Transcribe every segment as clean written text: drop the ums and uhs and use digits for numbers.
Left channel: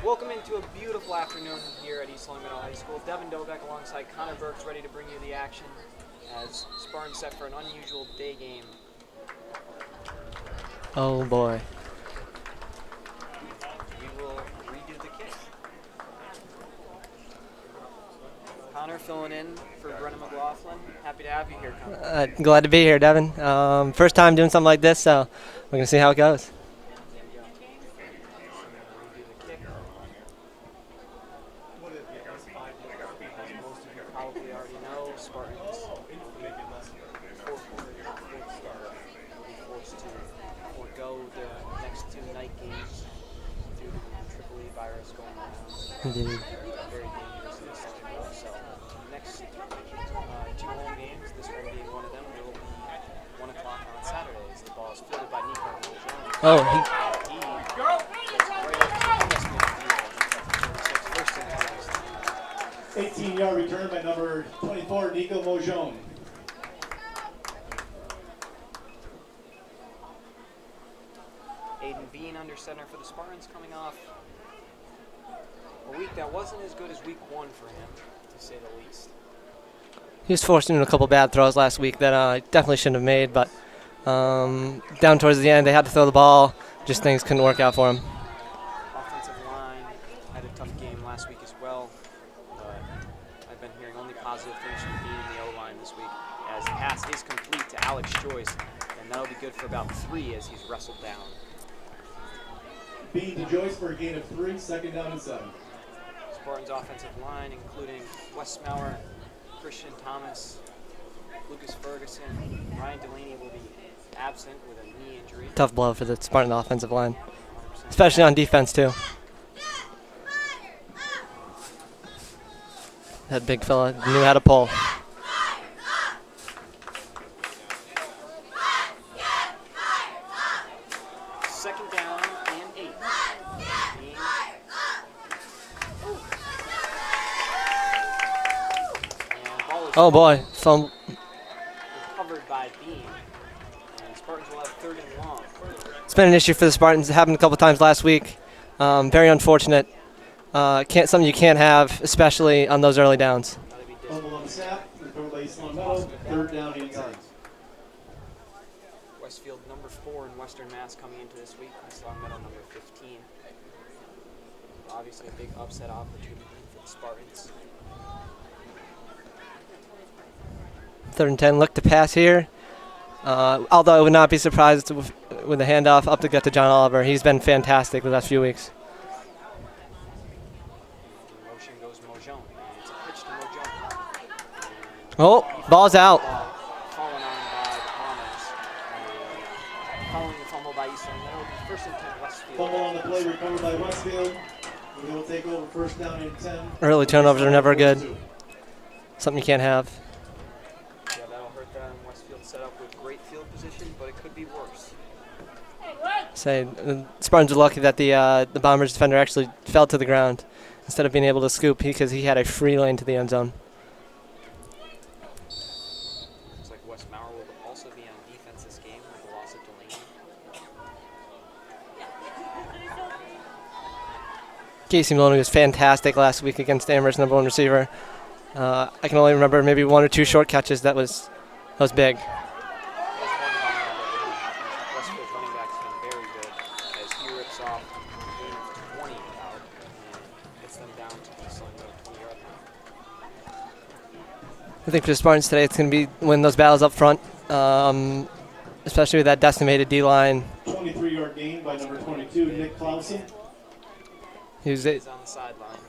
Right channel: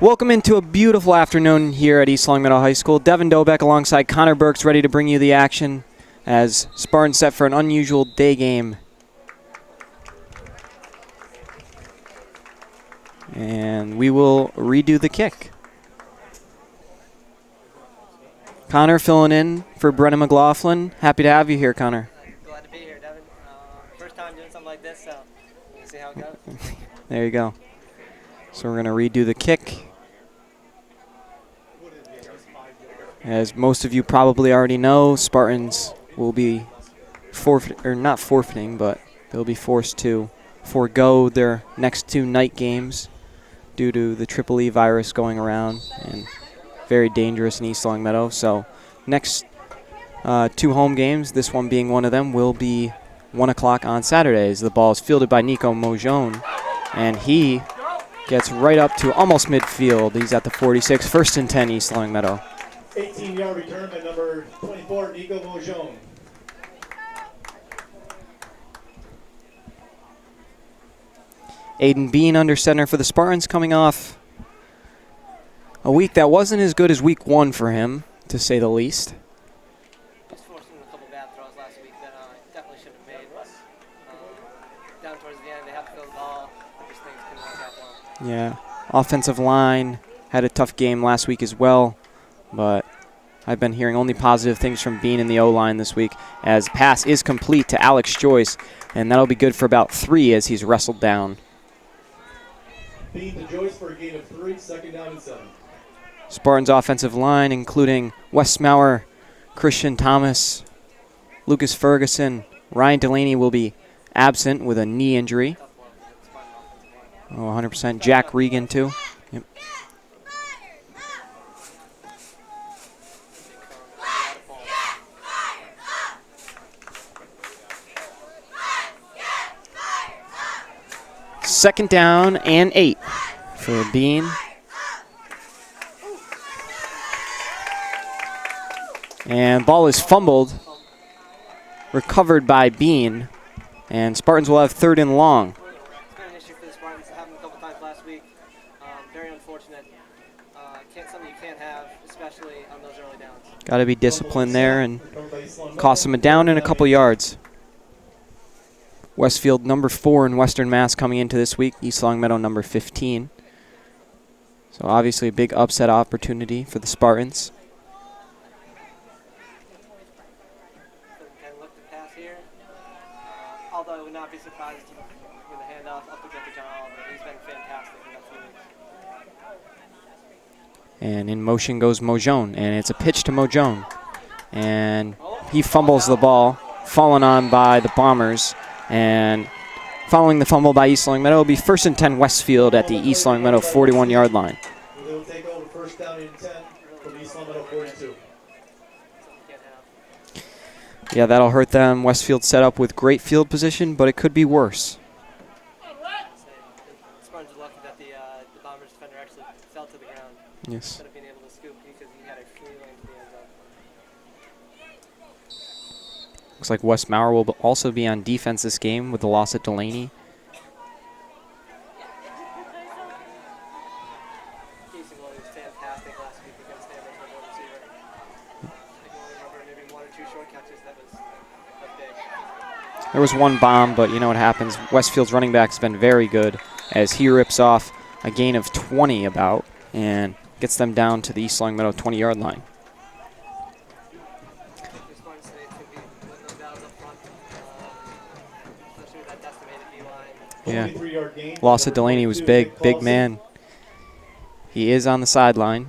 Welcome into a beautiful afternoon here at East Long Meadow High School. Devin Dobeck alongside Connor Burks ready to bring you the action as Spartans set for an unusual day game. Oh boy. And we will redo the kick. Connor filling in for Brennan McLaughlin. Happy to have you here, Connor. Glad to be here, Devin. First time doing something like this, so we're going to see how it goes. There you go. So we're going to redo the kick. As most of you probably already know, Spartans will be not forfeiting, but they'll be forced to forego their next two night games due to the Triple E virus going around. And very dangerous in East Long Meadow. So next two home games, this one being one of them, will be 1 o'clock on Saturdays. The ball is fielded by Nico Mojon, and he gets right up to almost midfield. He's at the 46, 1st and 10 East Long Meadow. 18-yard return by number 24, Nico Mojon. Aiden Bean under center for the Spartans, coming off a week that wasn't as good as week one for him, to say the least. He was forced into a couple bad throws last week that definitely shouldn't have made, but down towards the end they had to throw the ball. Just things couldn't work out for him. Yeah, offensive line had a tough game last week as well, but I've been hearing only positive things from Bean and the O-line this week, as pass is complete to Alex Joyce, and that'll be good for about 3 as he's wrestled down. Bean to Joyce for a gain of 3, 2nd down and 7. Spartans offensive line, including Wes Maurer, Christian Thomas, Lucas Ferguson, Ryan Delaney will be absent with a knee injury. Tough blow for the Spartan offensive line. Oh, 100%. Especially Jack on Regan defense, too. Yep. That big fella knew how to pull. Second down and 8 for Bean. And ball is fumbled. Recovered by Bean. And Spartans will have 3rd and long. It's been an issue for the Spartans. It happened a couple times last week. Very unfortunate. Something you can't have, especially on those early downs. Got to be disciplined there and cost them a down and a couple yards. Westfield number 4 in Western Mass coming into this week. East Long Meadow number 15. So obviously a big upset opportunity for the Spartans. 3rd and 10, look to pass here. Although I would not be surprised with the handoff up to get to John Oliver. He's been fantastic the last few weeks. And in motion goes Mojon, and it's a pitch to Mojon. And he fumbles the ball, fallen on by the Bombers. And following the fumble by East Long Meadow, will be 1st and 10 Westfield at the East Long Meadow 41-yard line. They'll take over 1st down and 10. Early turnovers are never good. Something you can't have. Yeah, that'll hurt them. Westfield set up with great field position, but it could be worse. The Spartans are lucky that the Bombers defender actually fell to the ground instead of being able to scoop because he had a free lane to the end zone. Looks like Wes Maurer will also be on defense this game with the loss at Delaney. Casey Maloney was fantastic last week against Amherst, number 1 receiver. I can only remember maybe 1 or 2 short catches. That was big. There was one bomb, but you know what happens. Westfield's running back's been very good as he rips off a gain of 20 about and gets them down to the East Long Meadow 20-yard line. I think for the Spartans today, it's going to be win those battles up front, especially with that decimated D-line. Yeah. Loss at Delaney was big man. He is on the sideline.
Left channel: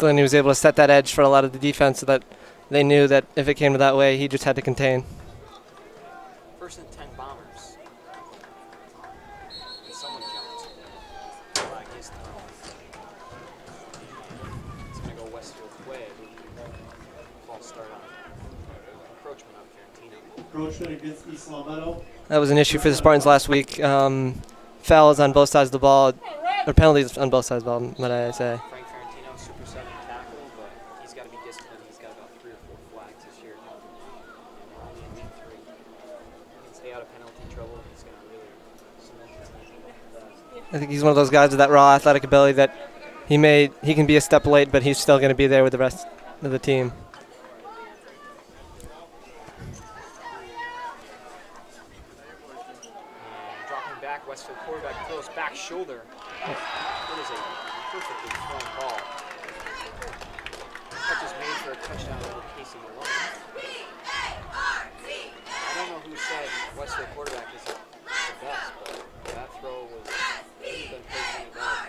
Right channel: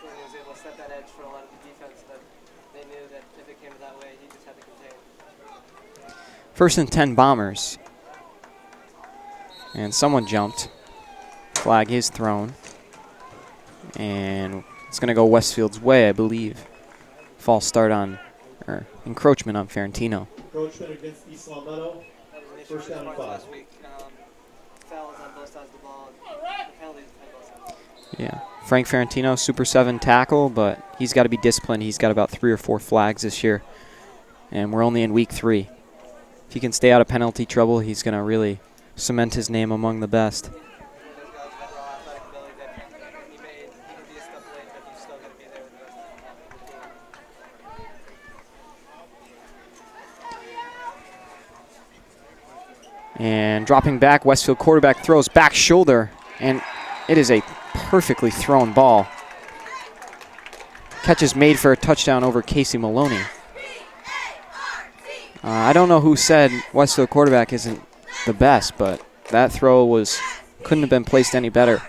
Delaney was able to set that edge for a lot of the defense so that they knew that if it came to that way, he just had to contain. 1st and 10 Bombers. And someone jumped. Flag is thrown. And it's going to go Westfield's way, I believe. False start encroachment on Ferentino. Encroachment against East Long Meadow. That was an issue for the Spartans last week. Fouls on both sides of the ball, or penalties on both sides of the ball, might I say. Frank Ferentino, Super 7 tackle, but he's got to be disciplined. He's got about 3 or 4 flags this year. And we're only in week 3. If he can stay out of penalty trouble, he's going to really cement his name among the best. I think he's one of those guys with that raw athletic ability that he can be a step late, but he's still going to be there with the rest of the team. And dropping back, Westfield quarterback throws back shoulder, and it is a perfectly thrown ball. Catch is made for a touchdown over Casey Maloney. I don't know who said Westfield quarterback isn't the best, but that throw couldn't have been placed any better.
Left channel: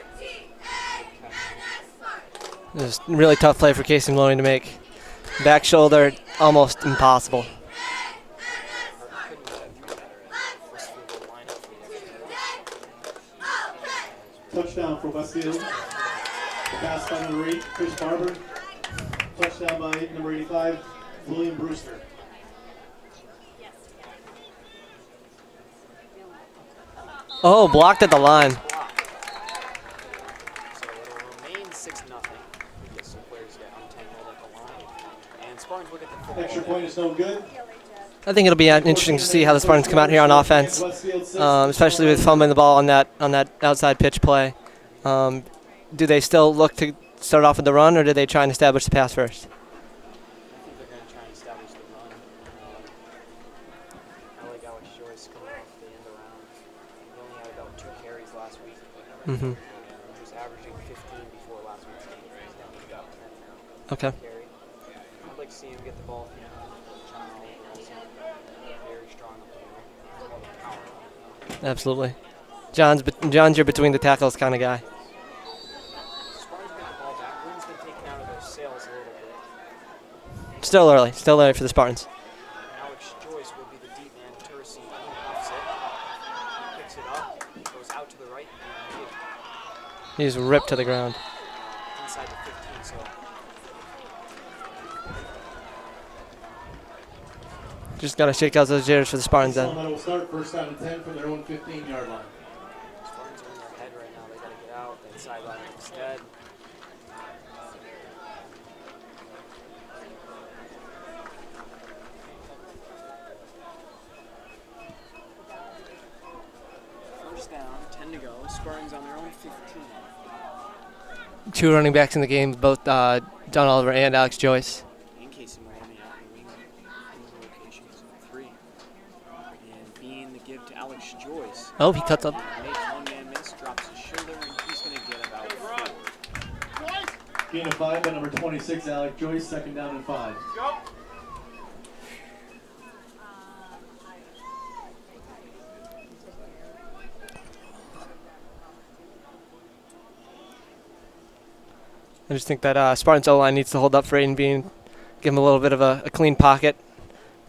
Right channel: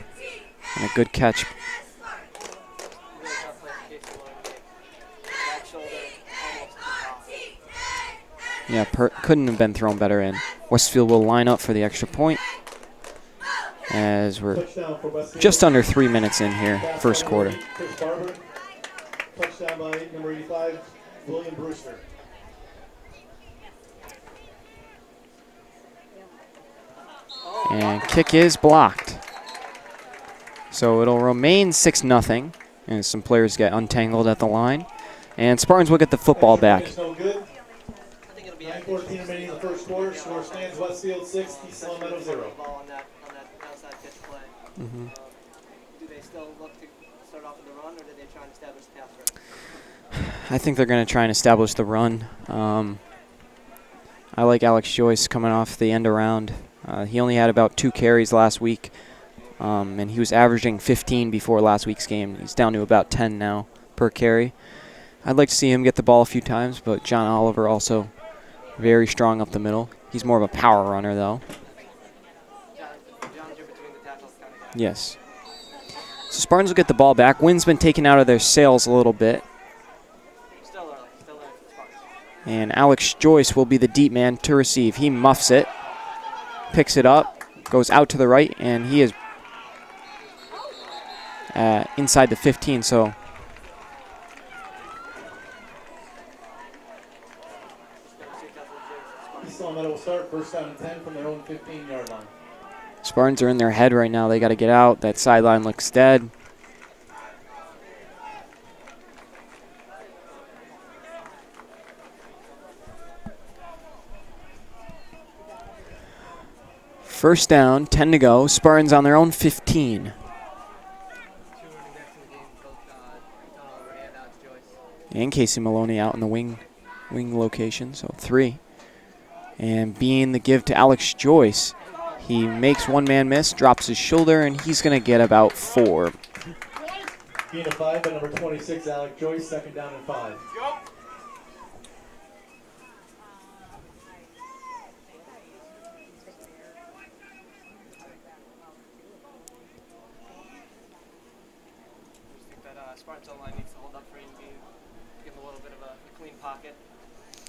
And a good catch. It was a really tough play for Casey Maloney to make. Back shoulder, almost impossible. Yeah, couldn't have been thrown better in. Westfield will line up for the extra point as we're just under 3 minutes in here, first quarter. Touchdown by number 85, William Brewster. Oh, blocked at the line. Kick is blocked. So it'll remain 6-0, and some players get untangled at the line. And Spartans will get the football back. I think it'll be interesting to see how the Spartans come out here on offense, especially with fumbling the ball on that outside pitch play. Do they still look to start off with the run, or do they try and establish the pass first? I think they're going to try and establish the run. I like Alex Joyce coming off the end around. He only had about 2 carries last week, and he was averaging 15 before last week's game. He's down to about 10 now per carry. I'd like to see him get the ball a few times, but John Oliver also very strong up the middle. He's more of a power runner, though. Absolutely. John's your between the tackles kind of guy. Yes. So Spartans will get the ball back. Wind's been taken out of their sails a little bit. Still early for the Spartans. And Alex Joyce will be the deep man to receive. He muffs it, picks it up, goes out to the right, and he's ripped to the ground. Inside the 15, so just got to shake out those jitters for the Spartans then. Will start first down and 10 from their own 15-yard line. Spartans are in their head right now. They got to get out. That sideline looks dead. First down, 10 to go. Spartans on their own 15. 2 running backs in the game, both John Oliver and Alex Joyce. And Casey Maloney out in the wing location, so 3. And being the give to Alex Joyce. Oh, he cuts up. He makes one man miss, drops his shoulder, and he's going to get about 4. Gain of 5 by number 26, Alex Joyce, second down and 5. I just think that Spartans O-line needs to hold up for Aiden Bean, give him a little bit of a clean pocket,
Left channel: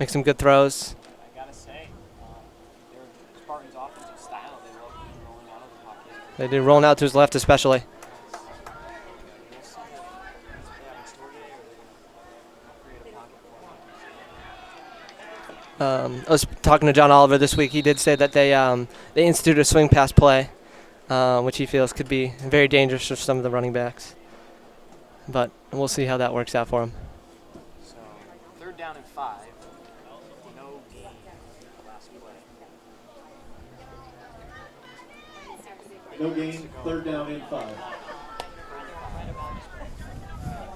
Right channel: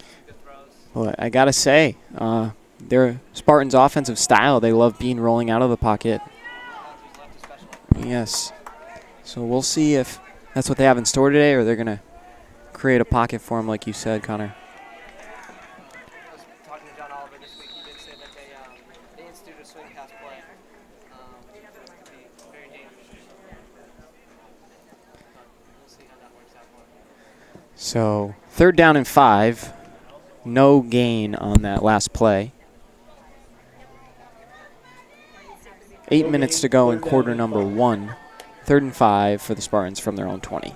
make some good throws. Well, I got to say, their Spartans' offensive style, they love Bean rolling out of the pocket. They do, rolling out to his left especially. Yes. So we'll see if that's what they have in store today, or they're going to create a pocket for him like you said, Connor. I was talking to John Oliver this week. He did say that they instituted a swing pass play, which he feels could be very dangerous for some of the running backs. But we'll see how that works out for him. So 3rd down and 5. No gain on that last play. 8 minutes to go in quarter number 1. 3rd and 5 for the Spartans from their own 20.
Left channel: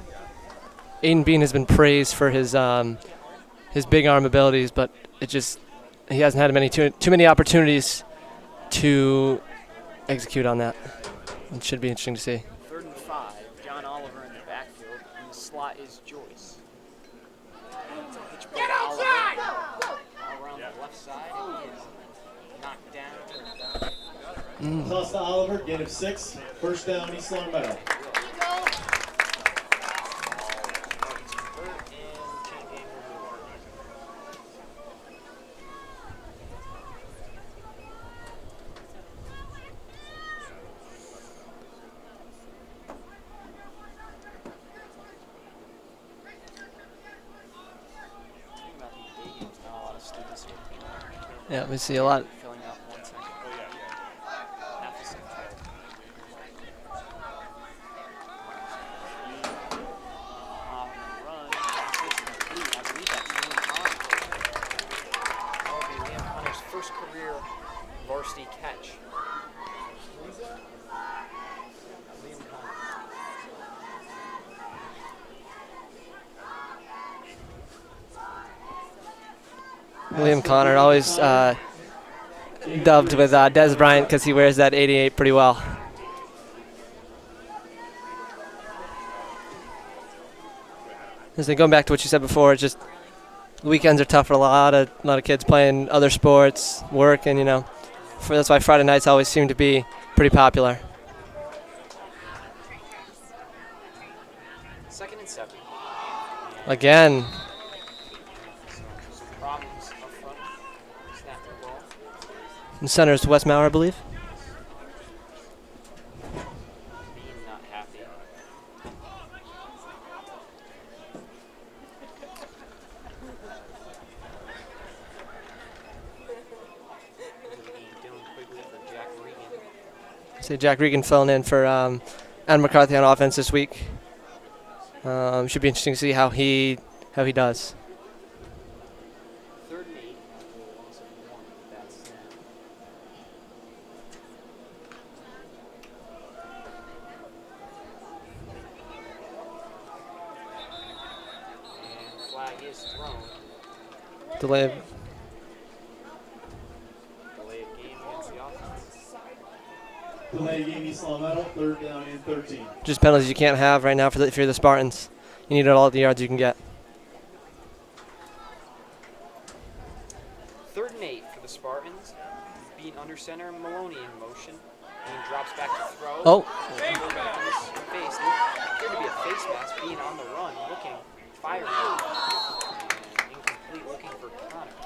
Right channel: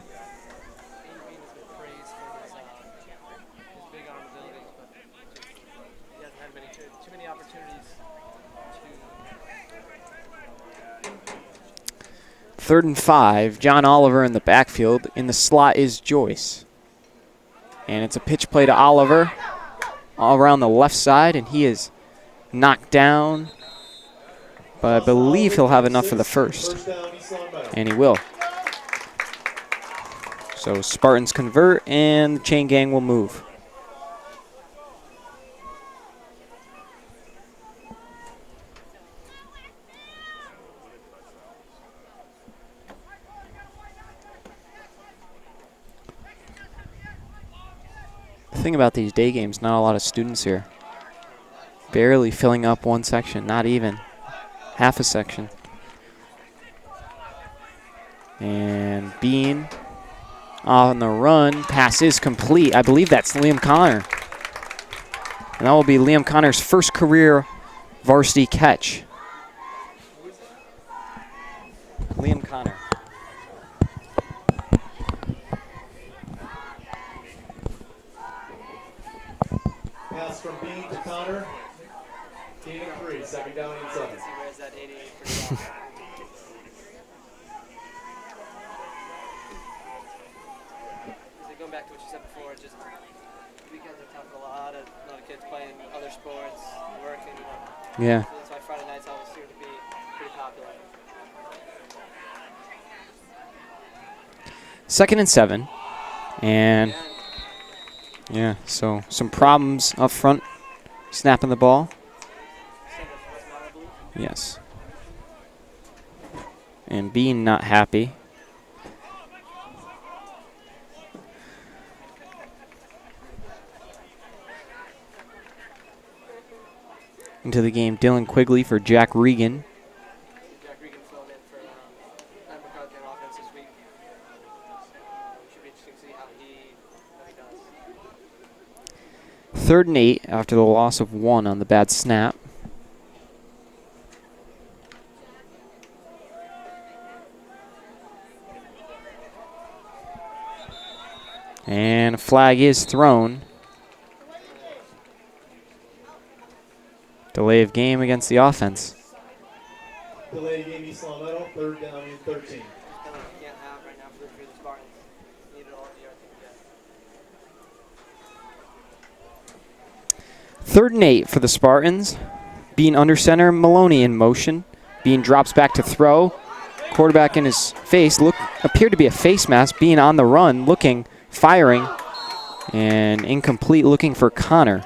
Aiden Bean has been praised for his big arm abilities, but he hasn't had too many opportunities to execute on that. It should be interesting to see. 3rd and 5. John Oliver in the backfield. In the slot is Joyce. And it's a pitch play to Oliver all around the left side, and he is knocked down. But I believe he'll have enough for the first. And he will. So Spartans convert, and the chain gang will move. The thing about these day games, not a lot of students here. Yeah, we see barely filling up one section, not even half a section. And Bean on the run, pass is complete. I believe that's Liam Connor. And that will be Liam Connor's first career varsity catch. Liam Connor. William Connor, always dubbed with Des Bryant because he wears that 88 pretty well. As going back to what you said before, it's just the weekends are tough for a lot of kids playing other sports, work, and Yeah. that's why Friday nights always seem to be pretty popular. 2nd and 7. And Again, yeah, so some problems up front, snapping the ball. in center is Wes Maurer, I believe. Yes. And Bean not happy. Into the game, Dylan Quigley for Jack Regan. See Jack Regan filling in for Adam McCarthy on offense this week. Should be interesting to see how he does. 3rd and 8 after the loss of 1 on the bad snap. And a flag is thrown. Delay. Delay of game against the offense. Delay game, East Long Meadow, 3rd down and 13. Just penalties you can't have right now if you're the Spartans. You need all the yards you can get. 3rd and 8 for the Spartans. Bean under center, Maloney in motion. Bean drops back to throw. Oh. Quarterback in his face. Appeared to be a face mask. Bean on the run, looking, firing. And incomplete, looking for Connor.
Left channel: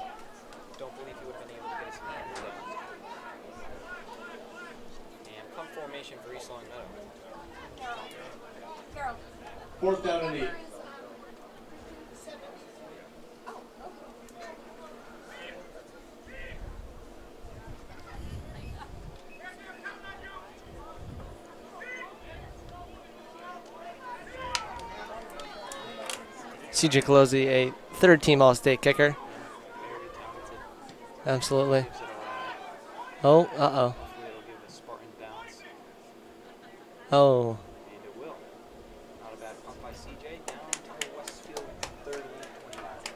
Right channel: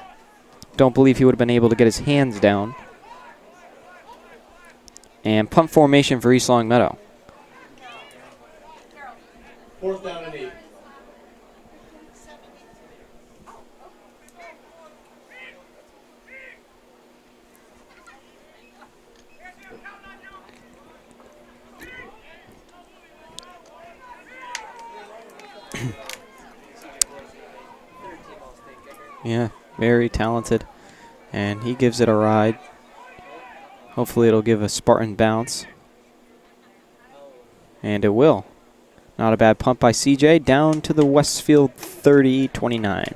Don't believe he would have been able to get his hands down. And punt formation for East Long Meadow. 4th down and 8. CJ Colosi, a 3rd-team All-State kicker. Yeah, very talented. Absolutely. And he gives it a ride. Oh, uh-oh. Hopefully it'll give a Spartan bounce. Oh. And it will. Not a bad punt by CJ. Down to the Westfield 30-29.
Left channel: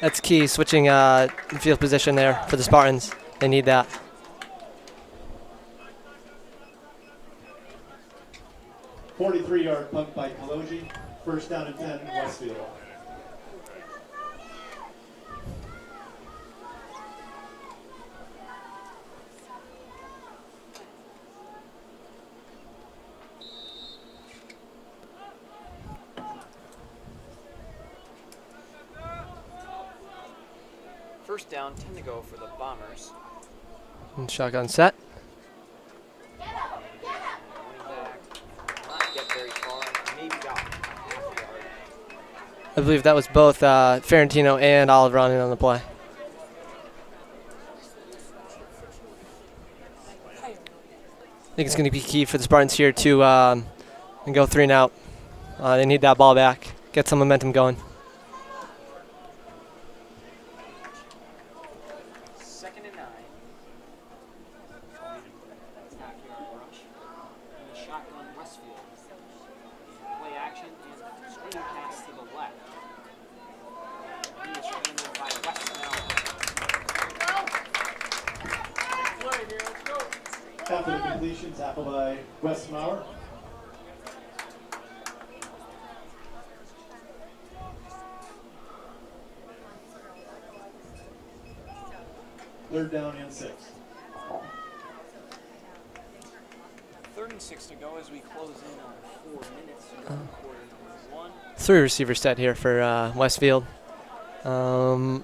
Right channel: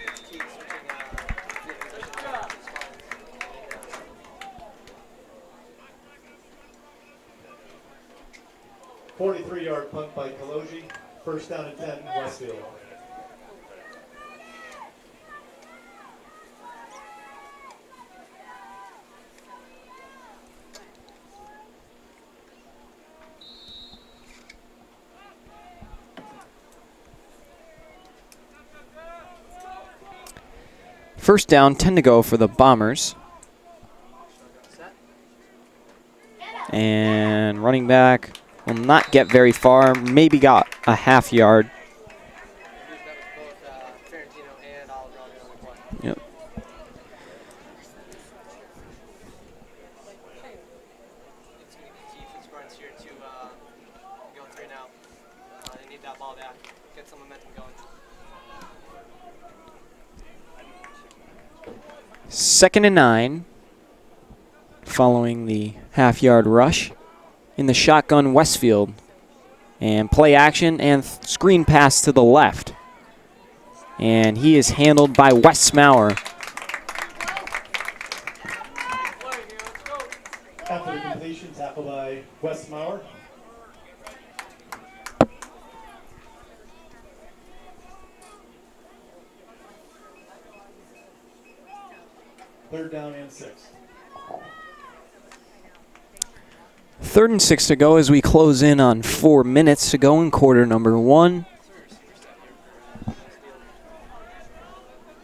That's key, switching field position there for the Spartans. They need that. A 43-yard punt by Kaloji. 1st down and 10, Westfield. First down, 10 to go for the Bombers. And shotgun set. And running back will not get very far. Maybe got a half yard. I believe that was both Ferentino and Olive running on the play. Yep. I think it's going to be key for the Spartans here to go 3 and out. They need that ball back, get some momentum going. 2nd and 9. Following the half-yard rush in the shotgun Westfield. And play action and screen pass to the left. And he is handled by Wes Maurer. After the completion, tackle by Wes Maurer. Third down and 6. 3rd and 6 to go as we close in on 4 minutes to go in quarter number 1. 3 receiver set here for Westfield. And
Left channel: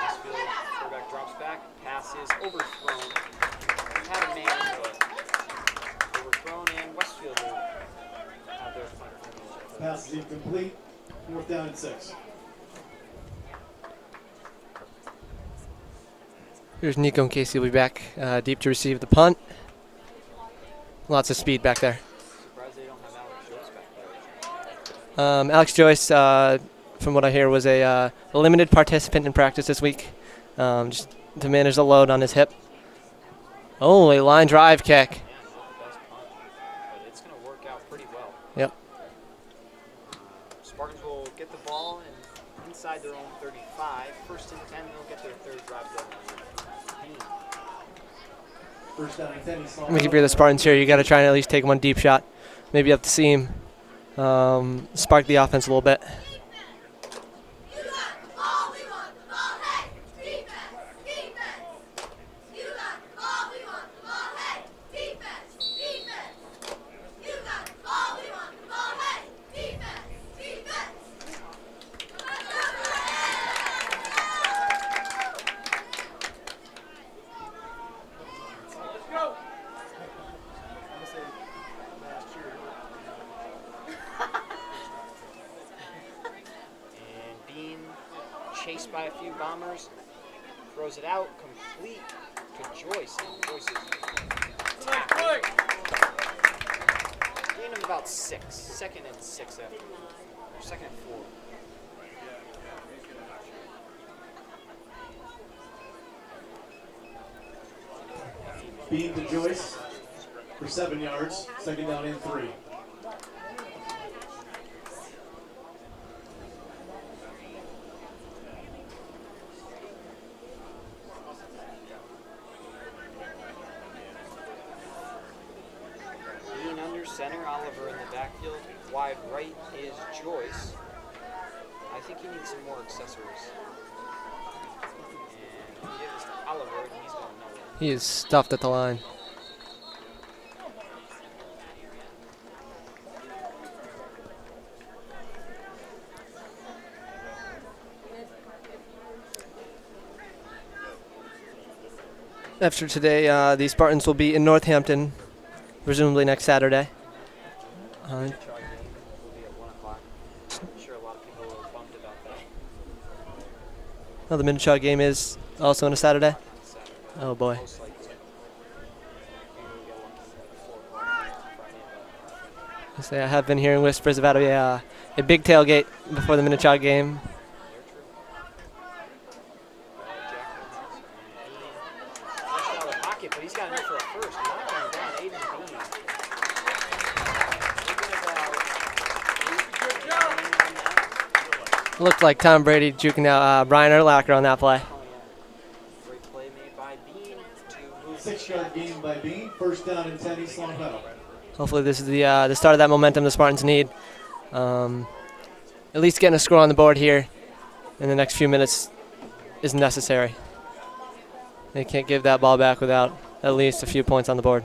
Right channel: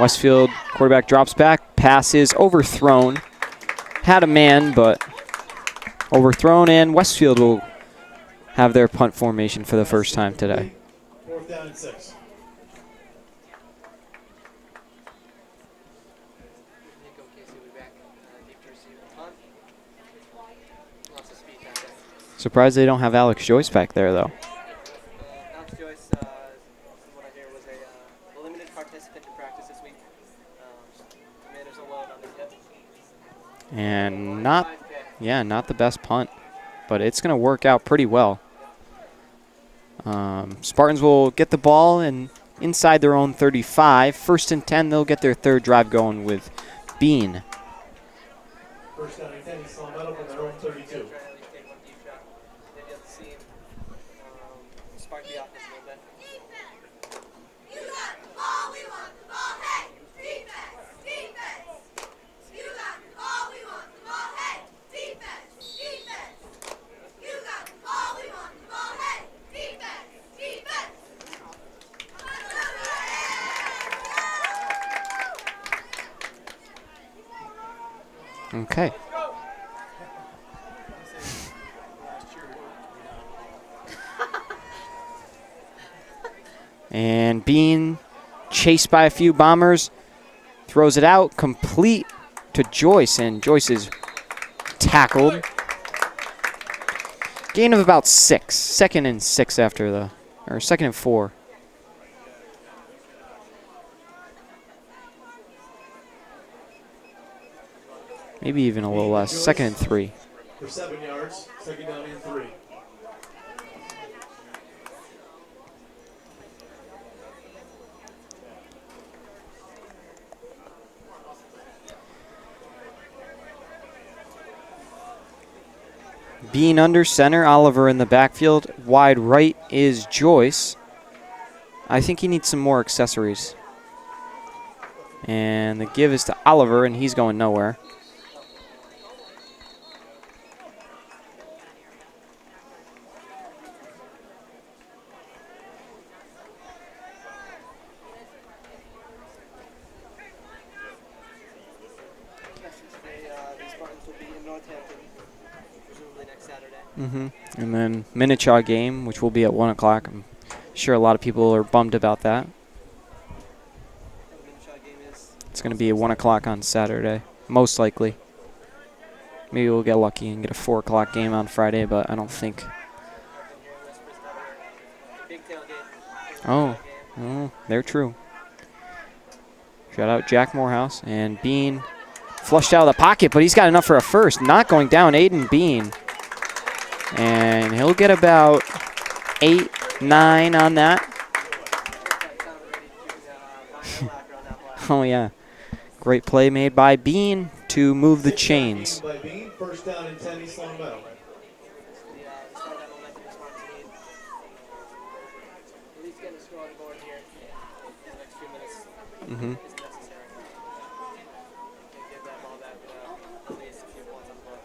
Westfield quarterback drops back. Pass is overthrown. Had a man, but overthrown. And Westfield will have their punt formation for the first time today. 4th down and 6. Here's Nico and Casey will be back deep to receive the punt. Lots of speed back there. Surprised they don't have Alex Joyce back there, though. Alex Joyce from what I hear, was a limited participant in practice this week, just to manage the load on his hip. And Oh, a line drive kick. Yeah, not the best punt, but it's going to work out pretty well. Yep. Spartans will get the ball and inside their own 35. 1st and 10, they'll get their third drive going with Bean. I think if you're the Spartans here, you got to try and at least take one deep shot, maybe up the seam, spark the offense a little bit. Okay. And Bean, chased by a few bombers, throws it out, complete to Joyce, and Joyce is tackled. Gain of about 6. 2nd and 6 after the, or 2nd and 4. Maybe even a little less. 2nd and 3. For 7 yards, 2nd down and 3. Bean under center, Oliver in the backfield. Wide right is Joyce. I think he needs some more accessories. And the give is to Oliver, and he's going nowhere. He is stuffed at the line. After today, the Spartans will be in Northampton, presumably next Saturday. And then Minichaw game, which will be at 1 o'clock. I'm sure a lot of people are bummed about that. Oh, the Minichaw game is It's going to also be on at 1 Saturday? o'clock on Saturday, Oh, boy. most likely. Maybe we'll get lucky and get a 4 o'clock game on Friday, but I don't think. I have been hearing whispers about a big tailgate before the Minichaw game. Oh, they're true. Shout out Jack Morehouse. And Bean flushed out of the pocket, but he's got enough for a first. Not going down, Aiden Bean. And he'll get about 8, 9 on that. Looked like Tom Brady juking out Brian Urlacher on that play. Oh, yeah. Great play made by Bean to move the chains. By Bean, 1st down and 10, East Long Meadow. Hopefully this is the start of that momentum the Spartans need. At least getting a score on the board here in the next few minutes is necessary. They can't give that ball back without at least a few points on the board.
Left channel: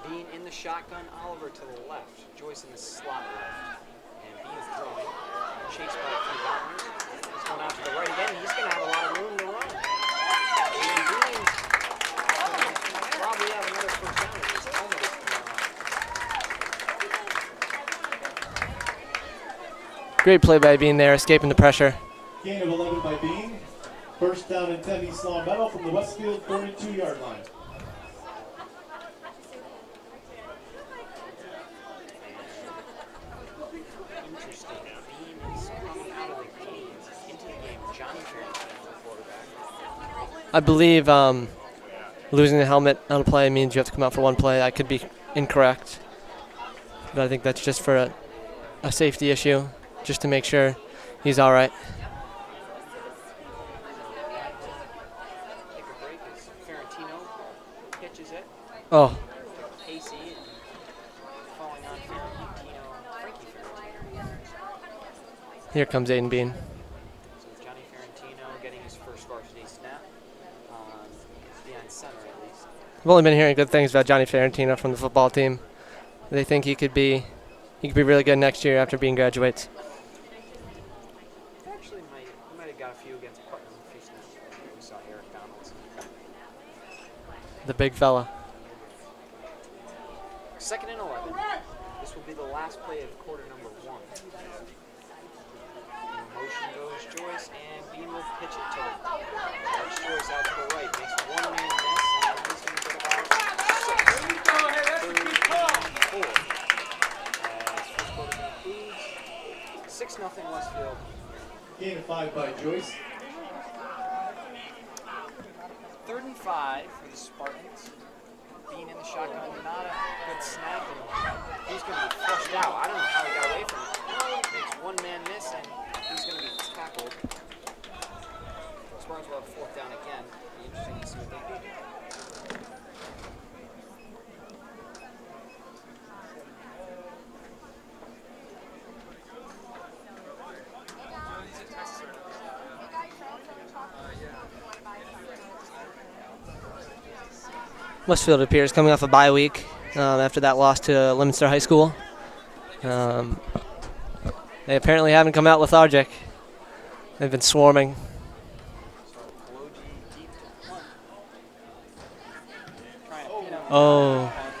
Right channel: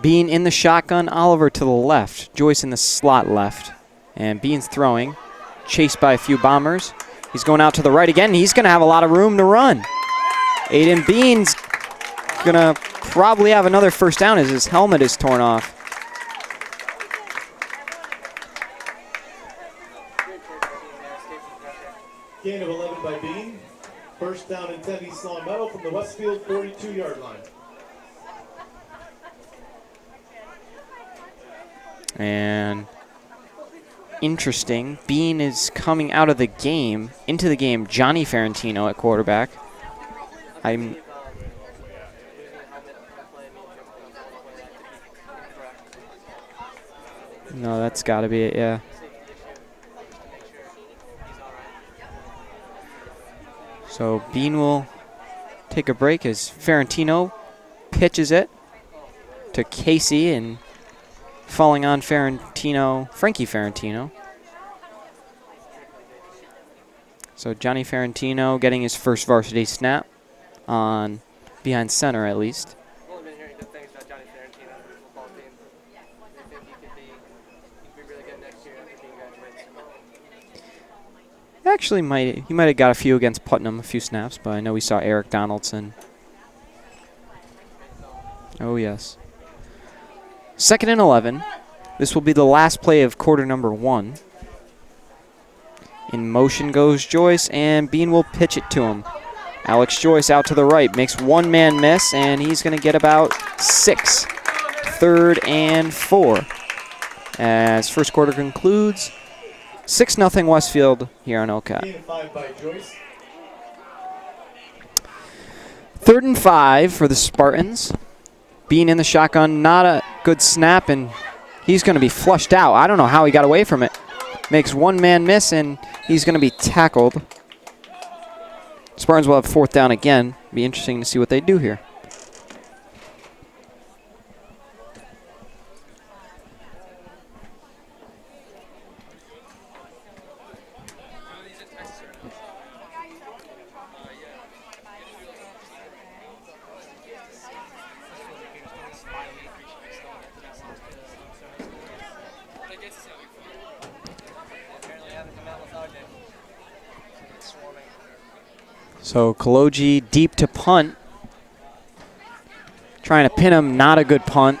Bean in the shotgun, Oliver to the left, Joyce in the slot left. And Bean's throwing, chased by a few bombers. He's going out to the right again. He's going to have a lot of room to run. Aiden Bean's going to probably have another 1st down as his helmet is torn off. Great play by Bean there, escaping the pressure. Gain of 11 by Bean. 1st down and 10, East Long Meadow from the Westfield 42-yard line. And interesting, Bean is coming out of the game, into the game, Johnny Ferrantino at quarterback. I believe losing the helmet on a play means you have to come out for one play. I could be incorrect, but I think that's just for gotta be it, yeah. a safety issue, just to make sure he's all right. So Bean will take a break as Ferrantino pitches it to Casey, and falling on Frankie Ferrantino. Here comes Aiden Bean. So Johnny Ferrantino getting his first varsity snap on behind center at least. I've only been hearing good things about Johnny Ferrantino from the football team. They think he could be really good next year after Bean graduates. Actually, he might have got a few against Putnam, a few snaps, but I know we saw Eric Donaldson. The big fella. Oh, yes. 2nd and 11. This will be the last play of quarter number 1. In motion goes Joyce, and Bean will pitch it to him. Alex Joyce out to the right, makes one man miss, and he's going to get about 6. 3rd and 4. As first quarter concludes, 6-0 Westfield here on OCAT. Gain of 5 by Joyce. 3rd and 5 for the Spartans. Being in the shotgun, not a good snap, and he's going to be flushed out. I don't know how he got away from it. Makes one man miss, and he's going to be tackled. Spartans will have 4th down again. Be interesting to see what they do here. Westfield appears coming off a bye week after that loss to Leominster High School. They apparently haven't come out lethargic. They've been swarming. So Kaloji deep to punt. Trying to pin him, not a good punt.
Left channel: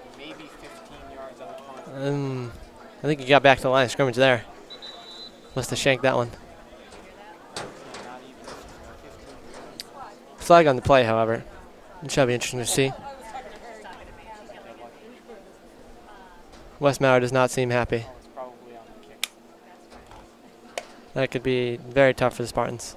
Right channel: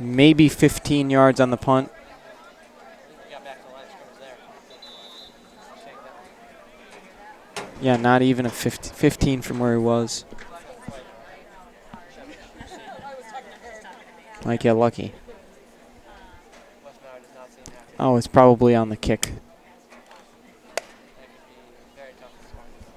Maybe 15 yards on the punt. I think he got back to the line of scrimmage there. Must have shanked that one. Yeah, not even a 15 from where he was. Flag on the play, however. It should be interesting to see. Might get lucky. Wes Maurer does not seem happy. Oh, it's probably on the kick. That could be very tough for the Spartans.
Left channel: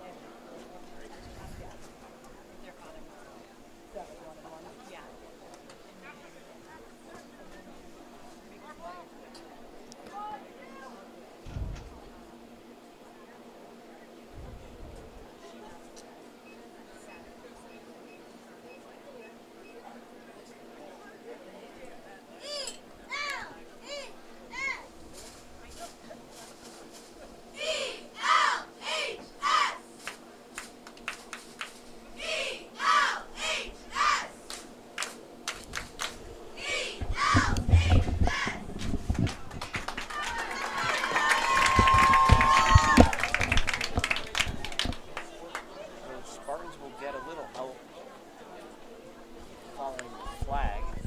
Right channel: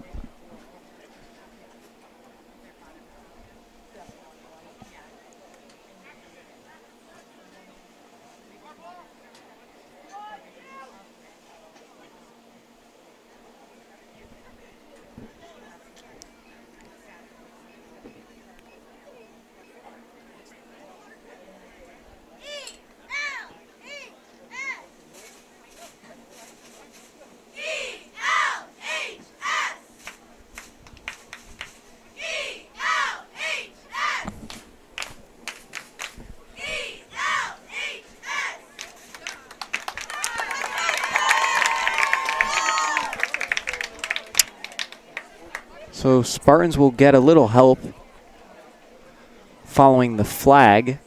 So Spartans will get a little help following the flag.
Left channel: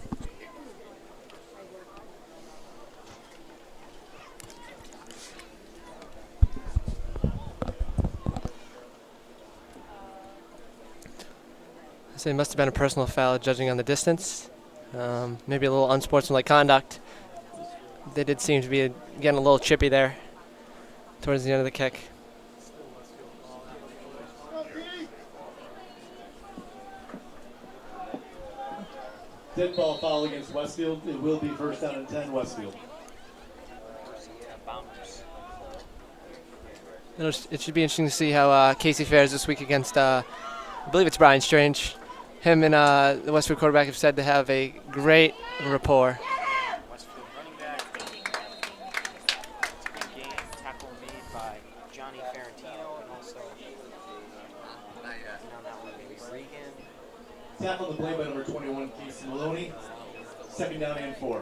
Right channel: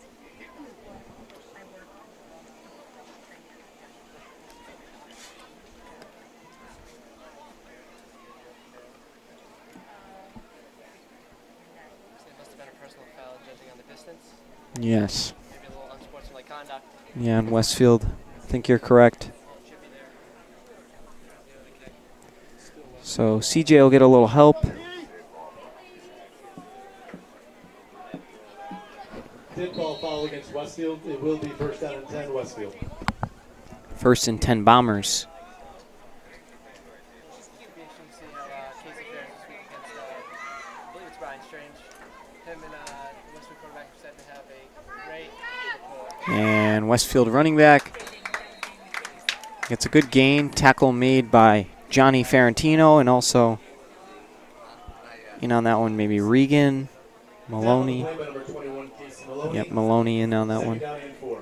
So it must have been a personal foul judging on the distance. Yes. Maybe a little unsportsmanlike conduct. Yeah, in Westfield. They did seem think to you're be correct. getting a little chippy there towards the end of the kick. So CJ will get a little help. Dead ball foul against Westfield. It will be 1st down and 10 Westfield. 1st and 10 Bombers. It should be interesting to see how Casey fares this week against, I believe it's Brian Strange. Him and the Westfield quarterback have said to have a great rapport. And Westfield running back gets a good gain. Tackle made by Johnny Ferrantino, and also in on that one maybe Regan, Maloney. Tackle play by number 21, Casey Maloney. Yep, Maloney in on that 2nd one. down and 4.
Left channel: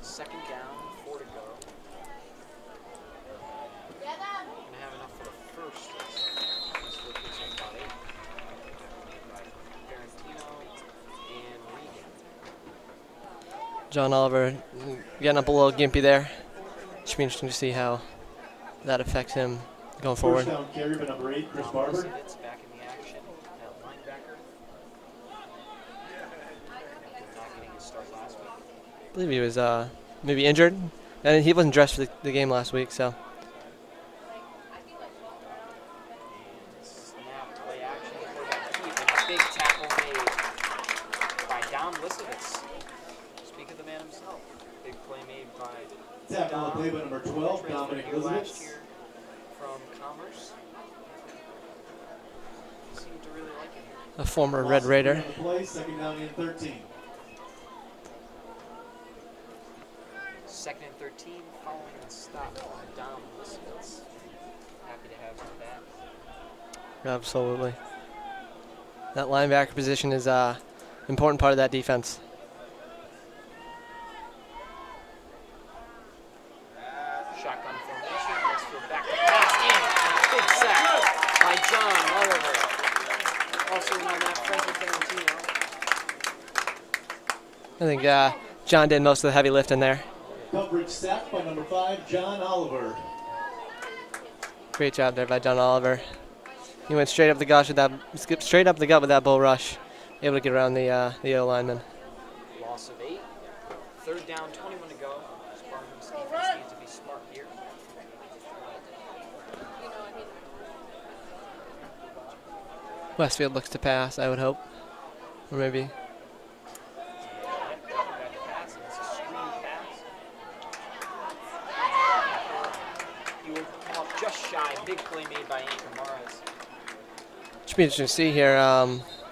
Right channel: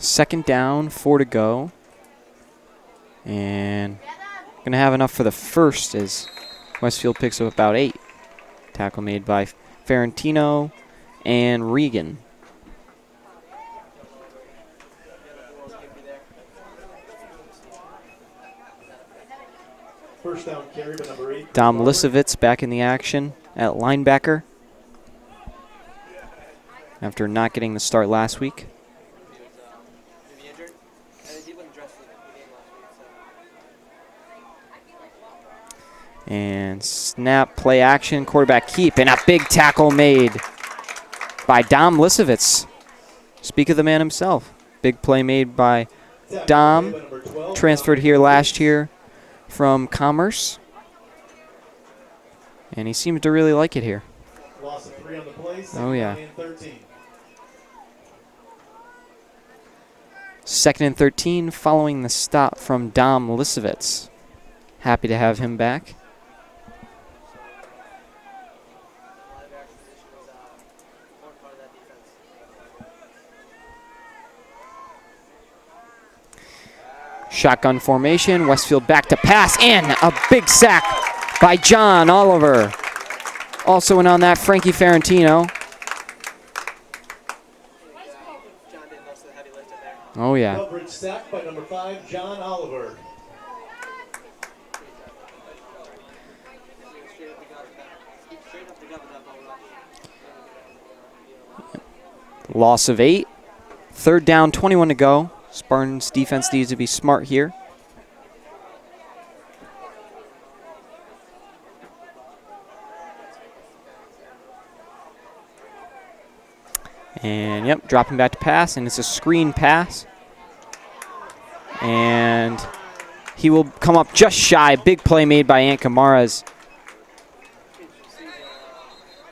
Second down, 4 to go. And going to have enough for the first as Westfield picks up about 8. Tackle made by Ferrantino and Regan. John Oliver getting up a little gimpy there. Should be interesting to see how that affects him going forward. 1st down carry by number 8. Dom Lisovitz back in the action at linebacker after not getting the start last week. I believe he was maybe injured, and he wasn't dressed for the game last week. So And snap, play action, quarterback keep, and a big tackle made by Dom Lisovitz. Speak of the man himself. Big play made by Dom, transferred here last year from Commerce. And he seems to really like it here. a former Red Raider. Oh, yeah. 2nd and 13 following the stop from Dom Lisovitz. Happy to have him back. Absolutely. That linebacker position is an important part of that defense. Shotgun formation, Westfield back to pass, and a big sack by John Oliver. Also in on that, Frankie Ferrantino. I think John did most of the heavy lifting there. Oh, yeah. Coverage sacked by number 5, John Oliver. Great job there by John Oliver. He went straight up the gut with that, skipped straight up the gut with that bull rush, able to get around the O lineman. Loss of 8. 3rd down, 21 to go. Spartans defense needs to be smart here. Westfield looks to pass, I would hope, or maybe. And yep, dropping back to pass, and it's a screen pass. And he will come up just shy. Big play made by Ant Kamara's. Should be interesting to see here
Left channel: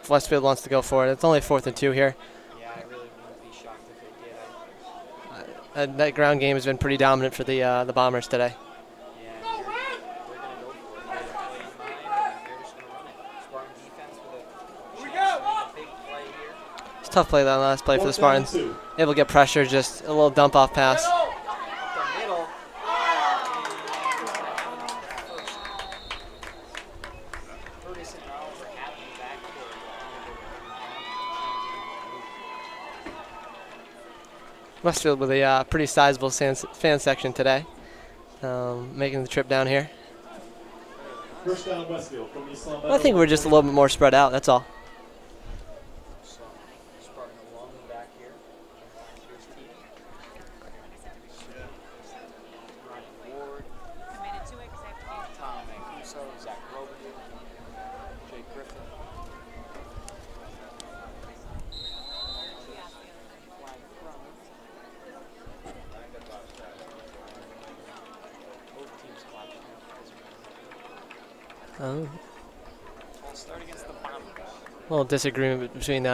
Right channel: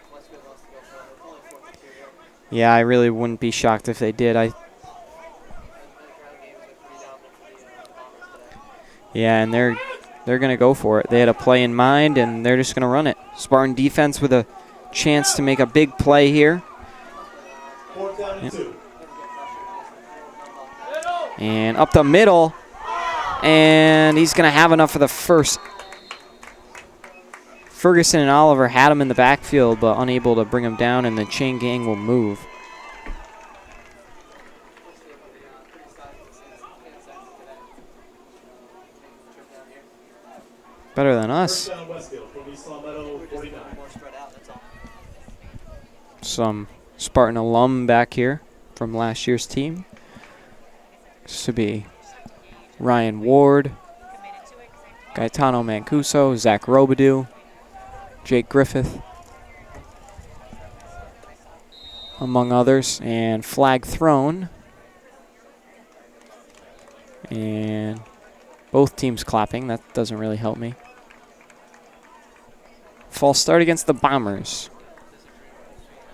if Westfield wants to go for it. It's only 4th and 2 here. Yeah, I really wouldn't be shocked if they did. That ground game has been pretty dominant for the Bombers today. Yeah, and they're going to go for it. They had a play in mind, and they're just going to run it. Spartan defense with a chance to make a big play here. It's a tough play, that last play for the Spartans. Able to get pressure, just a little dump-off pass. And up the middle, and he's going to have enough for the first. Ferguson and Oliver had him in the backfield, but unable to bring him down, and the chain gang will move. Westfield with a pretty sizable fan section today, making the trip down here. Better than us. I think we're just a little bit more spread out, that's all. Some Spartan alum back here from last year's team. This would be Ryan Ward, Gaetano Mancuso, Zach Robidoux, Jake Griffith, among others, and flag thrown. And both teams clapping. That doesn't really help me. Oh. False start against the Bombers. A little disagreement between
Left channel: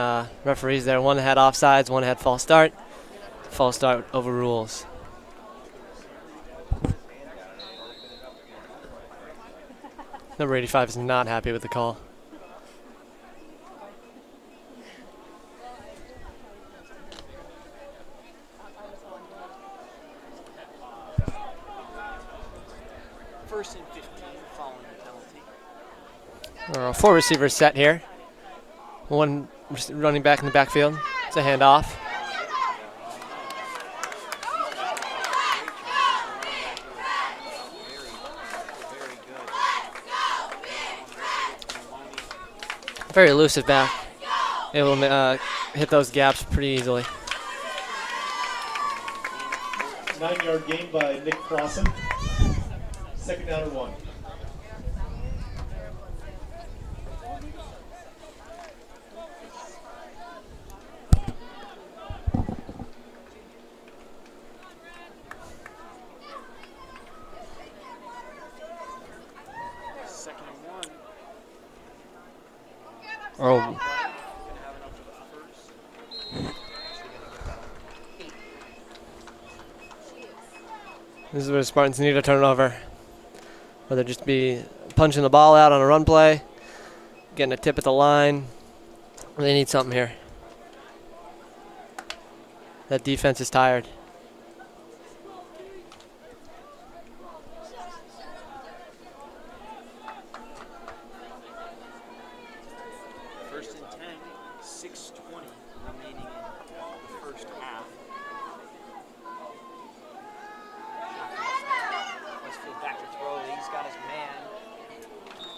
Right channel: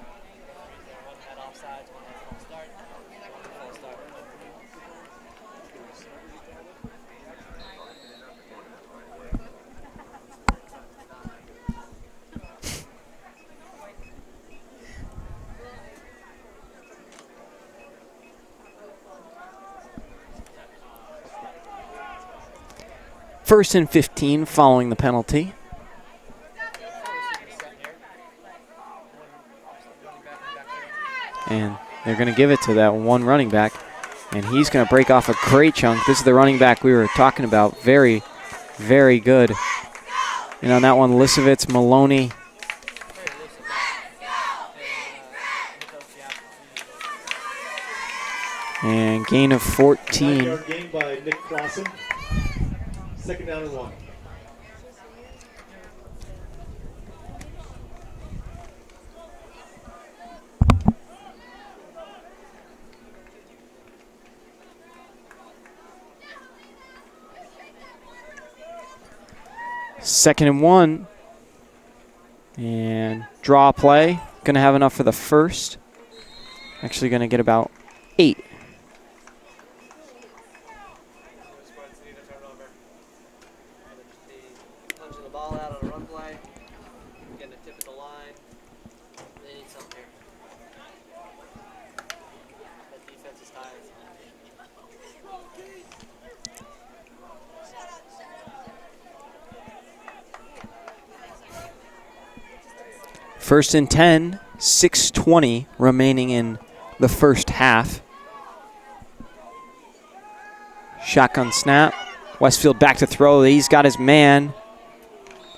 referees there. One had offsides, one had false start. False start overrules. Number 85 is not happy with the call. First and 15 following the penalty. 4 receivers set here. One running back in the backfield. It's a handoff. They're going to give it to that one running back, and he's going to break off a great chunk. This is the running back we were talking about. Very, very good. And on that one, Lisovitz, Maloney. Very elusive back. Able to hit those gaps pretty easily. And gain of 14. 9-yard gain by Nick Clausen. 2nd down and 1. Second and 1. And draw play. Going to have enough for the first. Actually going to get about 8. This is where the Spartans need to turn it over. Whether just be punching the ball out on a run play, getting a tip at the line. They need something here. That defense is tired. First and 10, 6:20 remaining in the first half. Shotgun snap. Westfield back to throw. He's got his man.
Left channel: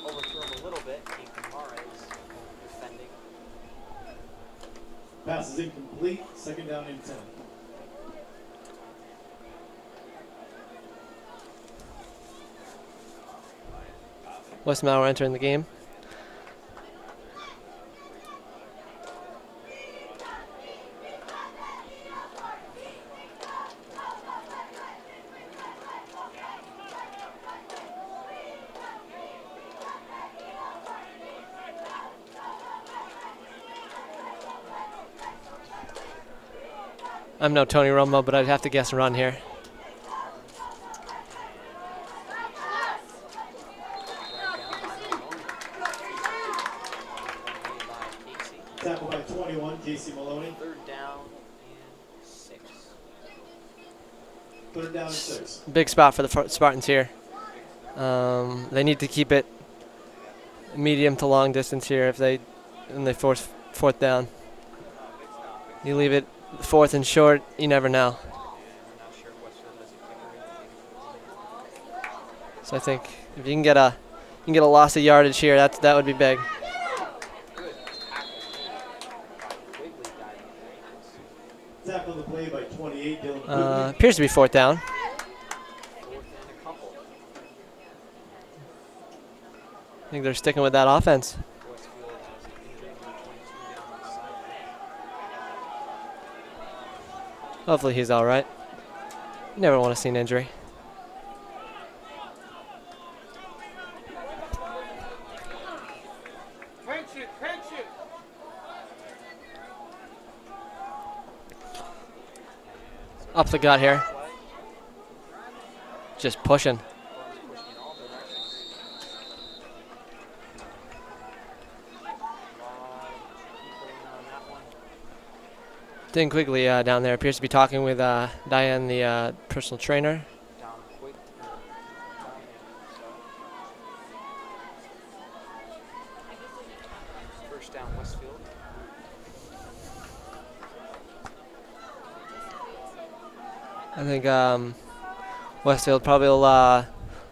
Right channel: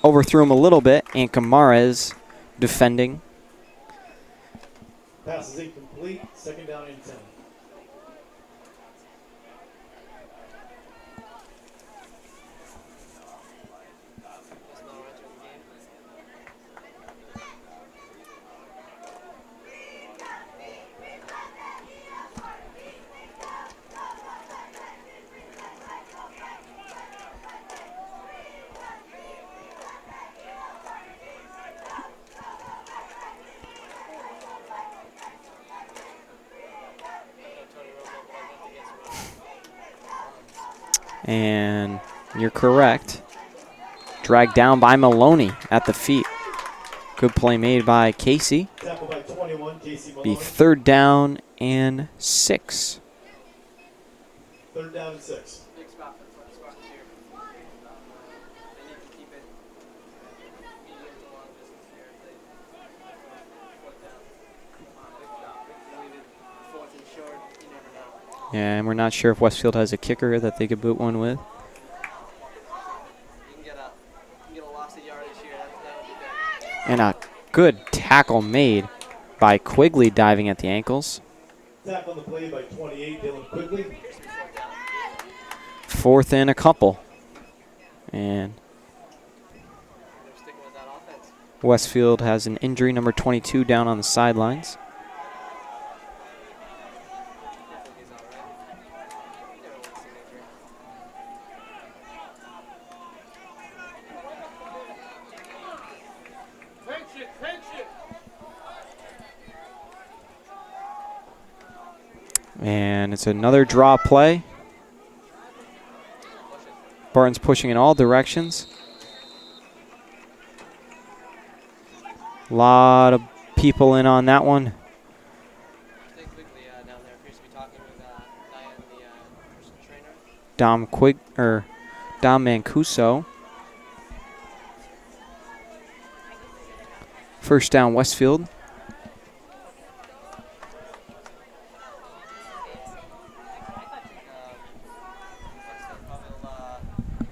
Overthrew him a little bit. And Kamara's defending. Pass is incomplete. 2nd down and 10. Westmauer entering the game. I'm no Tony Romo, but I'd have to guess run here. And you're correct. Dragged down by Maloney at the feet. Good play made by Casey. Tackle by 21, Casey Be Maloney. 3rd down and 6. 3rd down and 6. Big spot for the Spartans here. They need to keep it medium to long distance here. If they and they force fourth down. You leave it fourth and short, you never know. Yeah, and we're not sure if Westfield has a kicker that they could boot one with. So I think if you can get a loss of yardage here, that would be big. And a good tackle made by Quigley diving at the ankles. Tackle on the play by 28, Dylan Quigley. Appears to be fourth down. Fourth and a couple. And I think they're sticking with that offense. Westfield has an injury, number 22, down on the sidelines. Hopefully he's all right. You never want to see an injury. And it's another gut draw here. play. Just pushing. Spartans pushing in all directions. A lot of people in on that one. Dean Quigley down there appears to be talking with Diane, the personal trainer. Dom Mancuso. First down, Westfield. I think Westfield probably will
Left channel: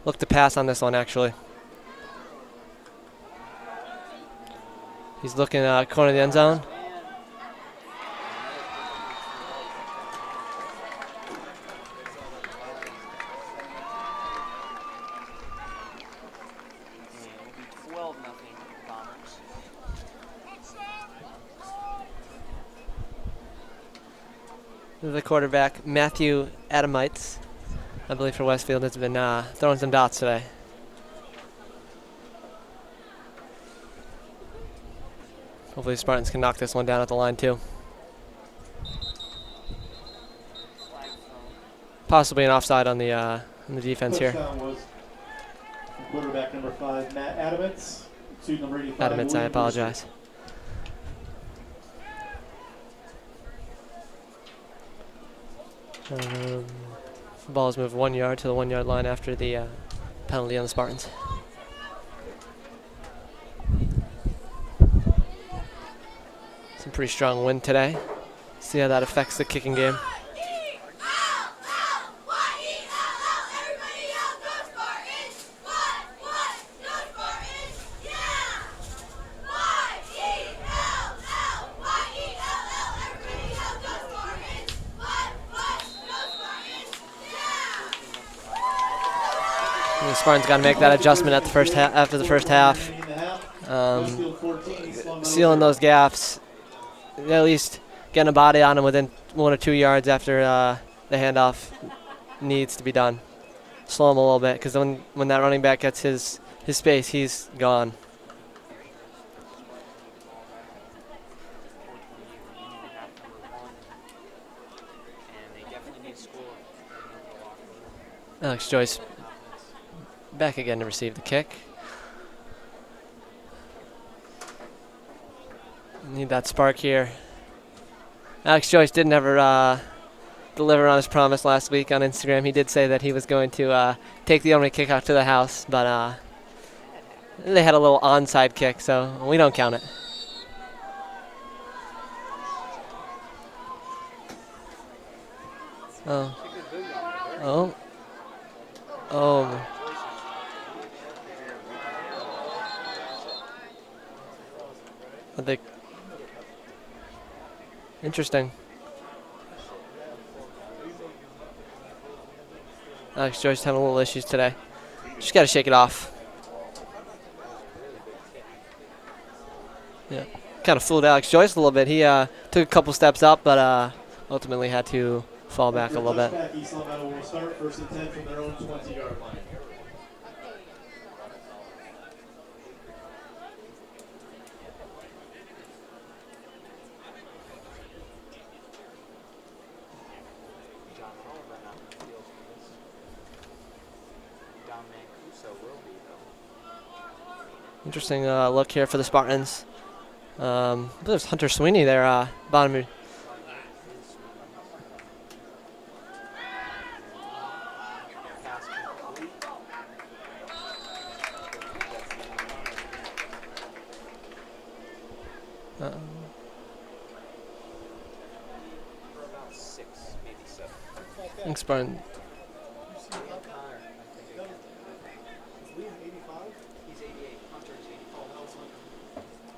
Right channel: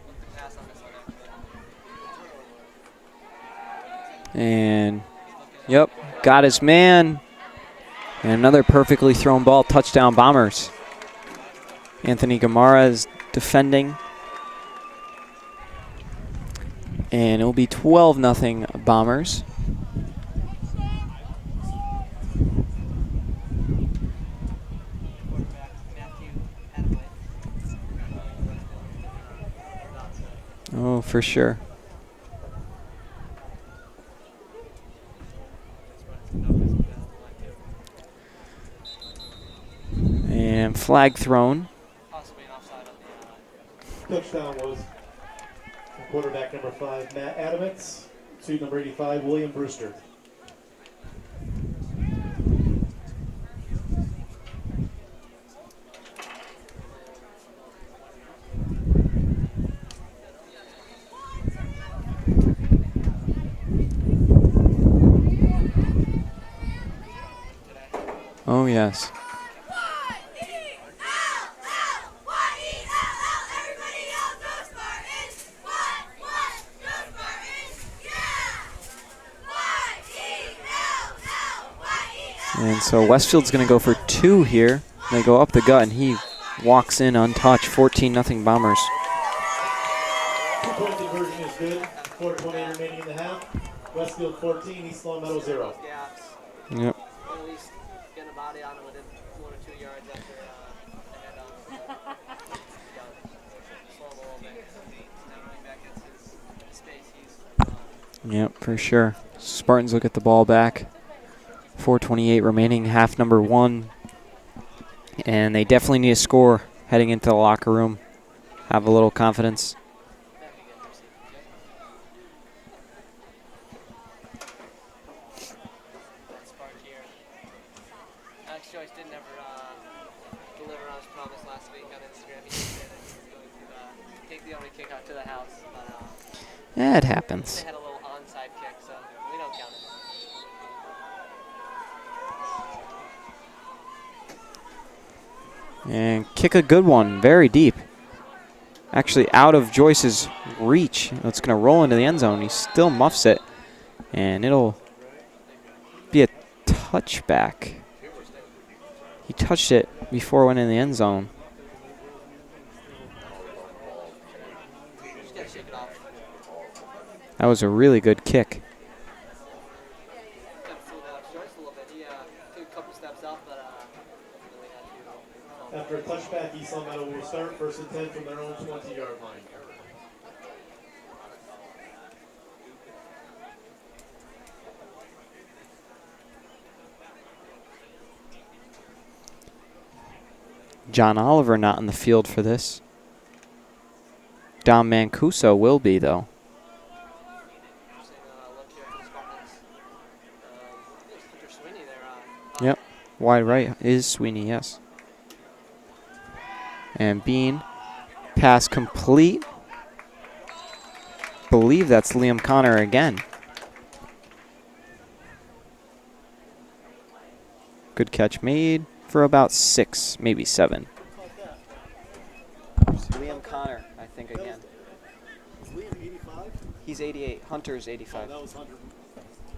look to pass on this one, actually. And he's looking corner of the end got zone. his man. And another perfectly thrown ball, touchdown Bombers. Anthony Gamara is defending. And it'll be 12-0 Bombers. The quarterback, Matthew Adamites, I believe for Westfield, has been throwing some dots today. Oh, for sure. Hopefully Spartans can knock this one down at the line too. And flag thrown. Possibly an offside on the defense here. Touchdown was quarterback number 5, Matt Adamits, to number 85. Adamits, I William apologize. The ball is moved 1 yard to the 1 yard line after the penalty on the Spartans. Some pretty strong wind today. Oh, See yes. how that affects the kicking game. And so Westfield's going to go for 2 here. They go up the gut, and he walks in untouched. 14-0 Bombers. And the Spartans got to make that adjustment at the first after the first half. Sealing those gaps. Yep. At least getting a body on him within 1 or 2 yards after the handoff needs to be done. Slow him a little bit, because when that running back gets his space, he's gone. Yep, for sure. Spartans will get the ball back. 4:28 remaining, half number 1. And they definitely need a score heading into the locker room. Alex Have Joyce a little confidence. back again to receive the kick. Need that spark here. Alex Joyce did never deliver on his promise last week on Instagram. He did say that he was going to take the only kick out to the house, but Yeah, it happens. they had a little onside kick, so we don't count it. And kick a good one, very deep. Actually, Oh. out of Joyce's reach. It's going to roll into the end zone. He still muffs it, and it'll be a touchback. Interesting. He touched it before it went in the end zone. Alex Joyce having a little issues today. Just got to shake it off. That was a really good kick. Yeah, kind of fooled Alex Joyce a little bit. He took a couple steps up, but ultimately had to fall back a little bit. East Meadow will start 1st and 10 from their own 20-yard line. John Oliver not in the field for this. Dom Mancuso will be, though. Interesting look here for the Spartans. There's Hunter Sweeney there. Bottom. Yep. Wide right is Sweeney, yes. And Bean, pass complete. Believe that's Liam Connor again. Good catch made for about 6, maybe 7. Thanks, Spartan. Liam Connor, I think, again. He's 88. Hunter's 85.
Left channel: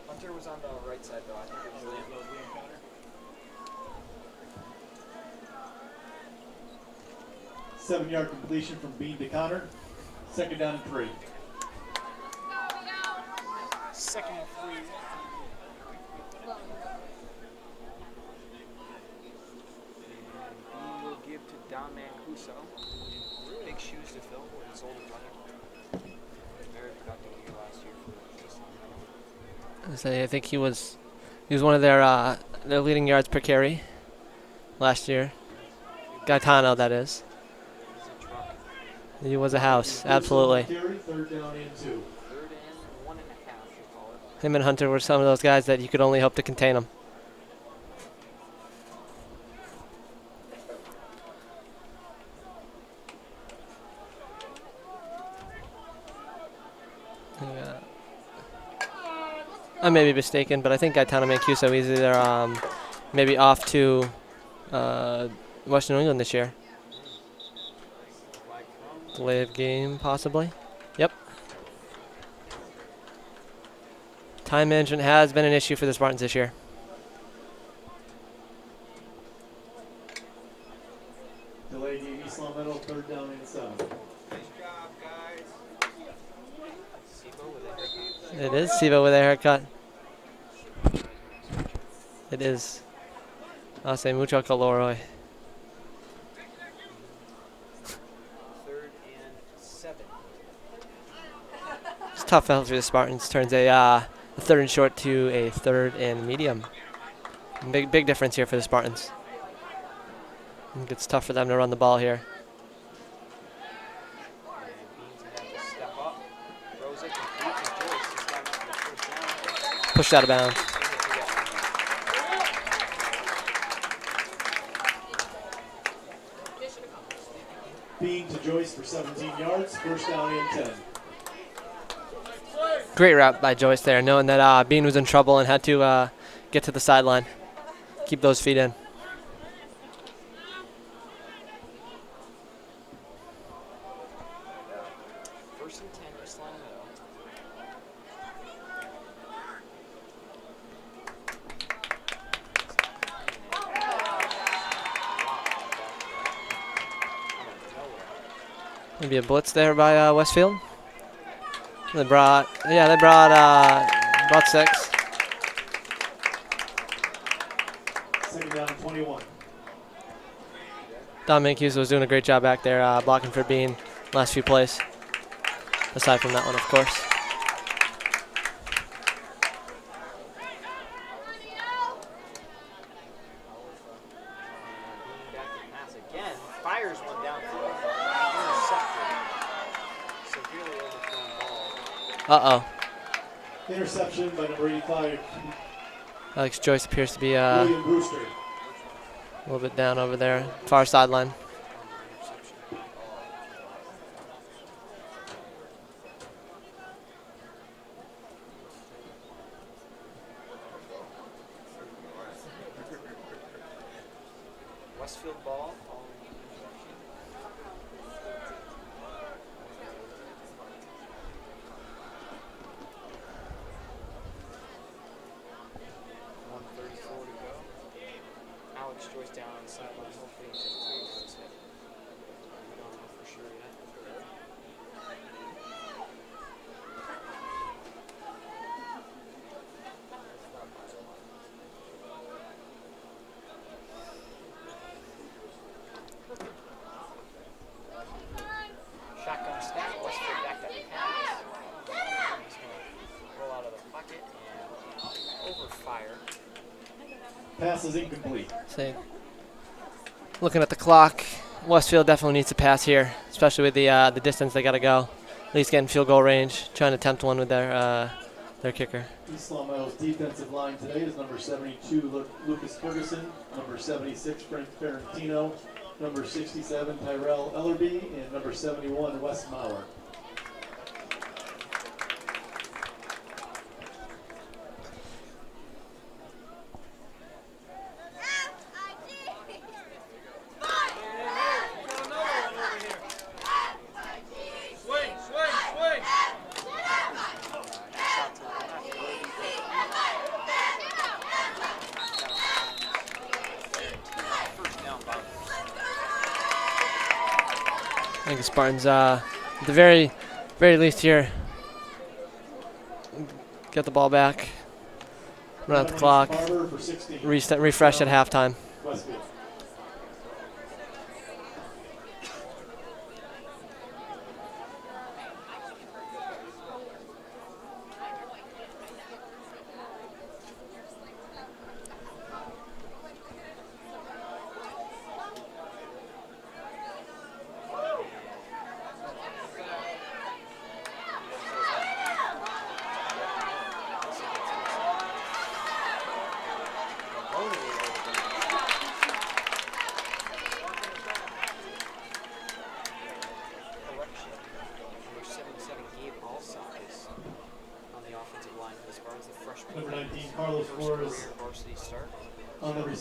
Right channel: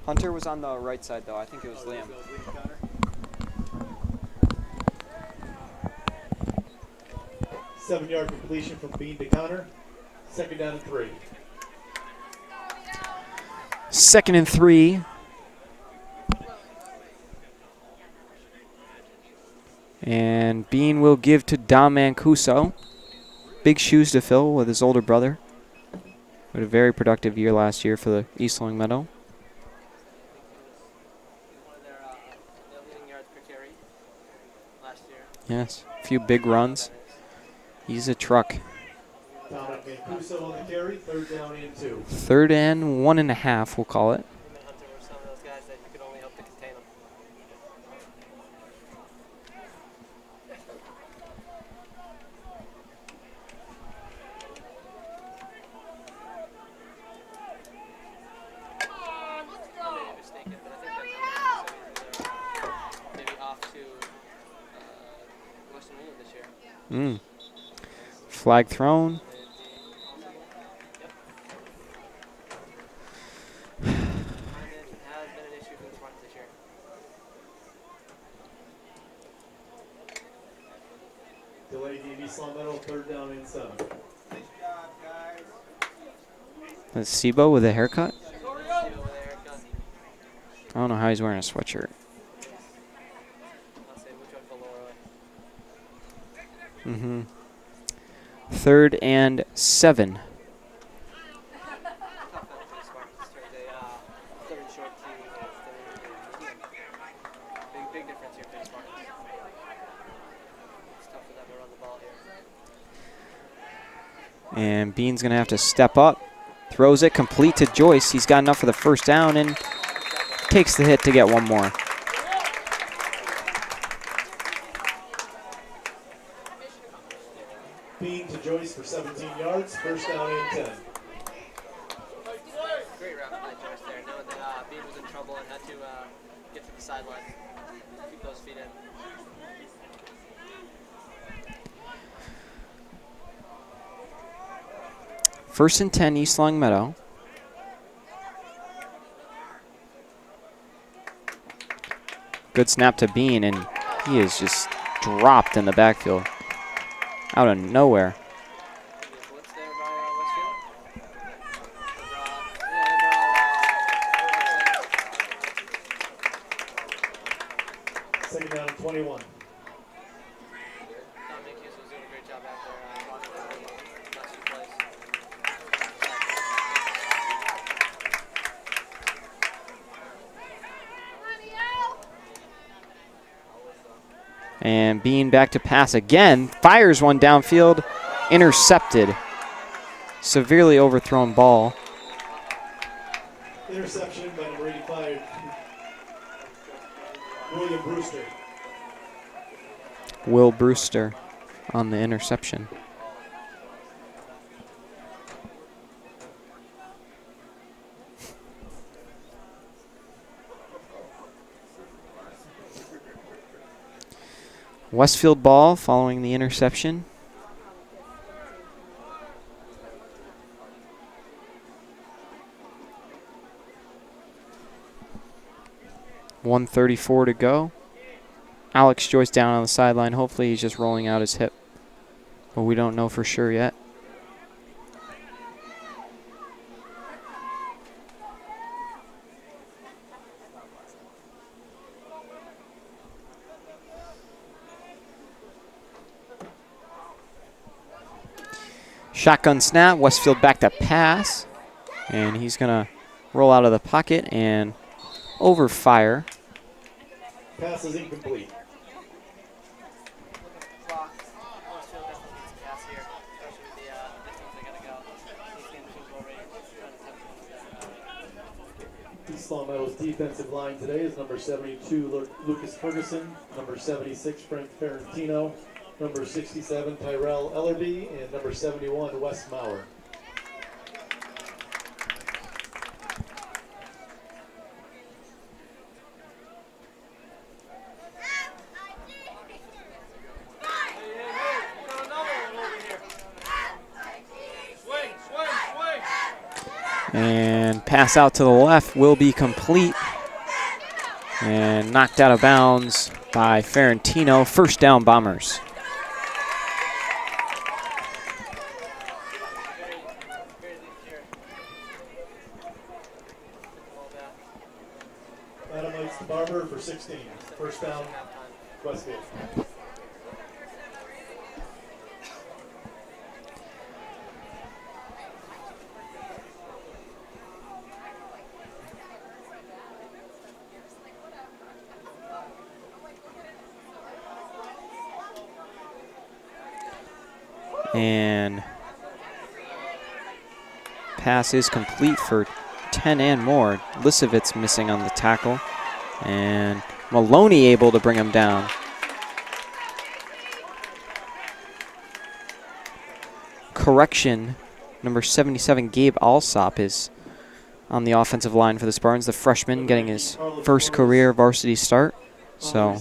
Hunter was on the right side, though. I think it was Liam. 7-yard completion from Bean to Connor. 2nd down and 3. 2nd and 3. And Bean will give to Dom Mancuso. Big shoes to fill with his older brother. Had a very productive year last year for the East Longmeadow. I think he was one of their leading yards per carry last year. Yes, a few big Gaetano, runs. that is. He's a truck. He was a house, absolutely. 3rd down and 2. 3rd and 1.5, we'll call it. Him and Hunter were some of those guys that you could only hope to contain them. I may be mistaken, but I think Gaetano Mancuso is either maybe off to Western New England this year. Flag thrown. Delay of game, possibly. Yep. Time management has been an issue for the Spartans this year. Delay game, East Longmeadow, 3rd down and 7. That's Sibo with a haircut. It is Sivo with a haircut. I don't know how he's wearing a sweatshirt. It is. I'll say mucho calor. 3rd and 7. It's tough out for the Spartans. Turns a 3rd and short to a 3rd and medium. Big difference here for the Spartans. I think it's tough for them to run the ball here. And Bean's going to have to step up. Throws it complete to Joyce. He's got enough for the 1st down and pushed out of bounds. Takes the hit to get one more. Bean to Joyce for 17 yards, 1st down and 10. Great route by Joyce there, knowing that Bean was in trouble and had to get to the sideline. Keep those feet in. First and 10, East Longmeadow. Good snap to Bean, and he is just dropped in the backfield. Out of nowhere. Maybe a blitz there by Westfield. They brought 6. Second down, 21. Dom Mancuso was doing a great job back there blocking for Bean last few plays. Aside from that one, of course. And Bean back to pass again. Fires one downfield. Intercepted. Severely overthrown ball. Uh-oh. Interception by number 85. Alex Joyce appears to be William Brewster. a little bit down over there. Will Far Brewster sideline. on the interception. Westfield ball following the interception. .134 to go. Alex Joyce down on the sideline. Hopefully he's just rolling out his hip. But we don't know for sure yet. Shotgun snap, Westfield back to pass. And he's going to roll out of the pocket and overfire. Pass is incomplete. Looking at the clock, Westfield definitely needs to pass here, especially with the distance they got to go. At least getting field goal range, trying to attempt one with their kicker. East Longmeadow's defensive line today is number 72, Lucas Ferguson, number 76, Frank Ferrantino, number 67, Tyrell Ellerby, and number 71, Wes Maurer. Pass out to the left will be complete. And knocked out of bounds by Ferentino. First down, Bombers. I think the Spartans, at the very least here, get the ball back, run out the clock, refresh at halftime. Westfield. And pass is complete for 10 and more. Lisovitz missing on the tackle. And Maloney able to bring him down. Correction, number 77, Gabe Alsop, is on the offensive line for the Spartans. The freshman getting his first career varsity start. So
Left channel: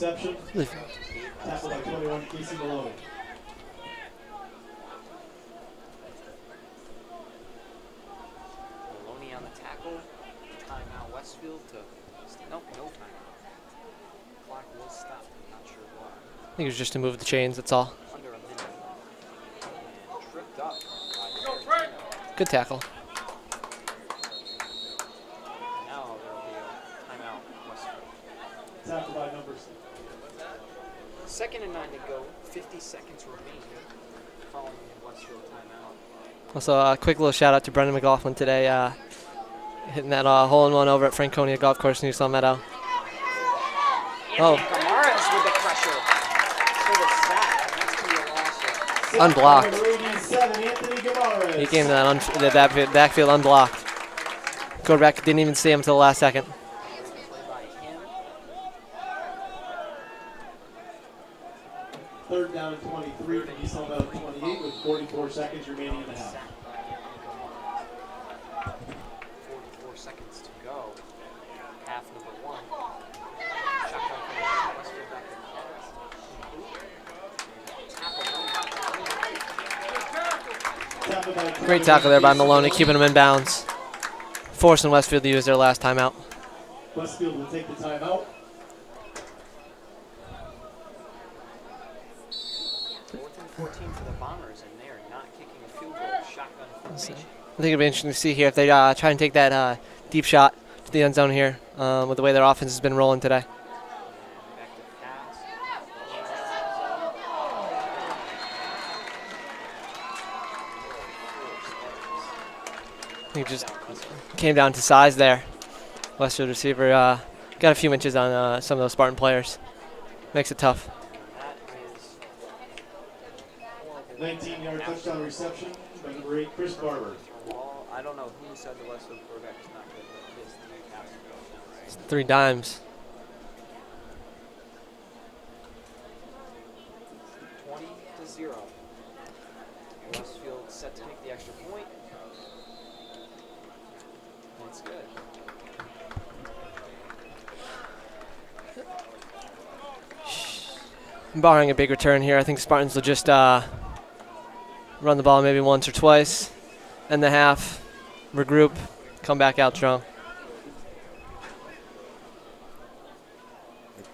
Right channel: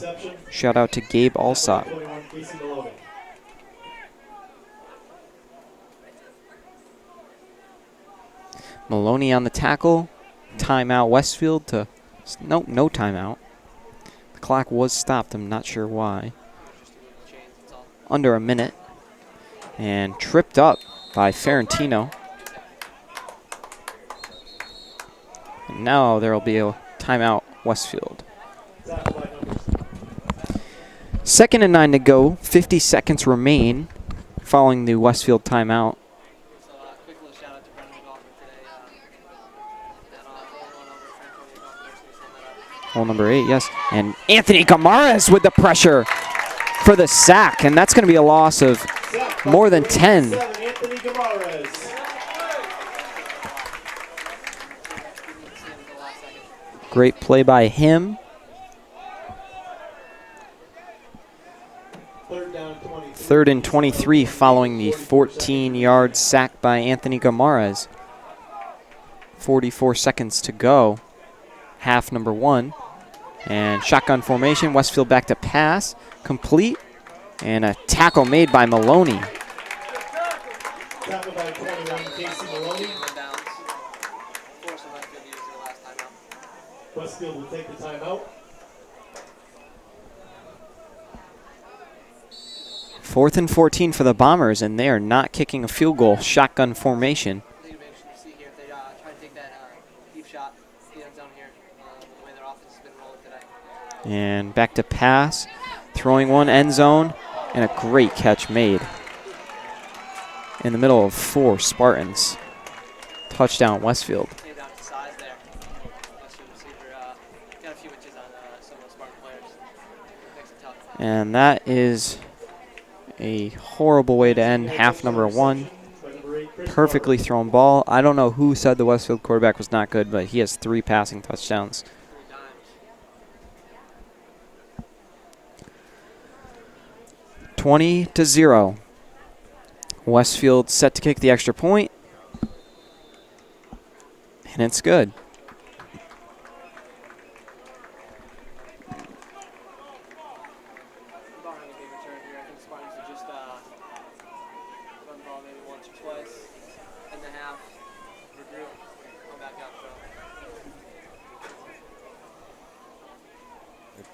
shout out to Gabe Alsop. Maloney on the tackle. Timeout Westfield to, nope, no timeout. The clock was stopped, I'm not sure why. I think it was just to move the chains, that's all. Under a minute. And tripped up by Ferentino. Good tackle. And now there will be a timeout Westfield. 2nd and 9 to go. 50 seconds remain following the Westfield timeout. Also, a quick little shout out to Brendan McLaughlin today, hitting that hole-in-one over at Franconia Golf Course in New Meadow. Hole number 8, yes. And Anthony Gamares with the pressure for the sack, and that's going to be a loss of unblocked. More than 10. He came to that backfield unblocked. Quarterback didn't even see him until the last second. Great play by him. 3rd and 23 following the 14-yard sack by Anthony Gamares. 44 seconds to go. Half number 1. And shotgun formation. Westfield back to pass. Complete. And a tackle made by Maloney. Great tackle there by Maloney, keeping him in bounds. Forcing Westfield to use their last timeout. Westfield will take the timeout. 4th and 14 for the Bombers, and they are not kicking a field goal. Shotgun formation. I think it'll be interesting to see here if they try and take that deep shot to the end zone here with the way their offense has been rolling today. And back to pass. Throwing one, end zone, and a great catch made. In the middle of 4 Spartans. Touchdown Westfield. Came down to size there. Westfield receiver got a few inches on some of those Spartan players. Makes it tough. And that is a horrible way to end half number 1. Perfectly thrown ball. I don't know who said the Westfield quarterback was not good, but he has 3 passing touchdowns. 3 dimes. 20-0. Westfield set to kick the extra point. And it's good. Barring a big return here, I think Spartans will just run the ball maybe once or twice, end the half, regroup, come back out strong.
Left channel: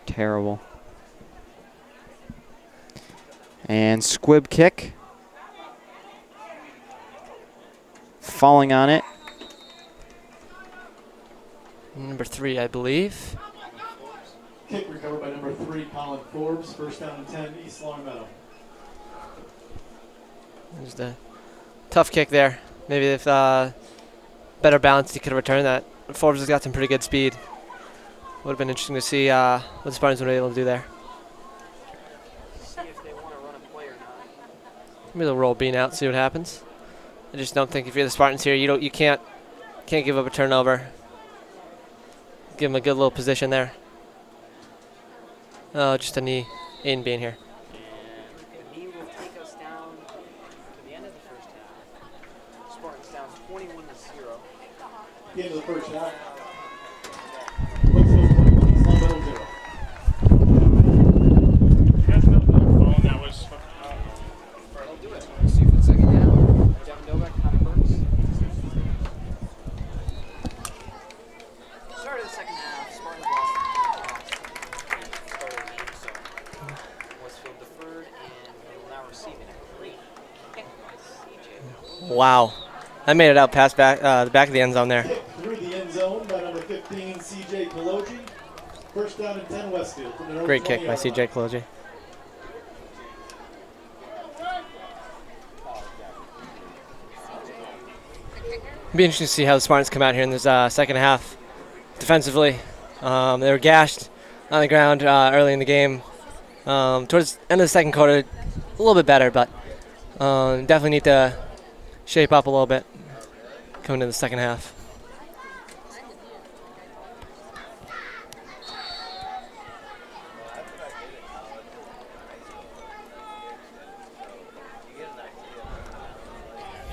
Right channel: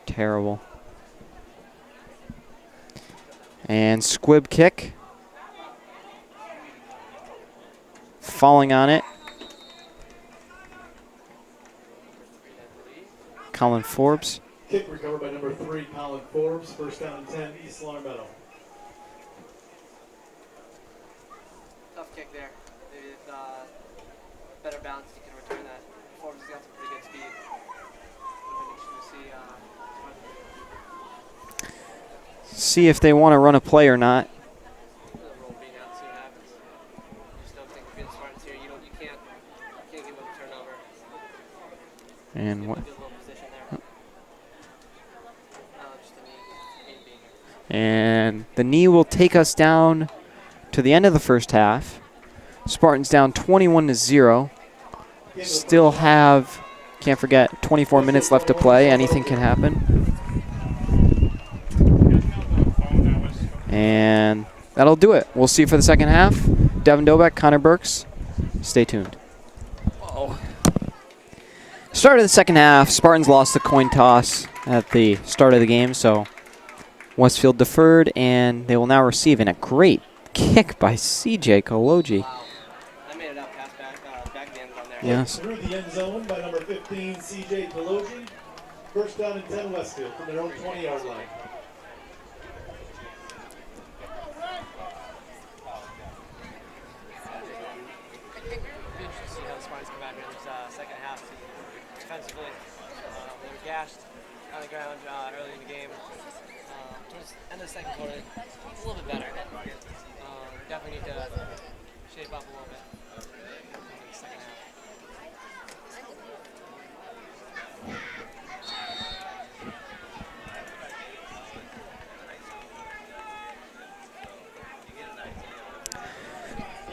Terrible. And squib kick. Falling on it. Number 3, I believe. Colin Forbes. Kick recovered by number 3, Colin Forbes. First down and 10, East Long Meadow. Just a tough kick there. Maybe if better balance, he could have returned that. But Forbes has got some pretty good speed. Would have been interesting to see what the Spartans were able to do there. See if they want to run a play or not. Maybe they'll roll Bean out, see what happens. I just don't think if you're the Spartans here, you can't give up a turnover. And Give him a good little position there. Just a knee in Bean here. And the knee will take us down to the end of the first half. Spartans down 21-0. Still have, can't forget, 24 minutes left to play. Anything can happen. And that'll do it. We'll see you for the second half. Devin Dobek, Connor Burks. Stay tuned. Start of the second half, Spartans lost the coin toss at the start of the game, so Westfield deferred, and they will now receive. And a great kick by CJ Koloji. Wow. I made it out past the back of the end zone there. Yes. Through the end zone by number 15, CJ Koloji. First down and 10 Westfield. Great kick by CJ Koloji. It'll be interesting to see how the Spartans come out here in this second half. Defensively, they were gashed on the ground early in the game. Towards the end of the second quarter, a little bit better, but definitely need to shape up a little bit coming into the second half.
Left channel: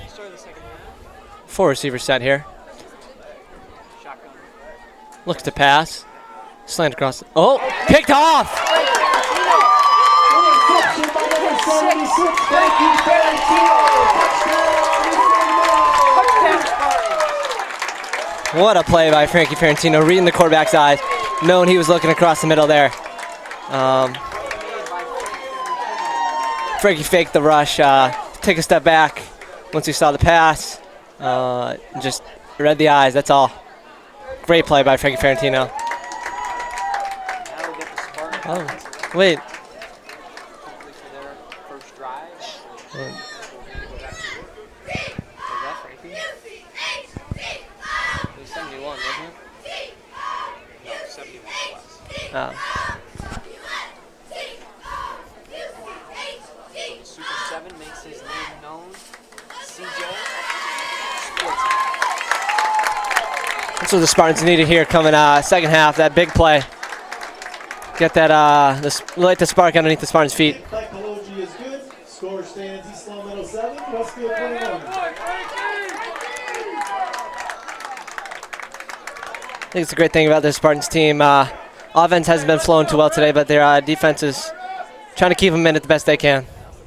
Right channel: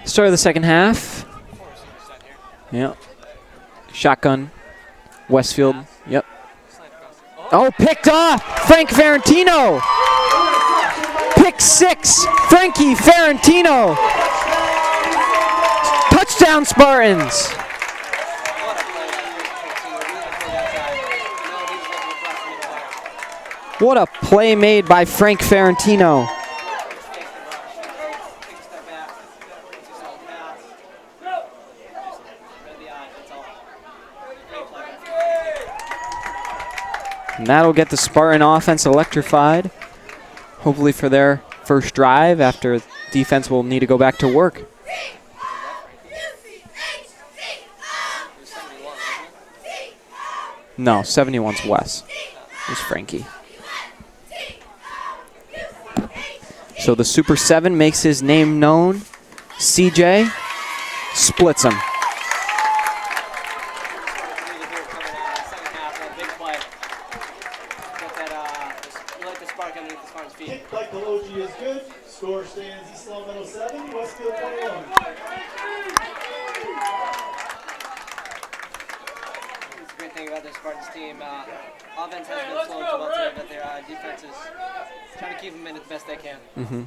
Start of the second half. 4 receiver set here. Yep. Shotgun. Look to Westfield. pass. Yep. Slant across. Oh, picked off! Frank Ferrantino! Pick 6, Frankie Ferrantino! Touchdown Spartans! What a play by Frankie Ferrantino, reading the quarterback's eyes, knowing he was looking across the middle there. What a play made by Frank Ferrantino. Frankie faked the rush, take a step back once he saw the pass, just read the eyes, that's all. Great play by Frankie Ferrantino. And that'll get the Spartan offense electrified. Hopefully for their first drive after defense will need to go back to work. No, 71's Wes. It's Frankie. So the Super 7 makes his name known. CJ splits him. That's what the Spartans needed here coming second half, that big play. Get that, light the spark underneath the Spartans' feet. Koloji is good. Score stands East Long Meadow 7, Westfield 21. I think it's a great thing about this Spartans team. Offense hasn't been flowing too well today, but their defense is trying to keep them in it the best they can. Mm-hmm.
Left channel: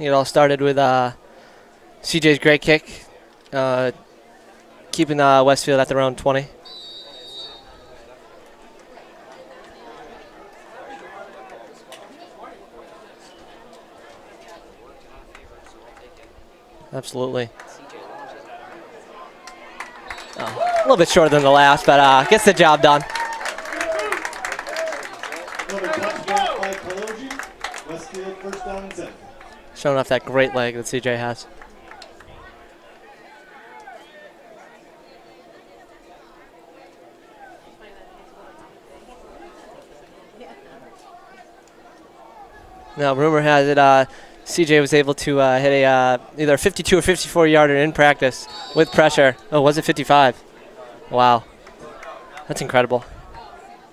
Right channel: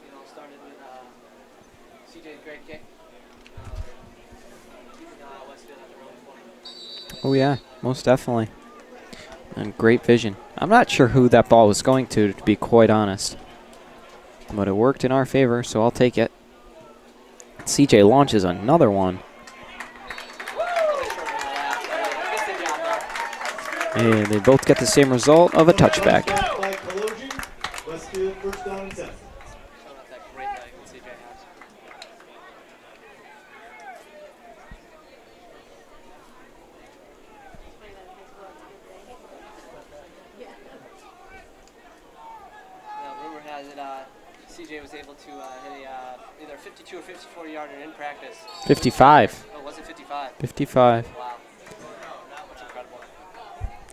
It all started with CJ's great kick, keeping Westfield at their own 20. Oh, yeah, most definitely. And great vision. I'm not sure who that ball was going to be quite honest. But it worked in our favor, so I'll take it. Absolutely. CJ launches another one. A little bit shorter than the last, but gets the job done. And they both get the same result of a touchback. By Koloji, Westfield first down and 10. Showing off that great leg that CJ has. Now, rumor has it CJ was able to hit a either a 52 or 54 yarder in practice 55. with pressure. Oh, was it 55? 55. Wow. That's incredible.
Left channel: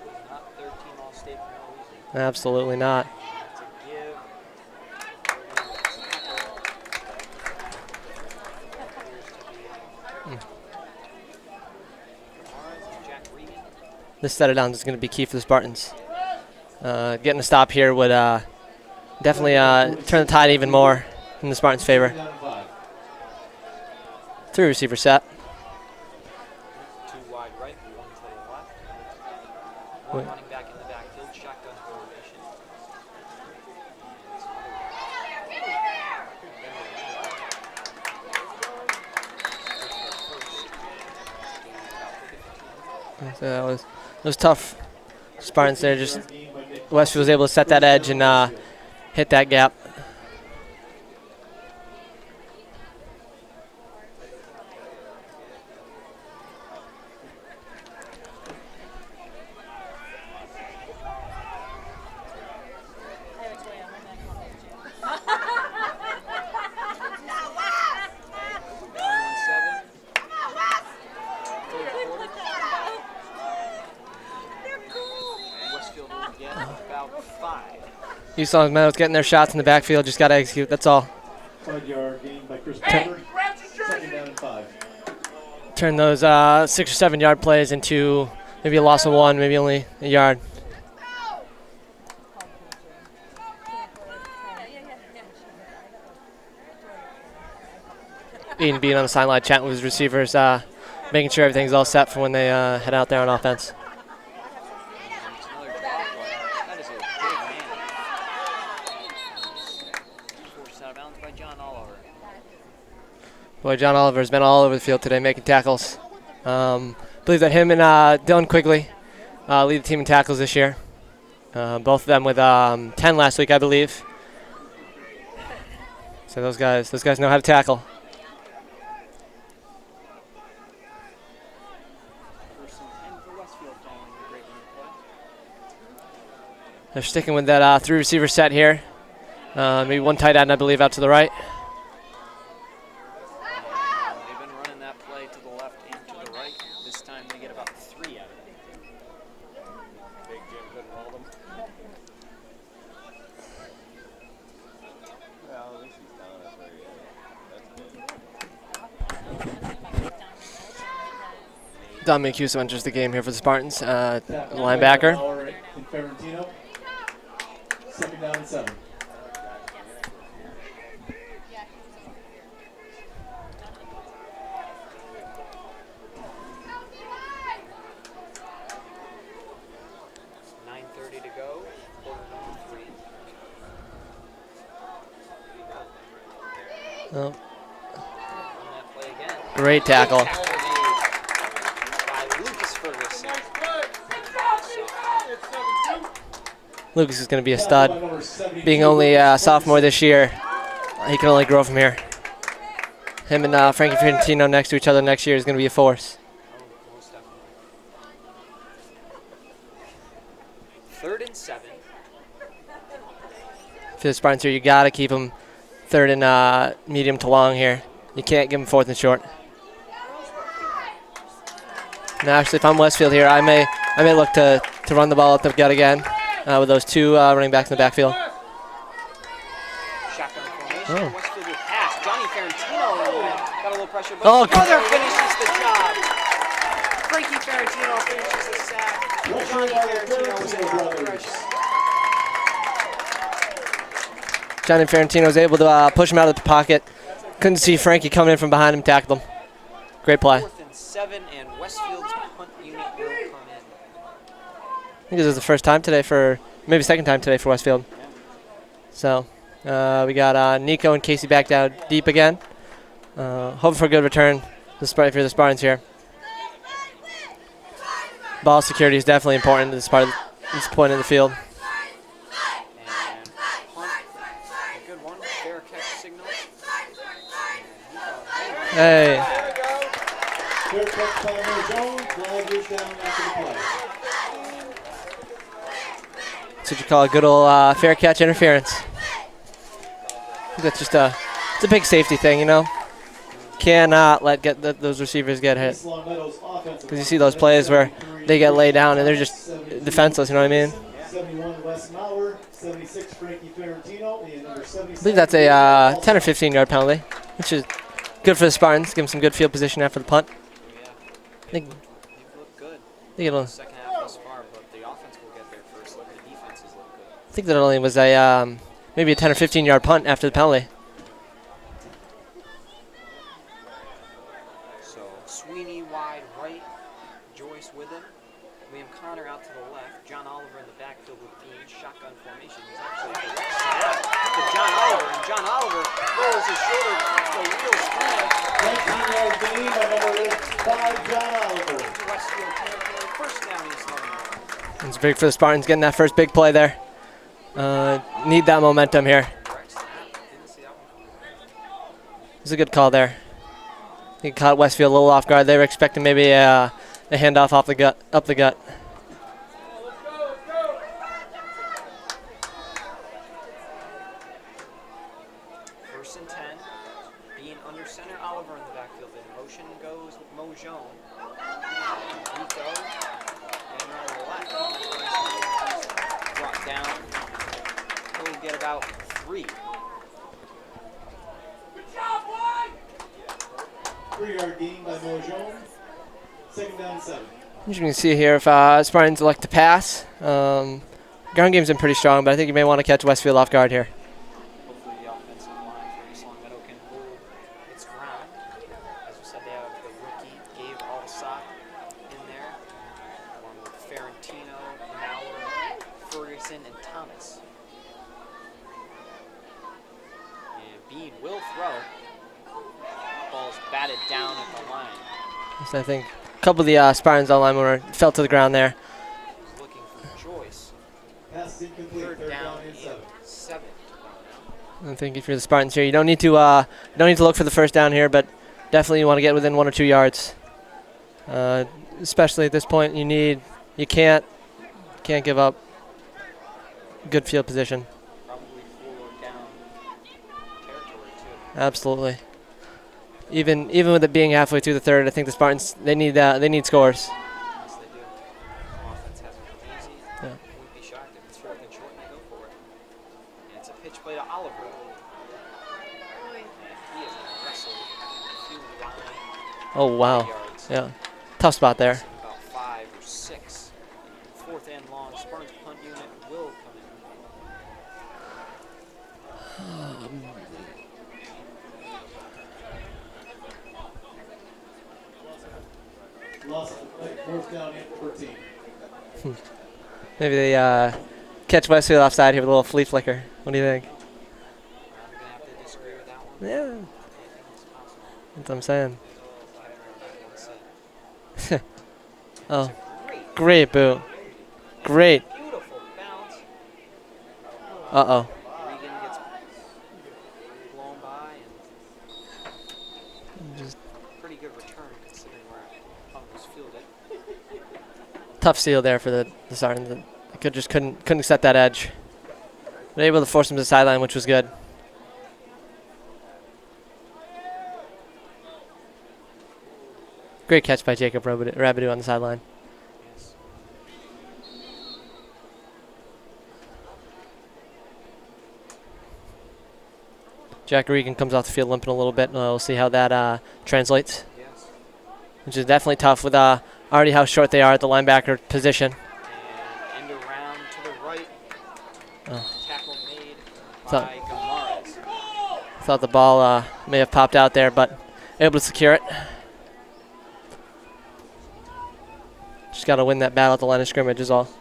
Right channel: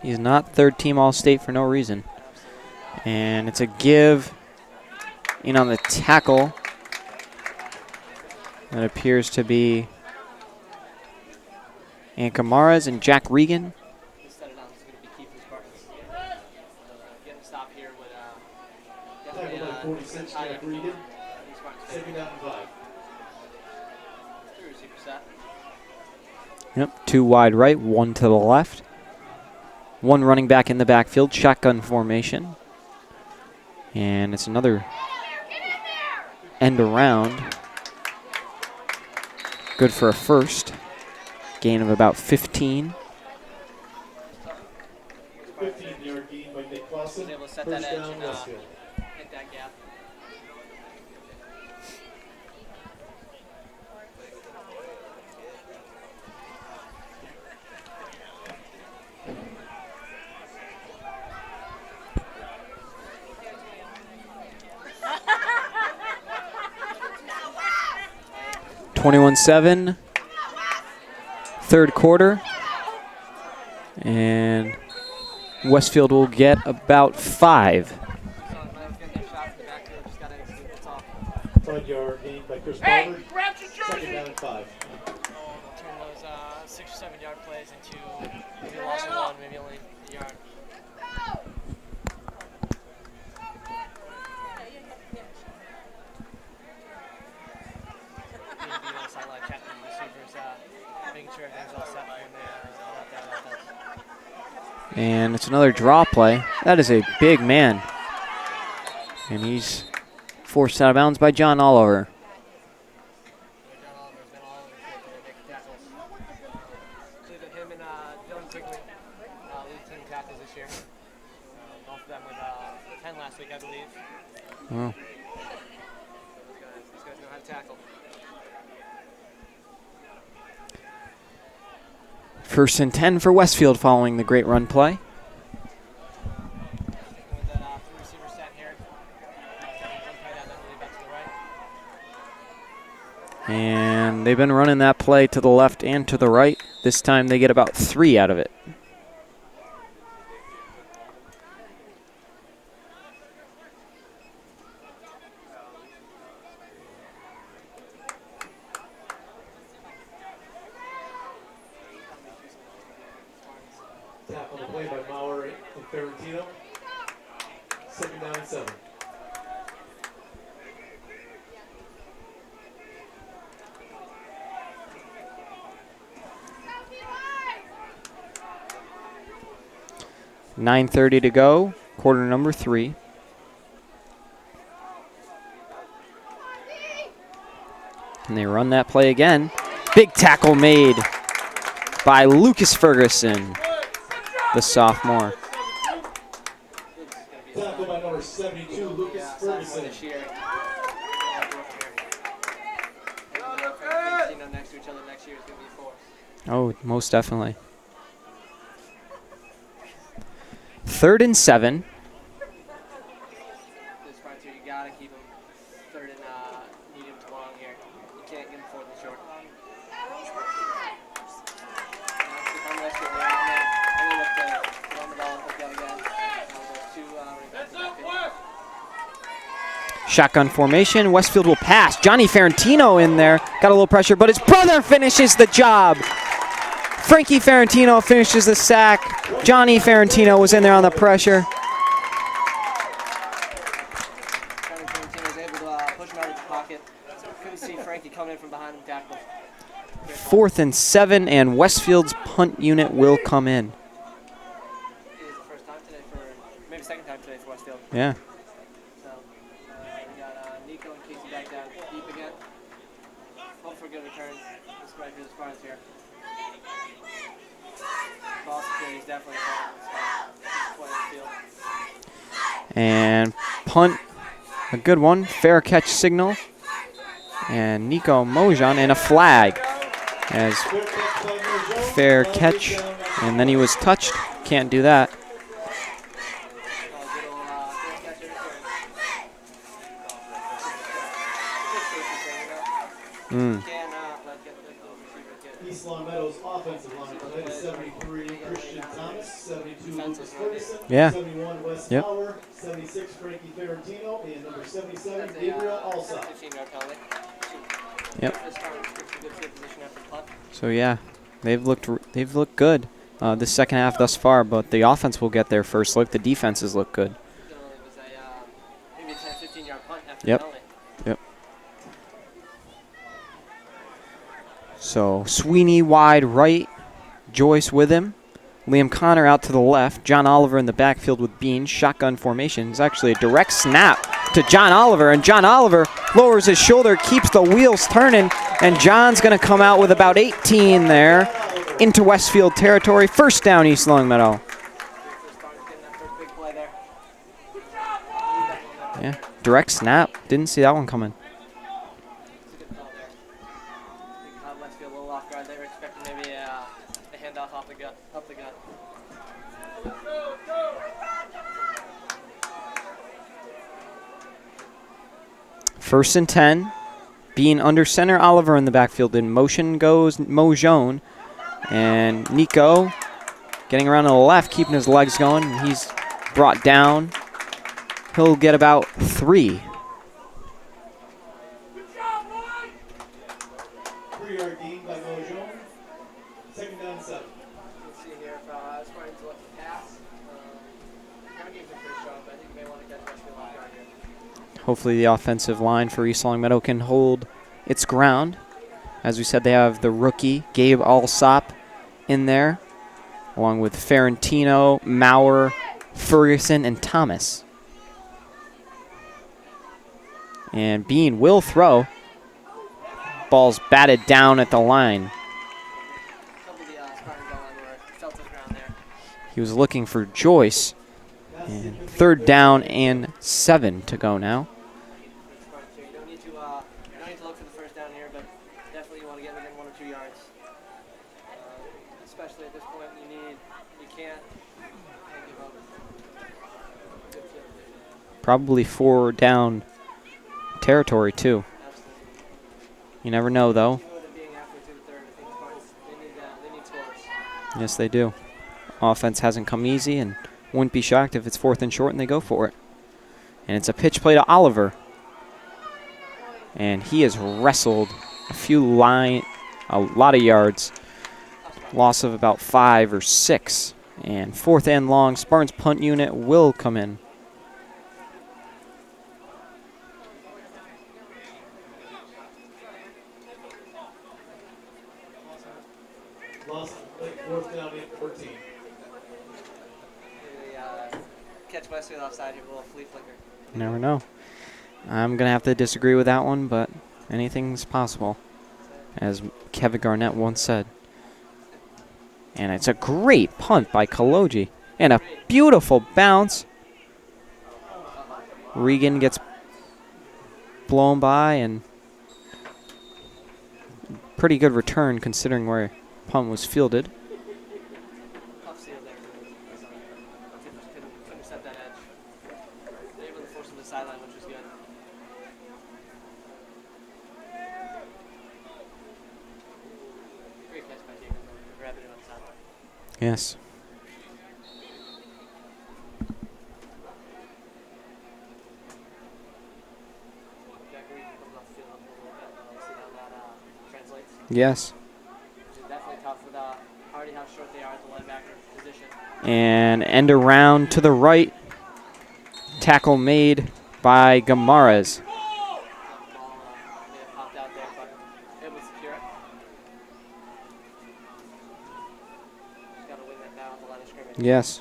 He's not third team All-State for no reason. Absolutely not. And it's a give in on the tackle. That appears to be Ankamaras and Jack Regan. This set it down is going to be key for the Spartans. Getting a stop here would definitely turn the tide even more in the Spartans' favor. 3 receiver set. Yep, 2 wide right, 1 to the left. 1 running back in the backfield, shotgun formation. And it's another end around. Good for a first. Gain of about 15. So that was tough. Spartans there, just Westfield was able to set that edge and hit that gap. (21-7), third quarter, and Westfield will get about 5. East Long Meadows getting their shots in the backfield, just got to execute, that's all. 5-yard gain by Chris Pepper. Second down and 5. Turn those 6 or 7 yard plays into Maybe a loss of 1, maybe only a yard. Ian being on the sideline chatting with his receivers, making sure everything's all set for when they head out there on offense. And it's another draw play. That is a big man. And he's forced out of bounds by John Oliver. Boy, John Oliver's been all over the field today making tackles. Believe that him and Dylan Quigley lead the team in tackles this year. Both of them with 10 last week, I believe. Oh. So those guys know how to tackle. First and 10 for Westfield following the great run play. They're sticking with that 3 receiver set here. Maybe 1 tight end, I believe, out to the right. And they've been running that play to the left and to the right. This time they get about 3 out of it. Dominic Hughes enters the game here for the Spartans. Linebacker. Second down and 7. .9:30 to go, quarter number 3. Oh. And they run that play again. Great tackle. Big tackle made by Lucas Ferguson, the sophomore. Lucas is going to be a stud. Being only a sophomore this year, he can only grow from here. Him and Frankie Fiorentino next to each other next year is going to be a force. Oh, most definitely. 3rd and 7. For the Spartans here, you got to keep them 3rd and medium to long here. You can't give them 4th and short. Now, actually, if I'm Westfield here, I may look to run the ball up the gut again with those 2 running backs in the backfield. Shotgun formation. Westfield will pass. Johnny Ferentino in there. Got a little pressure, but his brother finishes the job. Frankie Ferentino finishes the sack. Johnny Ferentino was in there on the pressure. Johnny Ferentino was able to push him out of the pocket. Couldn't see Frankie coming in from behind him, tackled him. Great play. 4th and 7, and Westfield's punt unit will come in. I think this is the first time today maybe second time today for Westfield. Yeah. So we got Nico and Casey back down deep again. Hoping for a good return for the Spartans here. Ball security is definitely important at this point in the field. And punt, a good one. Fair catch signal. And Nico Mojan and a flag. As fair catch, and then he was touched. Can't do that. That's what you call a good old fair catch interference. That's just it's a big safety thing, you know. Cannot let those receivers get hit. Because you see those plays where they get laid down and they're just defenseless, you know what I mean? Yeah. Yep. I believe that's a 10 or 15 yard penalty, which is good for the Spartans. Give them some good field position after the punt. So yeah, they've looked good the second half thus far, but the offense will get their first look. The defenses look good. I think that only was a maybe a 10 or 15 yard punt after the penalty. Yep. So Sweeney wide right, Joyce with him. Liam Connor out to the left. John Oliver in the backfield with Bean. Shotgun formation. It's actually a direct snap to John Oliver, and John Oliver lowers his shoulder, keeps the wheels turning, and John's going to come out with about 18 there into Westfield territory. First down, East Longmeadow. It's big for the Spartans getting that first big play there. Need that momentum here. Direct snap. Didn't see that one coming. It was a good call there. He caught Westfield a little off guard. They were expecting maybe a handoff up the gut. First and 10. Being under center, Oliver in the backfield. In motion goes Mojon. And Nico getting around to the left, keeping his legs going. He's brought down. He'll get about 3. 3-yard gain by Mojon. Second down and 7. As you can see here, if Spartans elect to pass, ground game's been pretty strong, but I think you may want to catch Westfield off guard here. Hopefully the offensive line for East Longmeadow can hold its ground. As we said, they have the rookie, Gabe Alsop, in there, along with Ferrantino, Maurer, Ferguson, and Thomas. And Bean will throw. Ball's batted down at the line. So I think a couple of the Spartans on line fell to the ground there. He was looking for Joyce. And 3rd down and 7 to go now. I think if you're the Spartans here, you don't need to look for the first down here, but definitely you want to get within 1 or 2 yards. Especially at this point, you can't give up good field position. Probably 4 down territory too. Absolutely. You never know, though. Even with it being halfway through the third, I think the Spartans they need scores. Yes, they do. Offense hasn't come easy, and wouldn't be shocked if it's 4th and short and they go for it. And it's a pitch play to Oliver. And he has wrestled a lot of yards. Yeah, tough spot Loss there. of about 5 or 6. And 4th and long, Spartans punt unit will come in. Loss of the play, 4th down and 14. Maybe they catch Westfield offside here with a little flea flicker. What do you think? No, I'm going to have to disagree with that one, but anything's possible, That's what I'm saying. as Kevin Garnett once said. And it's Oh. a great Great punt by boot. Kaloji. And Great. a beautiful bounce. Uh-oh. Regan gets blown by, and pretty good return considering where punt was fielded. Tough steal there for the Spartans. Couldn't set that edge. But able to force him to the sideline, which was good. Great catch by Jacob Rabidou on the sideline. Yes. Jack Regan comes off the field limping a little bit. We'll see how that translates, Yes. which is definitely tough with already how short they are at the linebacker position. And end around to the right. Oh. Tackle made by Gamarez. Thought the ball may have popped out there, but able to secure it. Just got to win that battle at the line of scrimmage as well. Yes.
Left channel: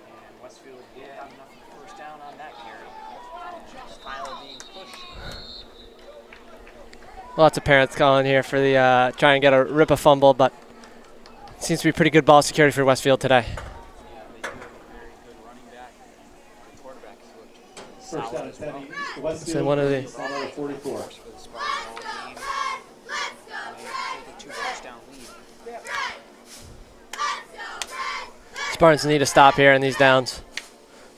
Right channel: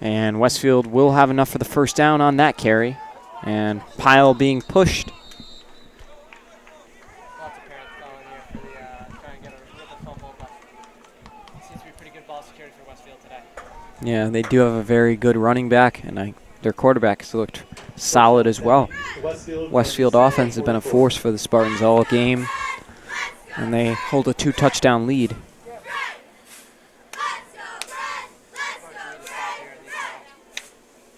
And Westfield will have enough for the first down on that carry. And Pyle being pushed. Lots of parents calling here for the try and get a fumble, but it seems to be pretty good ball security for Westfield today. Yeah, they do have a very good running back, and their quarterback has looked solid as well. Westfield offense has been a force for the Spartans all game, and they hold a 2-touchdown lead. Spartans need to stop here in these downs.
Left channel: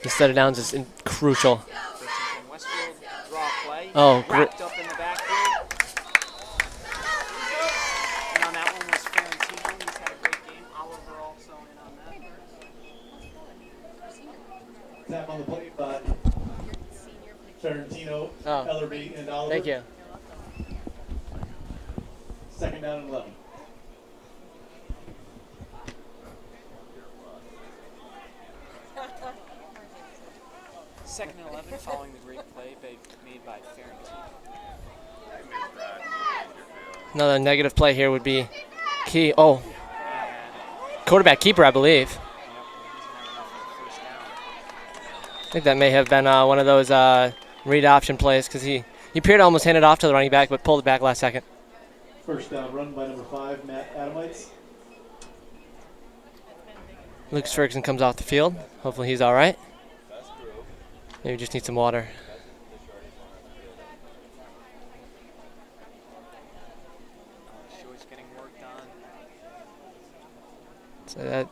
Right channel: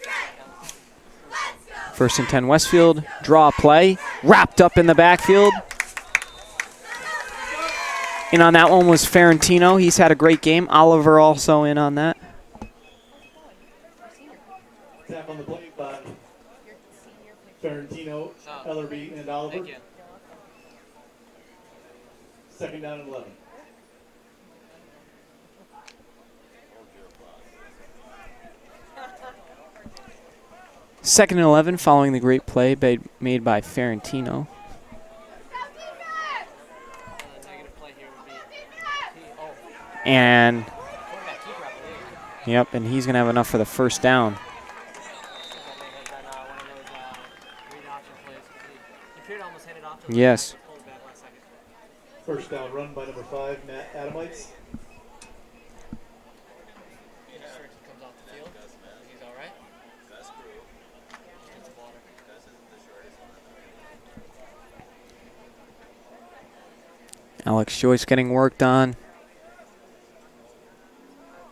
Instead of downs is crucial. 1st and 10 Westfield, draw play, Oh, wrapped up in the backfield. In on that one was Ferrantino. He's had a great game. Oliver also in on that. Tap on the play by Ferrantino, Ellerby, and Oliver. Thank you. 2nd down and 11. Second and 11 following the great play made by Ferrantino. Another negative play here would be key. Oh, And, quarterback keeper, I believe. yep, and he's going to have enough for the first down. I think that may have been one of those read option plays because he appeared to almost hand it off to the running back, but pulled it back last second. First down run by number 5, Matt Adamites. Lucas Ferguson comes off the field. Hopefully he's all right. Maybe just need some water. Alex Joyce getting worked on. So that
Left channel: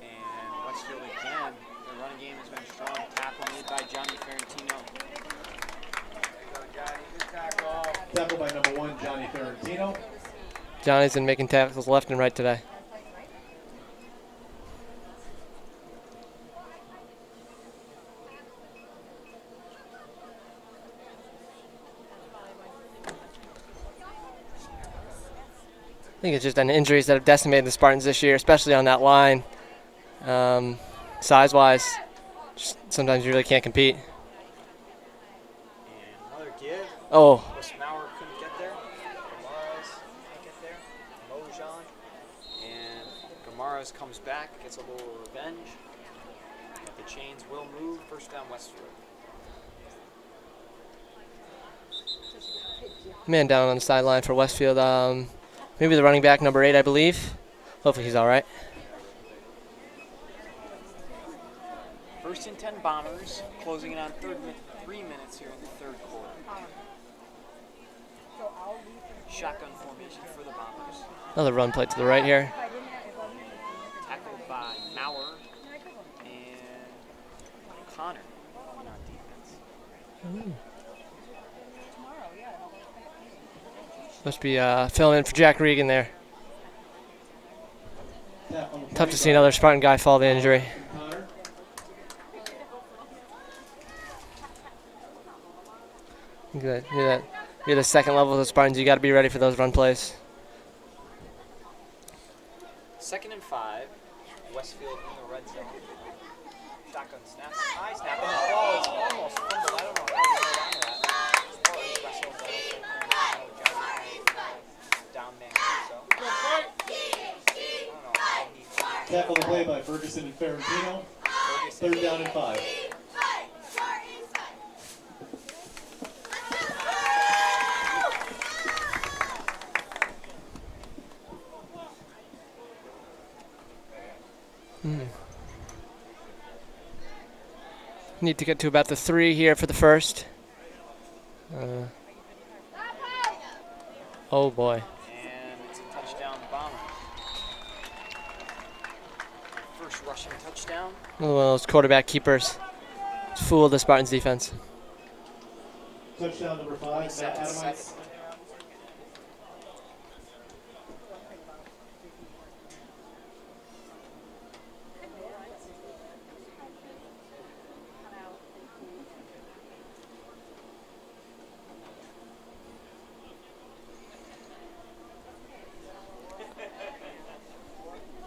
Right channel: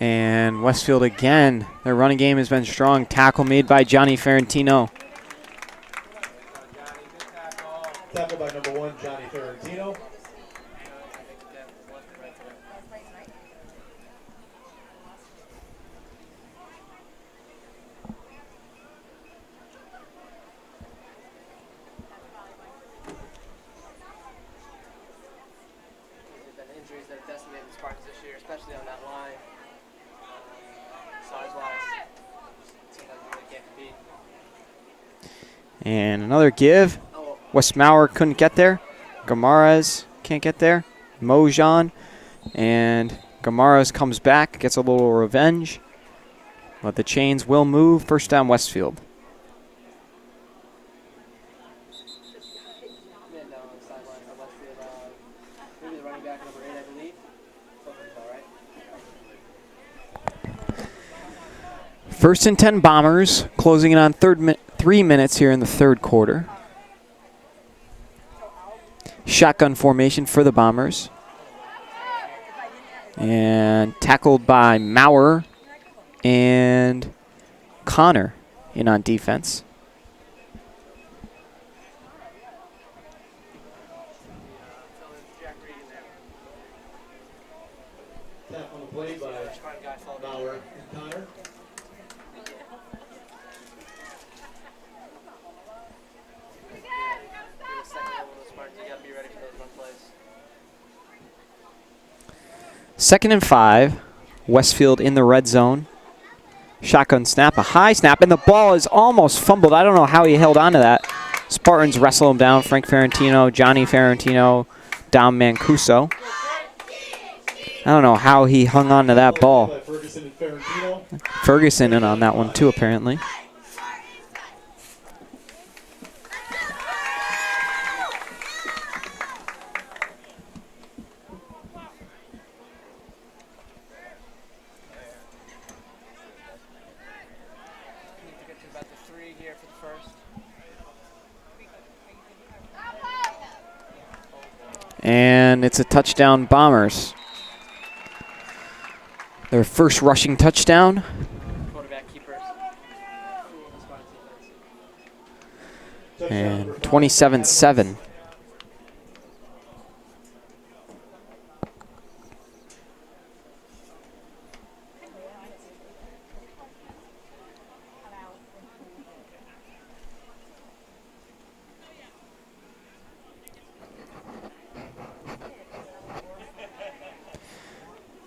And Westfield again. Their running game has been strong. Tackle made by Johnny Ferrantino. Tackle by number 1, Johnny Ferrantino. Johnny's been making tackles left and right today. think it's just an injuries that have decimated the Spartans this year, especially on that line. Size-wise, sometimes you really can't compete. And another give. Oh, West Mauer couldn't get there. Gamarez can't get there. Mojan. And Gamarez comes back, gets a little revenge. But the chains will move. First down, Westfield. man down on the sideline for Westfield. Maybe the running back, number 8, I believe. Hopefully he's all right. First and 10 Bombers, closing in on 3 minutes here in the third quarter. Shotgun formation for the Bombers. Another run play to the right here. And tackled by Mauer and Connor in on defense. Must be filling in for Jack Regan there. Tough to see another Spartan guy fall to injury. You're the second level of the Spartans. You got to be ready for those run plays. 2nd and 5. Westfield in the red zone. Shotgun snap, a high snap, and the ball is almost fumbled. I don't know how he held on to that. Spartans wrestle him down. Frank Ferrantino, Johnny Ferrantino, Dom Mancuso. I don't know how he hung on to that ball. Ferguson in on that one too, apparently. Need to get to about the 3 here for the first. Oh boy. And it's a touchdown, Bombers. Their first rushing touchdown. One of those quarterback keepers. Fooled the Spartans defense. And 27-7.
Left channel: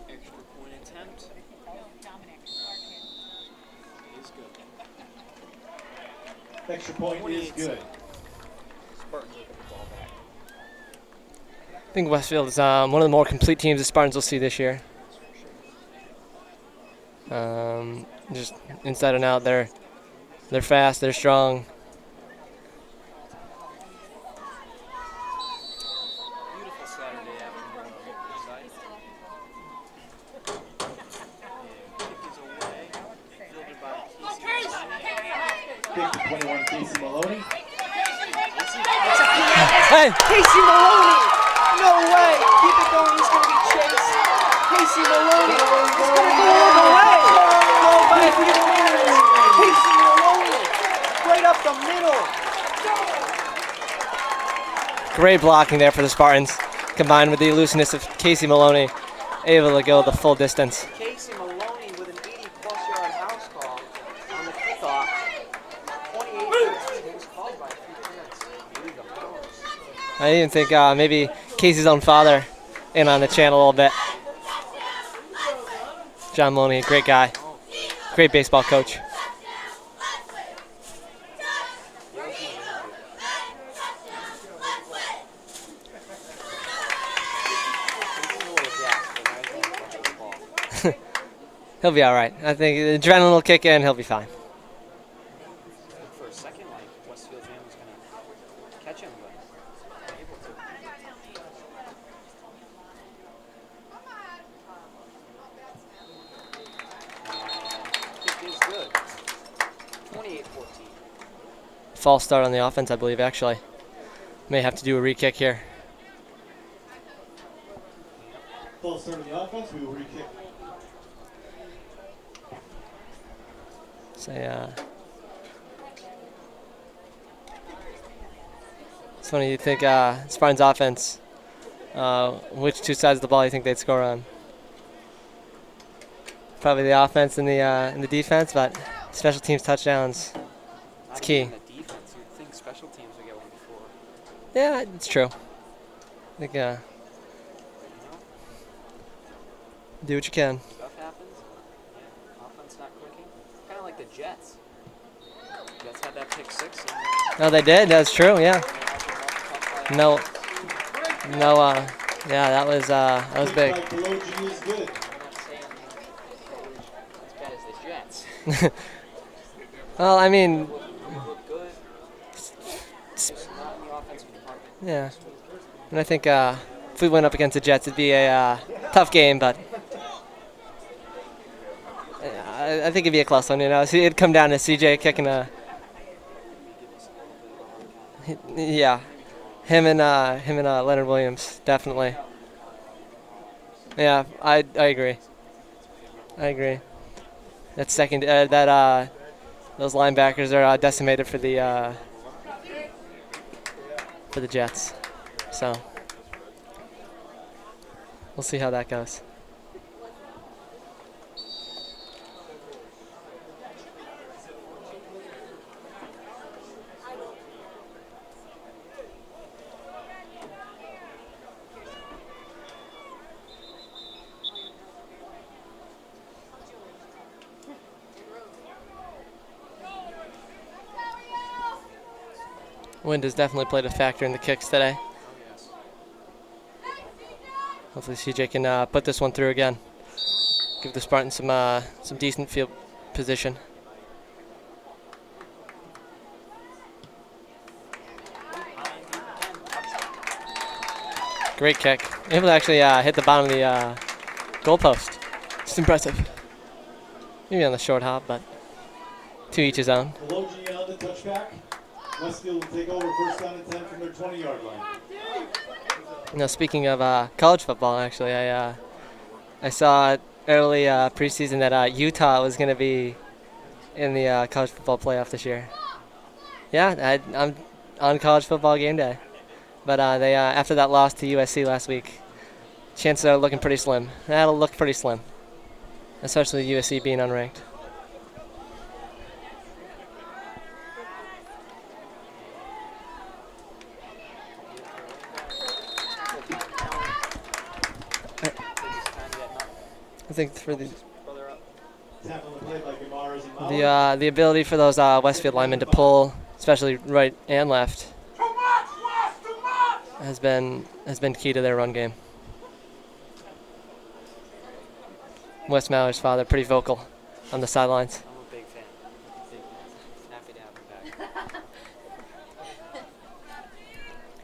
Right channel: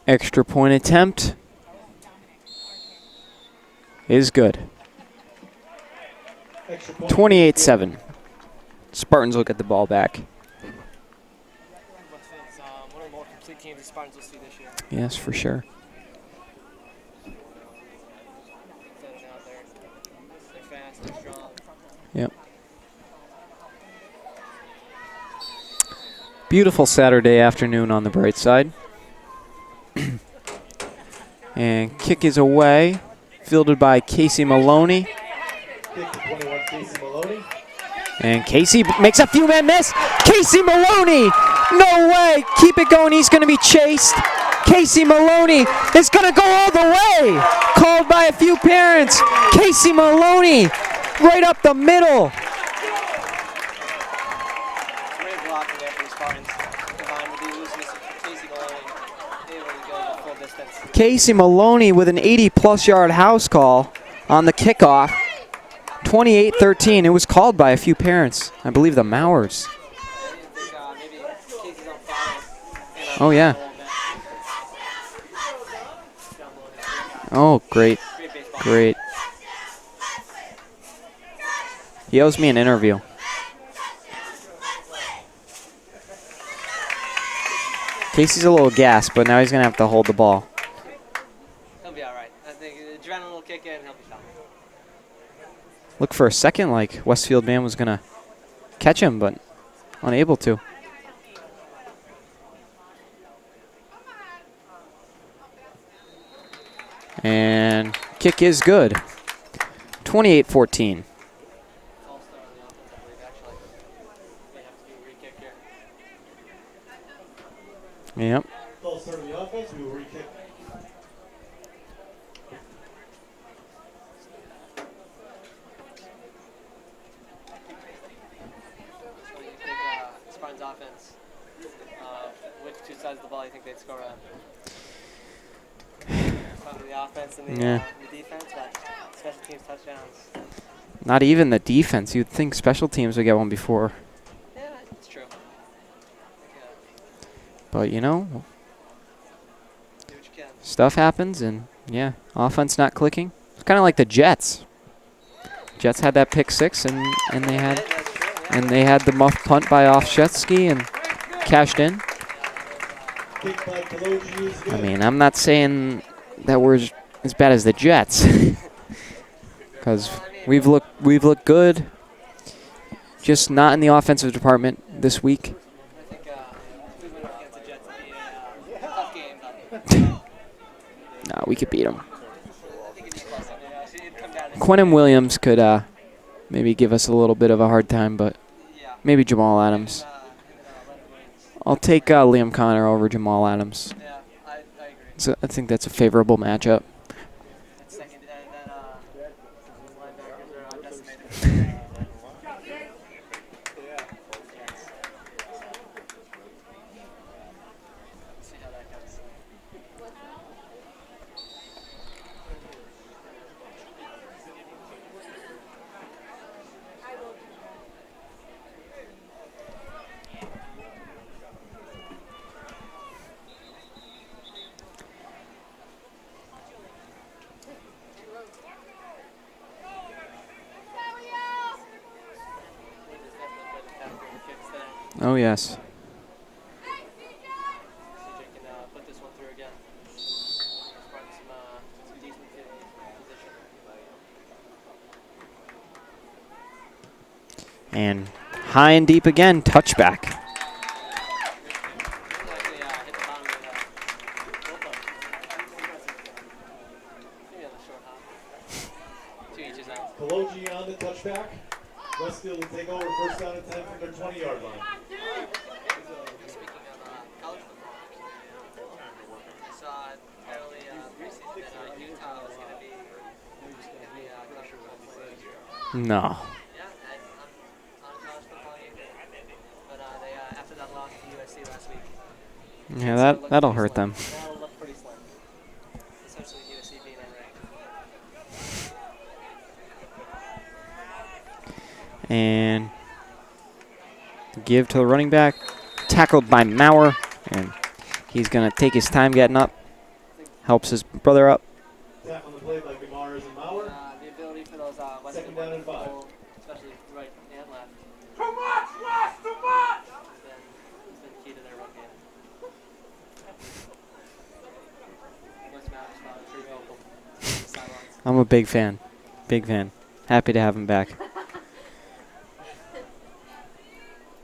Extra point attempt is good. 28-7. Spartans will get the ball back. I think Westfield is one of the more complete teams the Spartans will see this year. Yes, for sure. Just inside and out, they're fast, they're strong. Yep. Beautiful Saturday afternoon on the bright side. And kick is away, fielded by Casey Maloney. And Casey makes a few more miss. Casey Maloney, no way. Keep it going. He's going to be chased. Casey Maloney is going to go all the way. Called by a few parents. Casey Maloney right up the middle. Great blocking there for the Spartans, combined with the elusiveness of Casey Maloney, able to go the full distance. Casey Maloney with an 80-plus yard house call on the kickoff. 28-13. It was called by a few parents. I believe the Mauers. I even think maybe Casey's own father in on the channel a little bit. John Maloney, great guy. Oh, great. Great baseball coach. He owes me an interview. Casey's a little gassed, but now he's going to have to hold the ball. He'll be all right. I think the adrenaline will kick in. He'll be fine. Look for a second like Westfield man was going to catch him, but unable to. And kick is good. 28-14. False start on the offense, I believe, actually. May have to do a re-kick here. Yep. False start on the offense, we will re-kick. It's funny, you think Spartans offense, which two sides of the ball you think they'd score on? Probably the offense and the defense, but special teams touchdowns. Not even the defense. You'd think special teams would get one before. Yeah, it's true. I think, But, you know, Do what you can. stuff happens, and, yeah, offense not clicking. It's kind of like the Jets. Jets had that pick six, and They did. That's true, yeah. And they had the muff punt by Offshetsky and cashed in. Yeah, that was big. I mean, I'm not saying that we're as bad as the Jets. Because we've looked good, just not in the offensive department this week. And I think if we went up against the Jets, it'd be a tough game, but no, we could beat them. I think it'd be a close one. You know, so it'd come down to Quentin CJ Williams could maybe give us a little bit of a hard time, but maybe Jamal Adams. Him and Leonard Williams. I'll take Liam Connor over Jamal Adams. Yeah, I agree. So I think that's a favorable matchup. That second those linebackers are decimated for the Jets. So we'll see how that goes. Wind has definitely played a factor in the kicks today. Oh, yes. Hopefully CJ can put this one through again. Give the Spartans some decent field position. And high and deep again, touchback. Great kick. Able to actually hit the bottom of the goalpost. It's impressive. Maybe on the short hop, but to each his own. Pelogi on the touchback. Westfield will take over first down and 10 from their 20-yard line. You know, speaking of college football, actually, I saw early preseason that Utah was going to be in the college football playoff this year. No. Yeah, I'm on college football game day. But they after that loss to USC last week, chances are looking pretty slim. That'll look pretty slim, especially USC being unranked. And give to the running back. Tackled by Maurer. And he's going to take his time getting up. I think helps his brother up. The ability for those Westfield linemen to pull, especially right and left, has been key to their run game. Wes Maurer's father, pretty vocal on the sidelines. I'm a big fan. Big fan. Happy to have him back.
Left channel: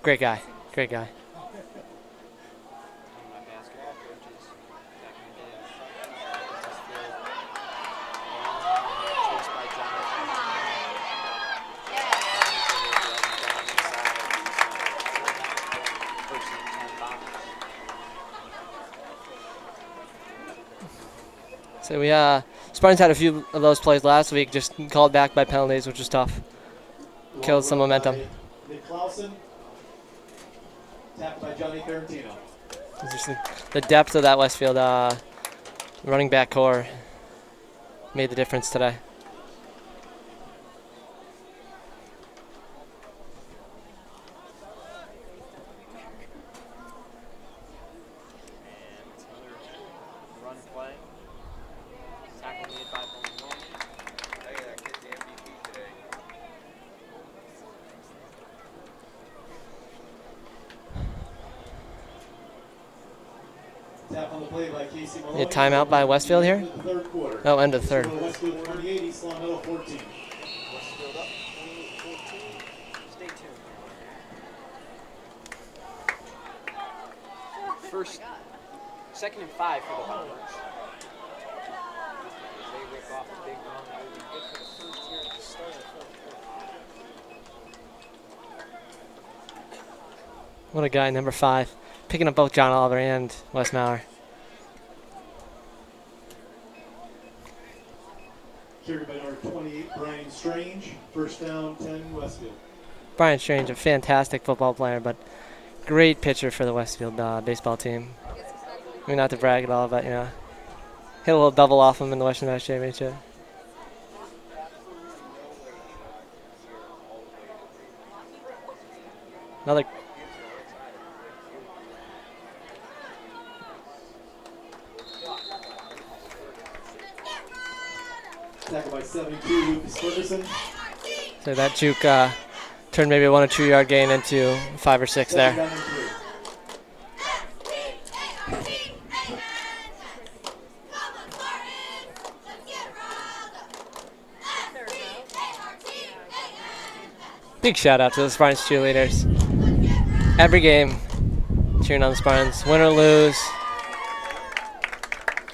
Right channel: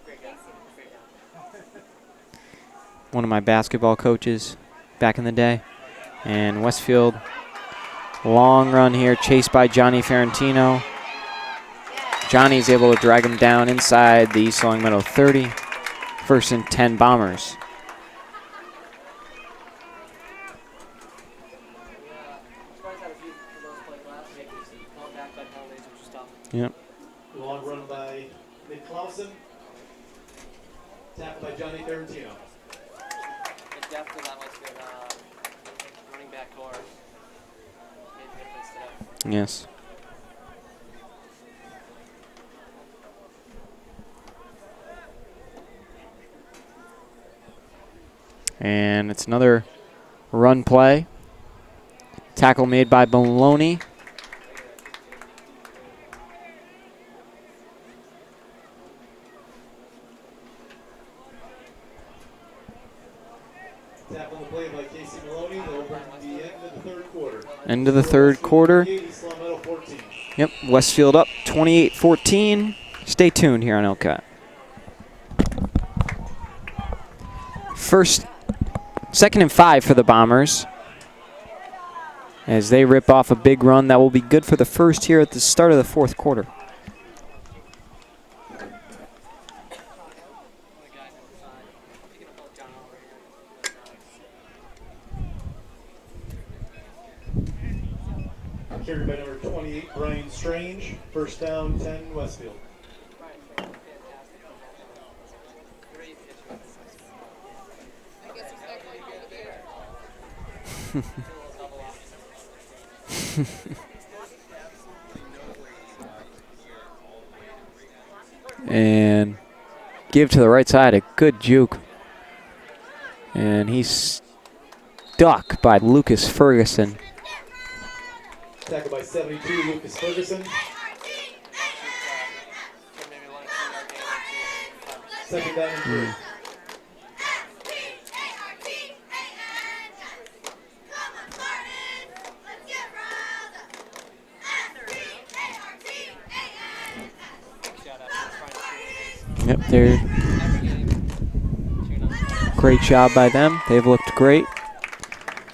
Great guy. Great guy. One of my basketball coaches back in the day. And Westfield, long run here, chased by Johnny Ferrantino. Johnny's able to drag him down inside the East Long Meadow 30. First and 10 Bombers. So we Spartans had a few of those plays last week, just called back by penalties, which was tough. Yep. Killed some momentum. Nick Clausen, tapped by Johnny Ferrantino. Just the depth of that Westfield running back core made the difference today. Yes. And it's another run play. Tackle made by Maloney. A timeout by Westfield here? Oh, end of the third quarter. Yep, Westfield up 28-14. Stay tuned here on LCAT. Second and 5 for the Bombers, as they rip off a big run that will be good for the first here at the start of the fourth quarter. What a guy, number 5. Picking up both John Oliver and Wes Maurer. Carried by number 28, Brian Strange. First down, 10, Westfield. Brian Strange, a fantastic football player, but great pitcher for the Westfield baseball team. I mean, not to brag at all, but, you know, hit a little double off him in the Western Mass Championship. And another give to the right side, a good juke. And he's stuck by Lucas Ferguson. Tackled by 72, Lucas Ferguson. So that juke turned maybe a 1 or 2 yard gain into 5 or 6 Second there. down and 3. Big shout out to the Spartans cheerleaders. Yep, they're Every game, cheering on the Spartans. great Win or job by lose. them. They've looked great.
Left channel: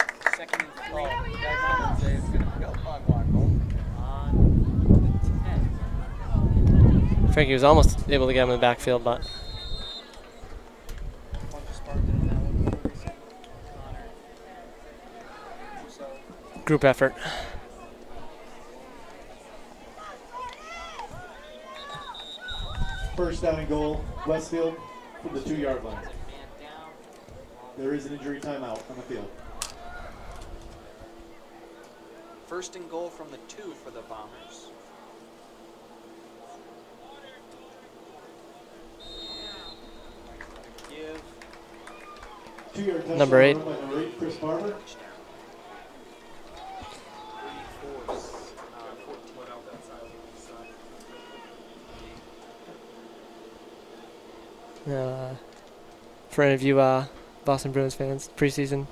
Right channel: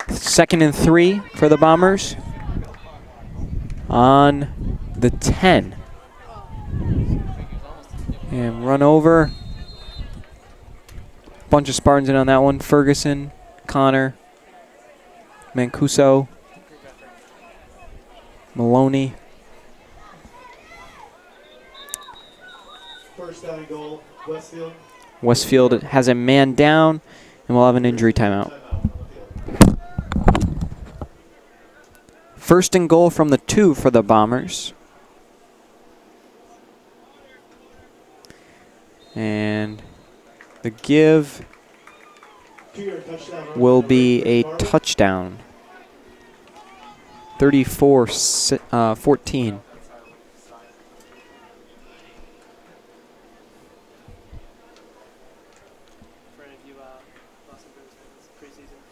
2nd and 3 for the Bombers. On the 10. Frankie was almost able to get him in the Run backfield. over. Bunch of Spartans in on that one. Ferguson, Connor, Mancuso, Group effort. Maloney. First down and goal, Westfield. Westfield has a man down, and we'll have an injury timeout. Timeout on the field. 1st and goal from the 2 for the Bombers. And the give 2-yard touchdown Number 8. run by will number be 8, a Chris Martin. touchdown. 34-14. For any of you Boston Bruins fans, preseason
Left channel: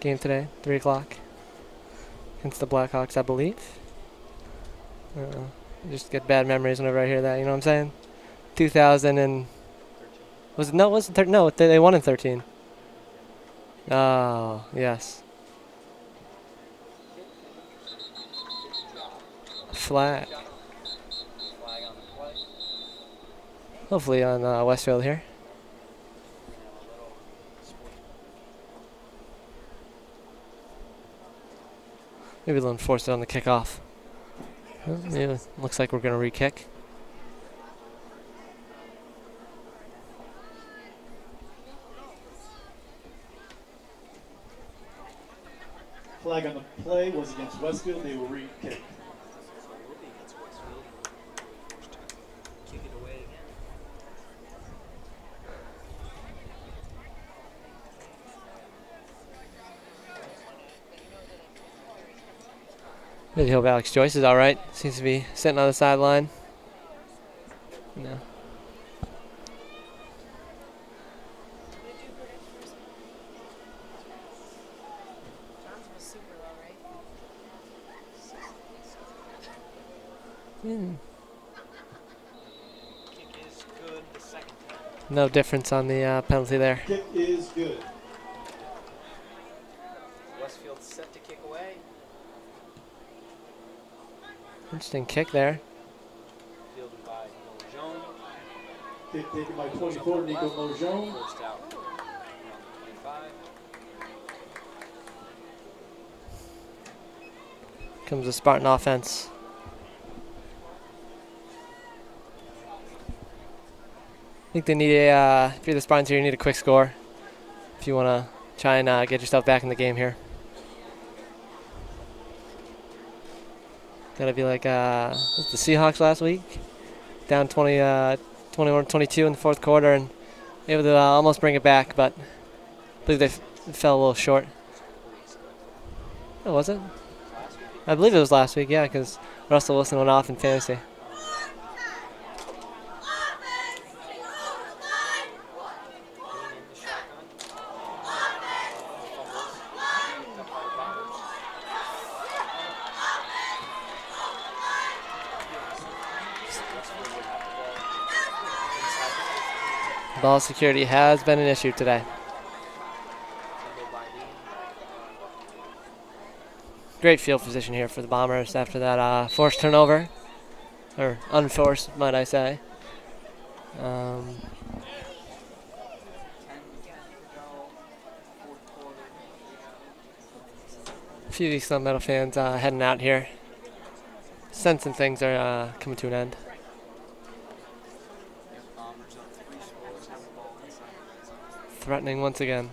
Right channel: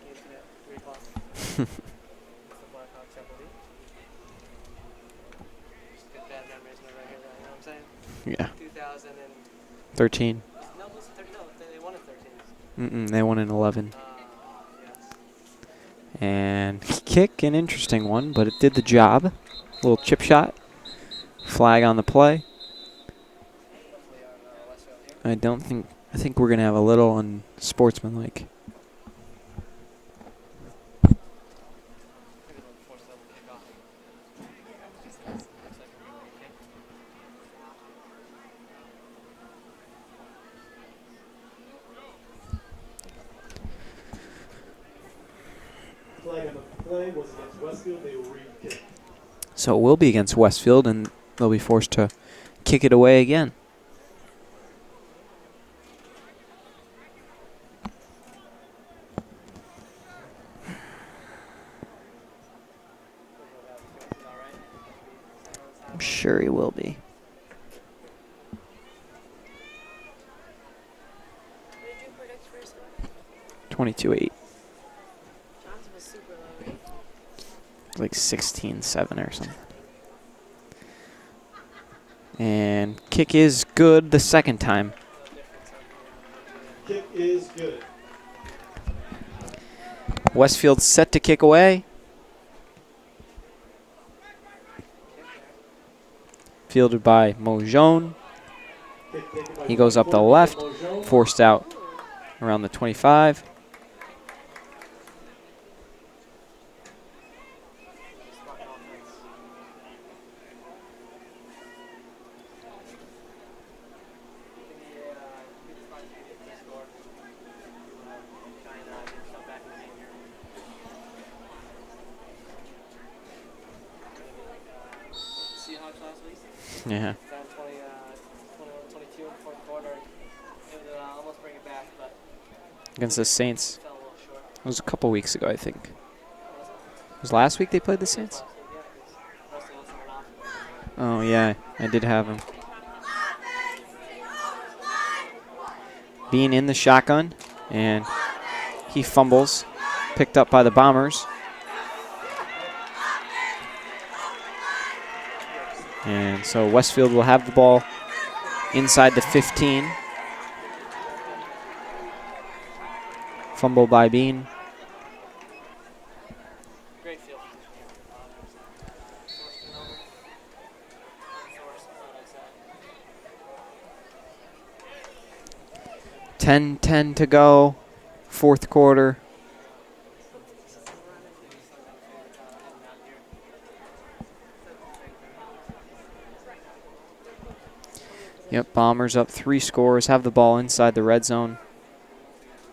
game today, 3 o'clock. Against the Blackhawks, I believe. I just get bad memories whenever I hear that, you know what I'm saying? Yeah. 2000 and... 13. Was it, no, it wasn't no, they won in 13. They won in 11. Oh, yes. And kick, an interesting one, but it did the job. Little chip Flag. shot. Flag on the play. Hopefully on Westfield here. I think we're going to have a little unsportsmanlike. Maybe they'll enforce it on the kickoff. Well, yeah, looks like we're going to re-kick. Flag on the play was against Westfield. They will re-kick. So it will be against Westfield, and they'll be forced to kick it away again. Really hope Alex Joyce is all right. Seems to be sitting on the sideline. Sure he will be. No. 22-8. Like 16-7 or something. And kick is good the second time. No difference on the penalty there. Kick is good. Westfield set to kick away. Interesting kick there. Fielded by Mojon. Kick taken by He goes up the 24, left. Mojon. Forced out around the 25. Comes the Spartan offense. I think they need a, if you're the Spartans here, you need a quick score. If you want to try and get yourself back in the game here. Gotta be like was the Seahawks last week. Yeah. Down 21-22 in the fourth quarter and able to almost bring it back, but Against believe the it Saints. fell a little short. It was a couple weeks ago, I think. Oh, was it? It was last week they played I believe the it was Saints? last week, yeah, because Russell Wilson went off in fantasy. Oh, yeah. I did have him. Being in the shotgun, and he fumbles. Picked up by the Bombers. And so Westfield will have the ball inside the 15. Ball security has been an issue today. Fumble by Bean. Great field position here for the Bombers after that forced turnover, or unforced, might I say. 10-10 to go. Fourth quarter. A few of these Sun Metal fans heading out here. Sensing things are coming to an end. Yep, Bombers up 3 scores. Have the ball inside the red zone. Threatening once again.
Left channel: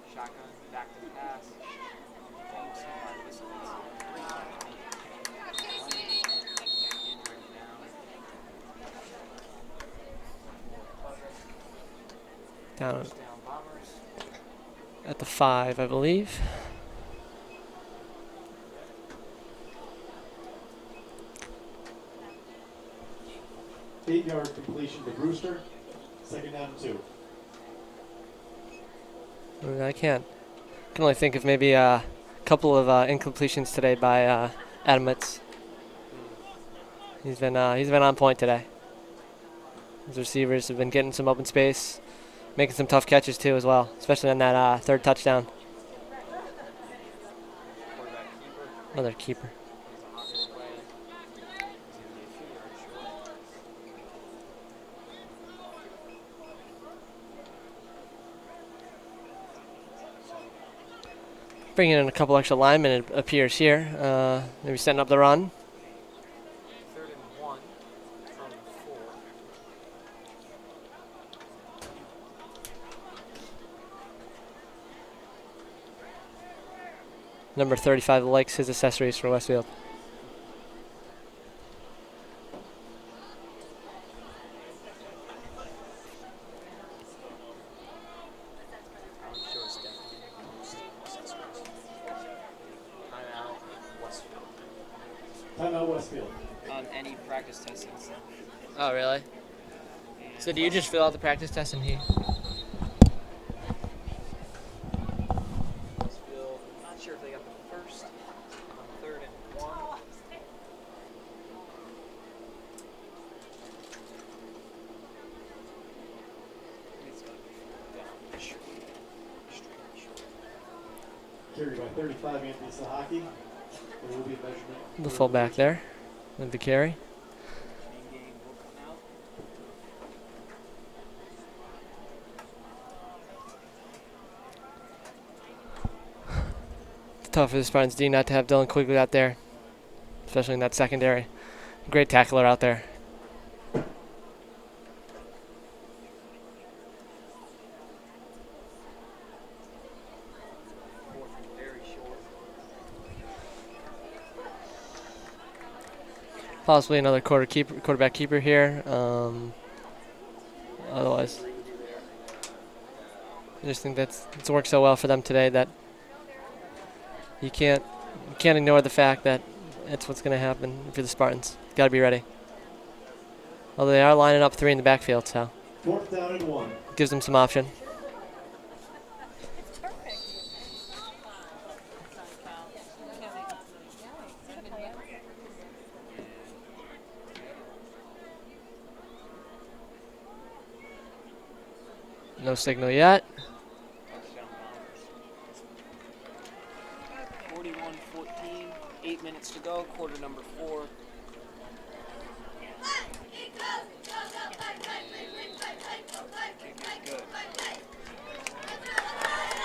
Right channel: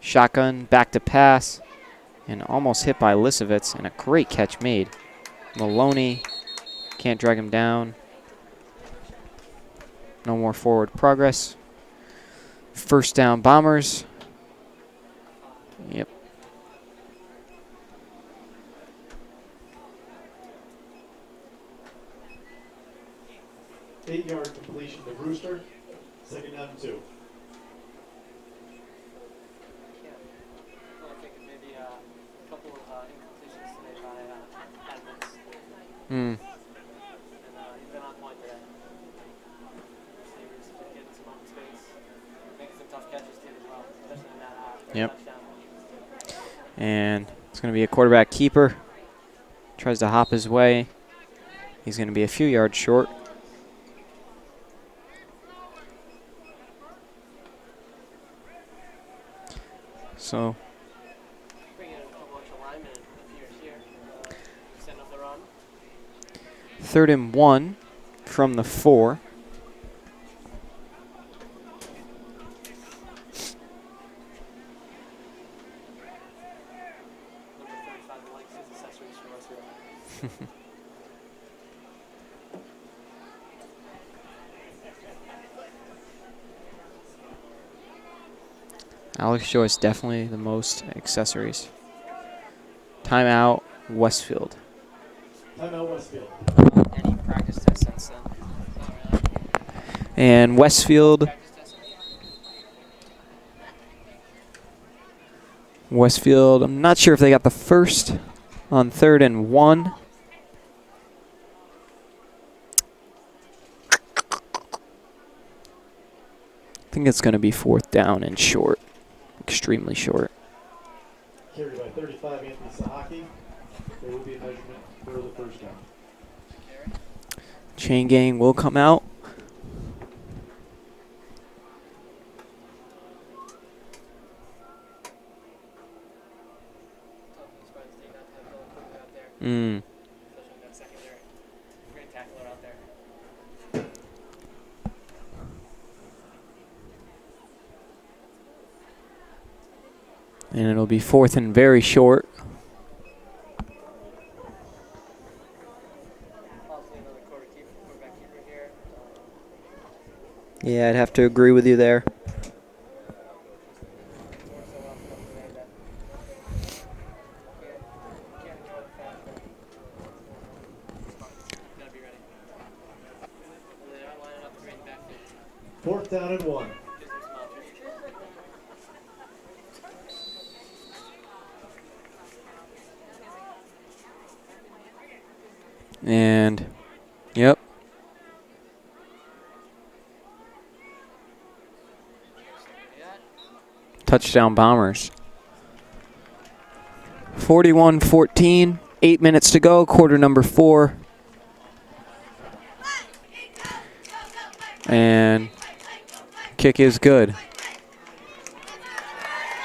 Shotgun, back to pass, and almost hit by Lisovitz, and a great catch made. Maloney can't drag him down. No more forward progress. First down, Bombers. At the 5, I believe. 8-yard completion to Brewster. Second down and 2. I can only think of maybe a couple of incompletions today by Adamits. He's been on point today. His receivers have been getting some open space, making some tough catches too as well, especially on that third touchdown. And it's going to be a quarterback keeper. Another keeper. Tries to hop his way. He's going to be a few yards short. So bringing in a couple extra linemen, it appears here. Maybe setting up the run. 3rd and 1 from the 4. Number 35 likes his accessories for Westfield. Alex Joyce definitely the most accessories. Timeout, Westfield. Timeout, Westfield. Any practice tests since then? Oh, really? And So Westfield. Practice tests in here. Westfield, I'm not sure if they got the first on 3rd and 1. I think it's going to be 4th down and short. Extremely short. Carried by 35, Anthony Sahaki. There will be a measurement. The fullback there with the carry. Chain gang will come out. It's tough for the Spartans D not to have Dylan Quigley out there, especially in that secondary. Great tackler out there. And it'll be 4th and very short. Possibly another quarterback keeper here. Yeah, I'd have to agree with you there. I just think it's worked so well for them today that you can't ignore the fact that that's what's going to happen for the Spartans. Got to be ready. Although they are lining up 3 in the backfield, so 4th down and 1. Gives them some option. And, yep. No signal yet. Touchdown Bombers. 41-14, 8 minutes to go, quarter number 4. And kick is good.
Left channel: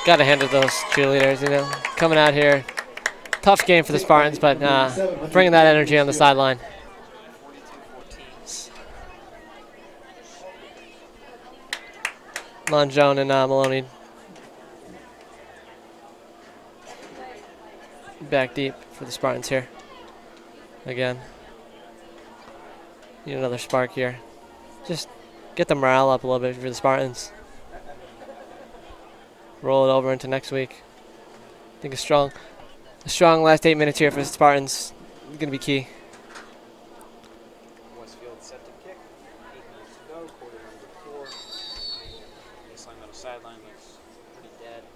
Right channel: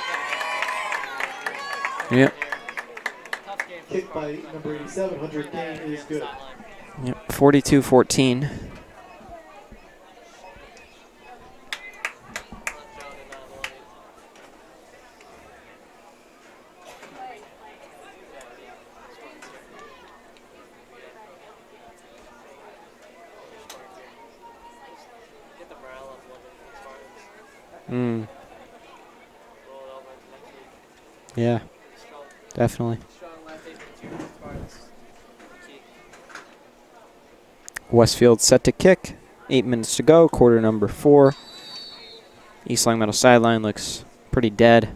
Got to handle those cheerleaders, coming out here. Tough game for the Spartans, but bringing that energy on the sideline. Yep, 42-14. Monjone and Maloney back deep for the Spartans here. Again, need another spark here. Just get the morale up a little bit for the Spartans. Roll it over into next week. Yeah. I think a Definitely. strong last 8 minutes here for the Spartans going to be key. Westfield set to kick. 8 minutes to go, quarter number 4. East Long Meadow sideline looks pretty dead.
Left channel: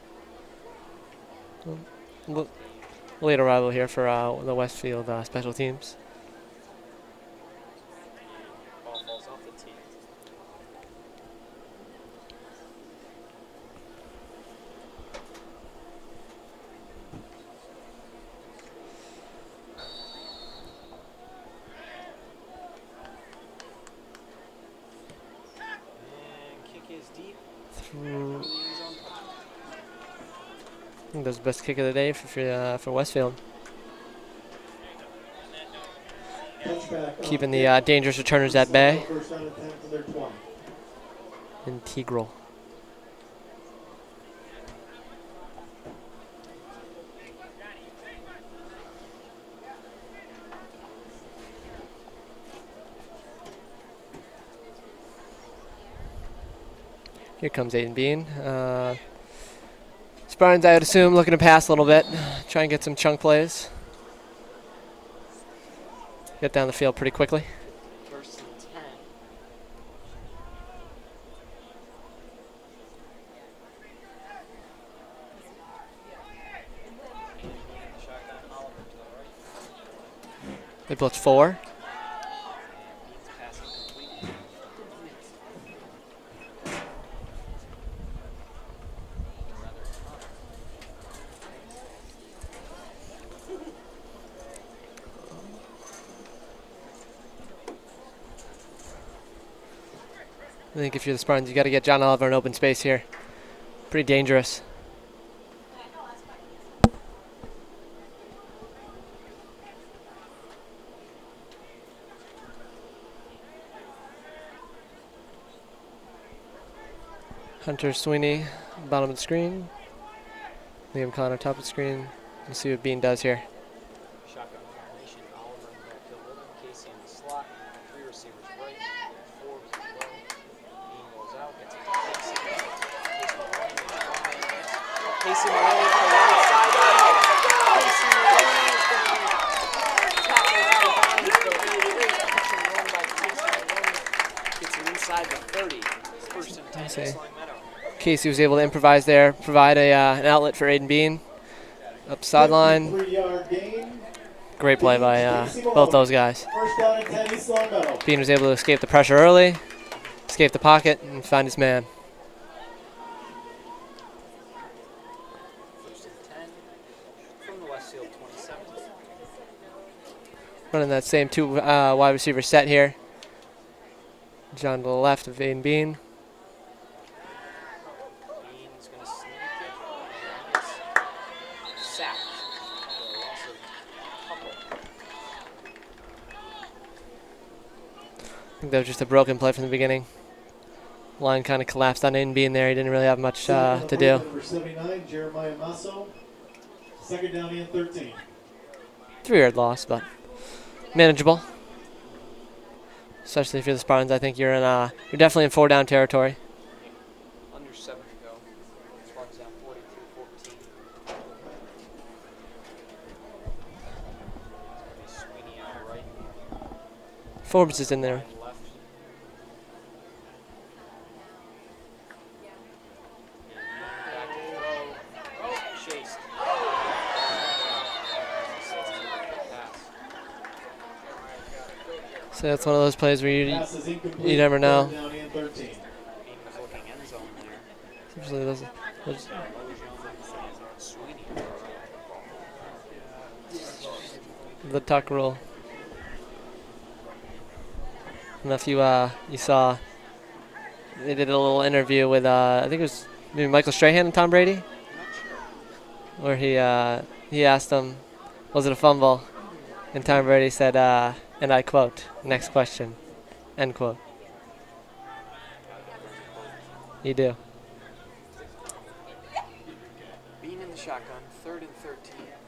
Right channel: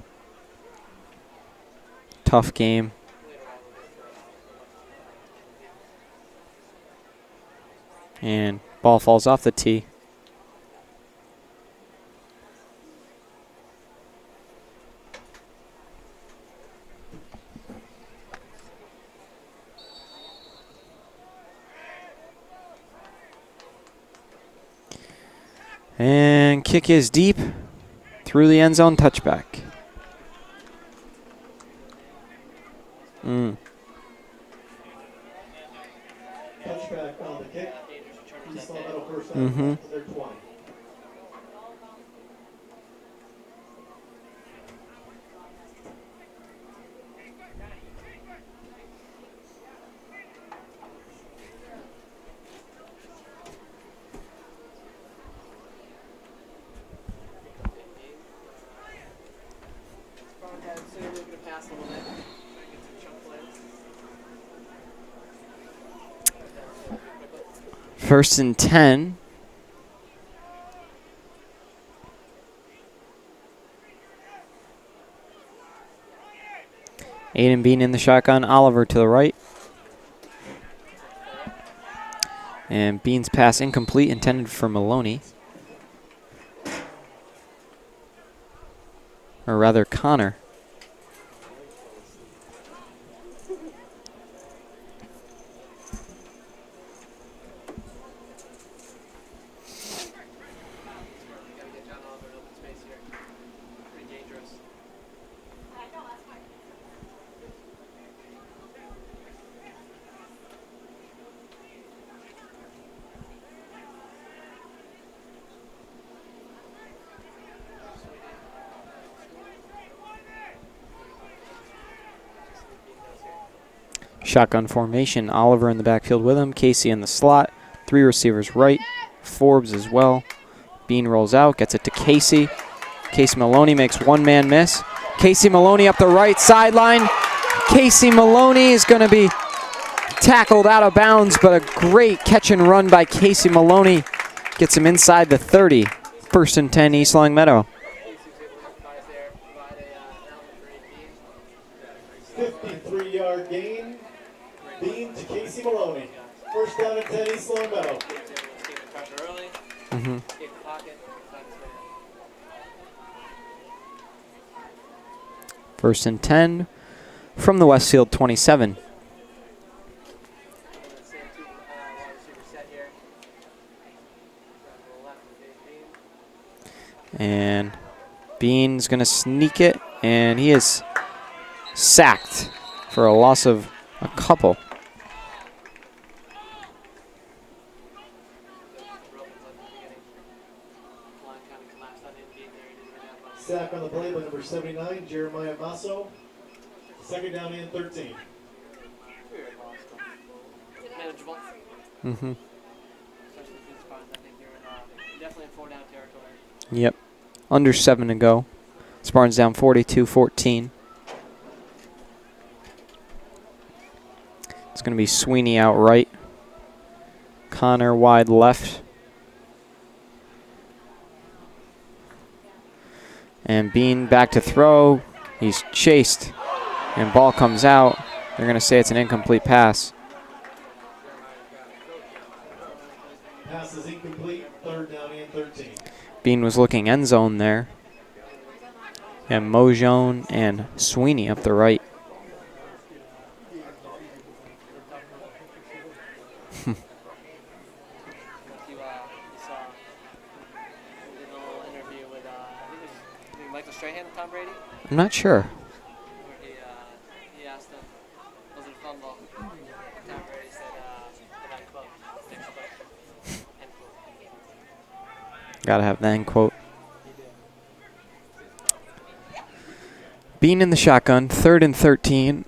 Tough game. Late arrival here for the Westfield special teams. And ball falls off the tee. And kick is deep through the end zone, touchback. I think that's the best kick of the day for Westfield. Keeping the dangerous returners at bay. Integral. Here comes Aiden Bean. Spartans, I would assume, looking to pass a little bit, try and get some chunk plays. Get down the field pretty quickly. 1st and 10. Aiden Bean in the shotgun. Oliver to the right. They blitz 4. And Bean's pass incomplete, intended for Maloney. Or rather, Connor. I think if you're the Spartans, you got to get John Oliver in open space here. Pretty dangerous. Hunter Sweeney, bottom of the screen. Liam Connor, top of the screen. Let's see what Bean does here. Shotgun formation. Oliver in the backfield with him. Casey in the slot. 3 receivers right. Forbes as well. Bean rolls out, gets it to Casey. Casey Maloney makes one-man miss. Casey Maloney up the right sideline. Casey Maloney is going to be tackled out of bounds, but a great catch and run by Casey Maloney. Gets him inside the 30. 1st and 10, East Longmeadow. Casey was able to improvise there, provide an outlet for Aiden Bean. Up the sideline. 53-yard gain. Great play by both those guys. 1st down and 10, East Longmeadow. Bean was able to escape the pressure early, escape the pocket, and find his man. 1st and 10 from the Westfield 27. Running that same 2 wide receiver set here. John to the left of Aiden Bean. And Bean's going to sneak it, and he is sacked for a loss of a couple. I think that was just a broken play from the beginning. Line kind of collapsed on Aiden Bean there. He didn't really have much to do. Number 79, Jeremiah Masso. 2nd down and 13. 3-yard loss, but manageable. Mm-hmm. Especially if you're the Spartans, I think you're definitely in 4-down territory. Yep. Under 7 to go. Spartans down 42-14. It's going to be Sweeney out right. Forbes is Connor in wide there. left. And Bean back to throw. He's chased. And ball comes out. They're going to say it's an incomplete pass. So that's one of those plays where Pass is incomplete. you never know. 3rd down and 13. Bean was looking end zone there. Usually those- And Mojone and Sweeney up the right. the tuck rule. And if you saw, they did a little interview with I think it was maybe Michael Strahan and Tom Brady, I'm not sure. where he asked him, was it a fumble? And Tom Brady said, and I quote, next question, end quote. Got to have the end quote. You do. Bean in the shotgun, 3rd and 13.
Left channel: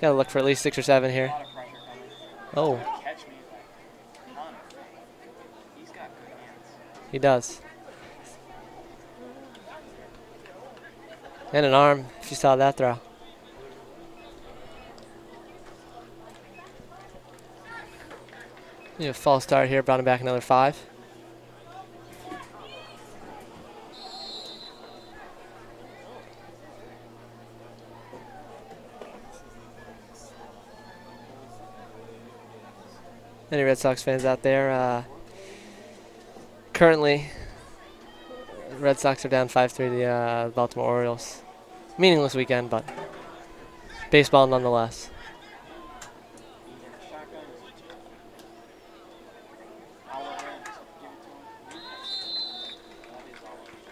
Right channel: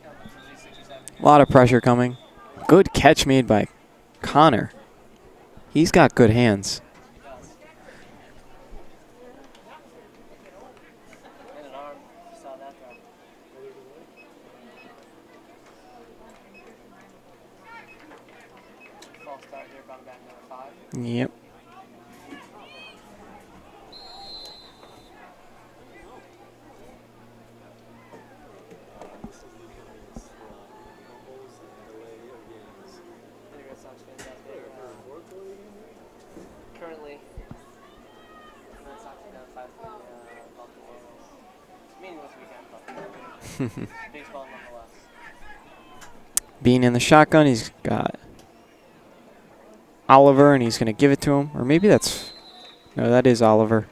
Got to look for at least 6 or 7 here. A lot of pressure coming. Oh, Good catch made by Connor. He's got good hands. He does. And an arm, if you saw that throw. False start here, brought him back another 5. Yep. Any Red Sox fans out there? Currently, Red Sox are down 5-3 to the Baltimore Orioles. Meaningless weekend, but baseball nonetheless. Bean in the shotgun. He's got Oliver, and he's going to give it to him. Or maybe that's... No, that is Oliver.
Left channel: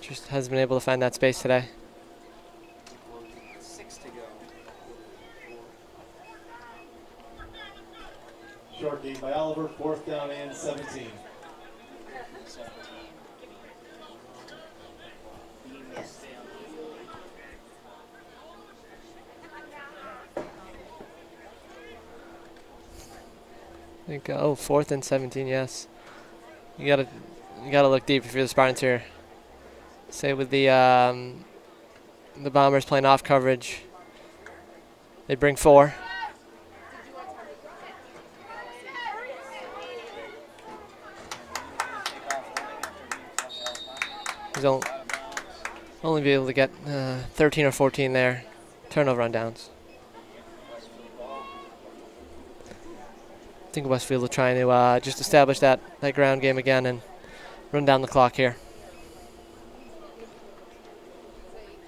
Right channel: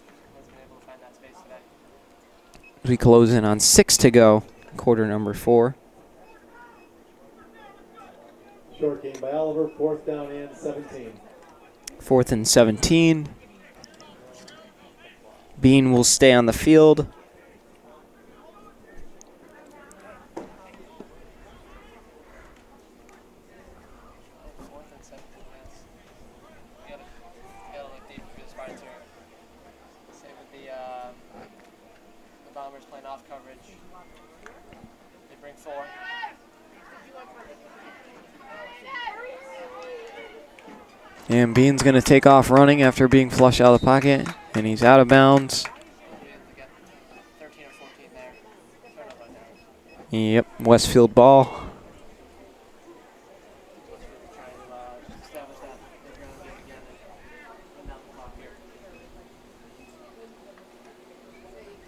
Just hasn't been able to find that space today. We close in on 6 to go. Quarter number 4. Short game by Oliver. 4th down and 17. 4th and 17. Bean will stay on the field. I think, 4th and 17, yes. You got to You got to look deep if you're the Spartans here. Say with the Bombers playing off coverage, they bring 4. And Bean's going to take off running after being flushed out of the pocket, and he's out of bounds. Only be able to get 13 or 14 there. Turnover on downs. Yep, Westfield ball. I think Westfield will try to just establish that ground game again and run down the clock here.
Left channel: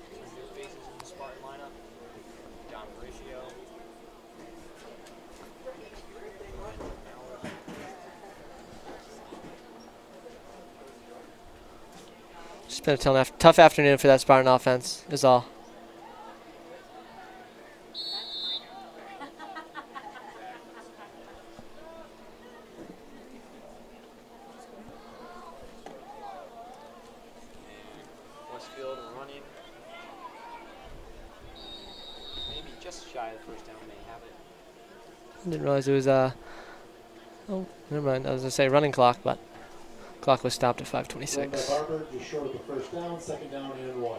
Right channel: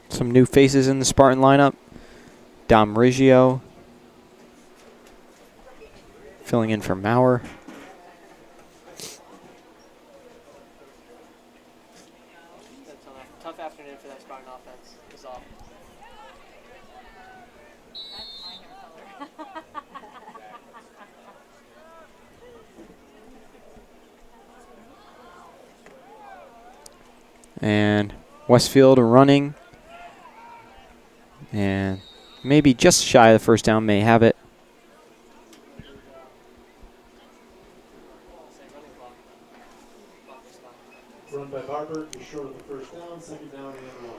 Some new faces in the Spartan lineup. Dom Riggio filling in for Maurer. It's been a tough afternoon for that Spartan offense, is all. And Westfield running. And maybe just shy of the first down, may have it. I didn't realize it was, oh, never mind. I was going to say running clock, but clock was stopped at 5:26. Run by Barber, just short of the first down, second down and 1.